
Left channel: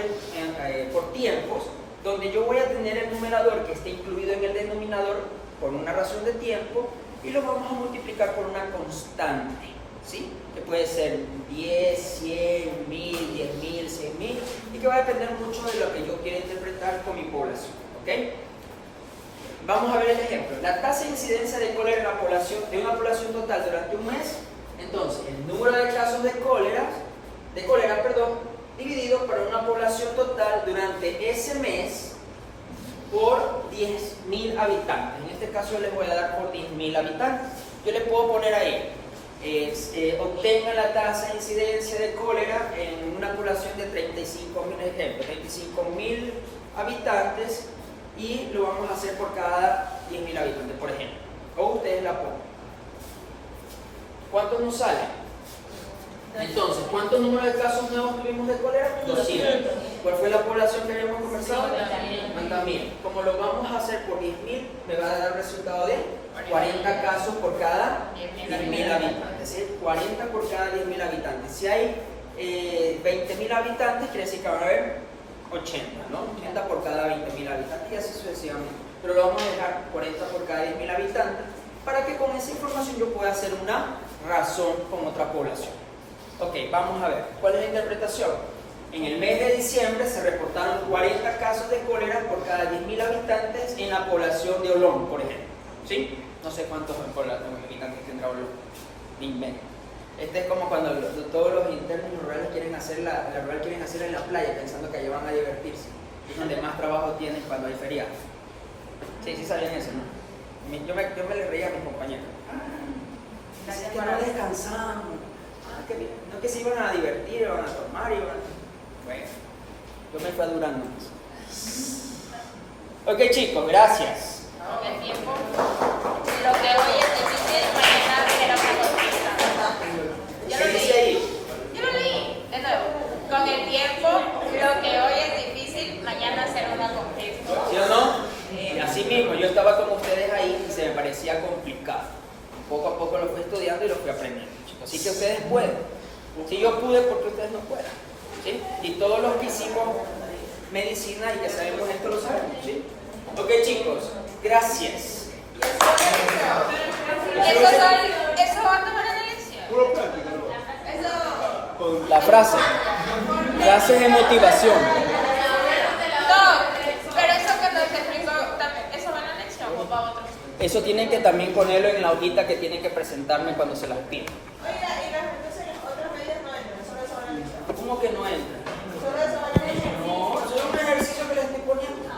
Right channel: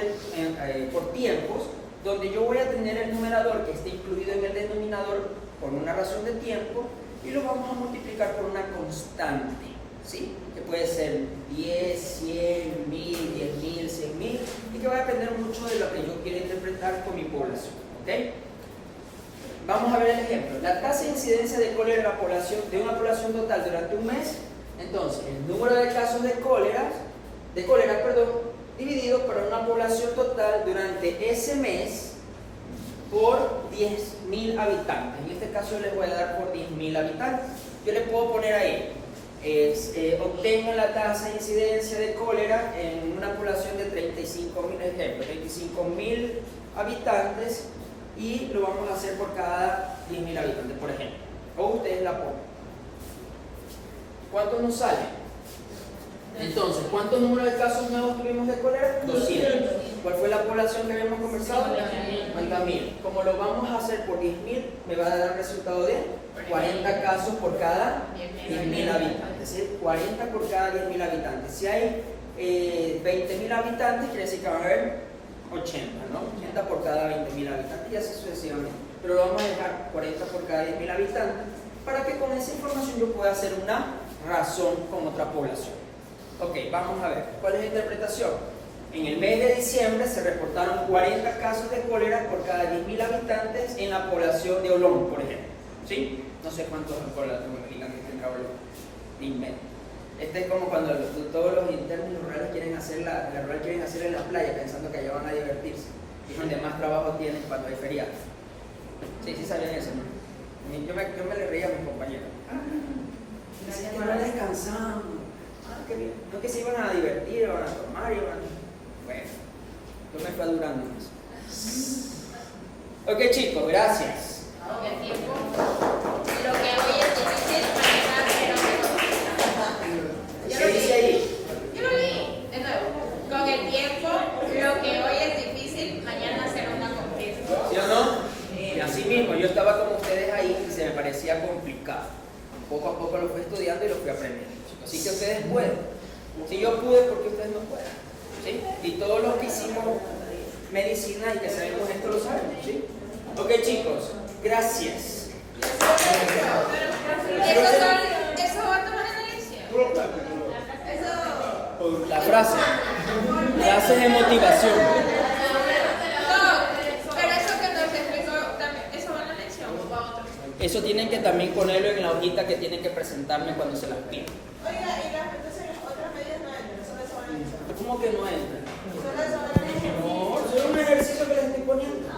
tiempos, donde yo voy a tener el numerador que esté incluido en el denominador por una razón de tiempo y lo vamos a multiplicar por una constante, ¿sí? Que puede ser 10, 100, 1000, 10.000, 100.000 y que va a depender mucho de lo que yo quiera interpretar con mi población, ¿ok? Vamos a ver el ejemplo. La tasa de incidencia de cólera en la población, de una población total durante un mes. Entonces, el número de casos de cólera, dividido por una población total durante ese mes por 10.000 habitantes. En este caso yo les voy a dar por 10.000 habitantes. Yo le puedo poner ahí, obtengan la tasa de incidencia de cólera en una población de 35.000 habitantes. Y lo vamos a hacer por cada 10.000 habitantes, por ejemplo. O ustedes la ponen. ¿Cuántos nos salen? Entonces, ¿cuántos números de casos nuevos tuvimos de cólera? 200. ¿Cuál fue la población que habíamos conversado? 50.000. Como lo vamos a hacer por 10.000, me va a dar un resultado de 40 casos por cada 10.000 habitantes. Es decir, 40 por cada 10.000 habitantes. Si hay 20.000 habitantes, quiere decir que van a haber 80, ¿no? 80 por cada 20.000 habitantes y así sucesivamente. Pero lo vamos a dejar 40 por cada 10.000 habitantes para que con esa información yo pueda hacer una razón con otra población. Ok, vamos a ver. ¿Cuál es la interpretación? En el mes de diciembre se reportaron 40 casos de cólera por cada 10.000 habitantes en la población de Olón, por ejemplo. ¿Sí? No sé cuántos habitantes tendrá Olón. Ni invento. Este es como cuando todos los internos rurales quieren hacer la rural quieren hacer en la playa pensando que allá van a divertirse. Y es donde más trabajo tienen cuando hay feriados. Sí sabían eso, ¿no? Yo me le reía a mis compañeros. Dicen que no descansamos. Qué bien. No que se iban a divertir, iban a tomar, Bueno, yo me fui adurando en eso. Ok, chicos, gracias. Con el tiempo, lo que hoy es difícil, mañana era ¿Qué dice ahí? Yo lo leí, de nuevo. Con el tiempo, lo que hoy es difícil, mañana será una conquista. ¿Sí o no? Y así mismo, yo estaba como ustedes ahí y se me parecía complicado. Poco a poco lo fui estudiando y lo fui aprendiendo, chicos. Así que ustedes pueden. Si yo pude, ¿por qué ustedes no pueden? ¿Sí? Y todos los que hicimos medicina y que sabemos esto lo sabemos, ¿sí? Ok, chicos, gracias. Eso va a tomar en elección. Puro práctico, ¿no? La frase. Frases de motivación. No, pero eso que nos explicó, eso va en la elección o para otros. Eso tienen que también ponerlo en la hojita que tienen que presentarme cuando se las piden. Oiga, y las otras medidas no entran, solo eso van a analizar. ¿Cómo que no entra? Solo eso van a analizar. No, eso es un ejercicio que les estoy poniendo.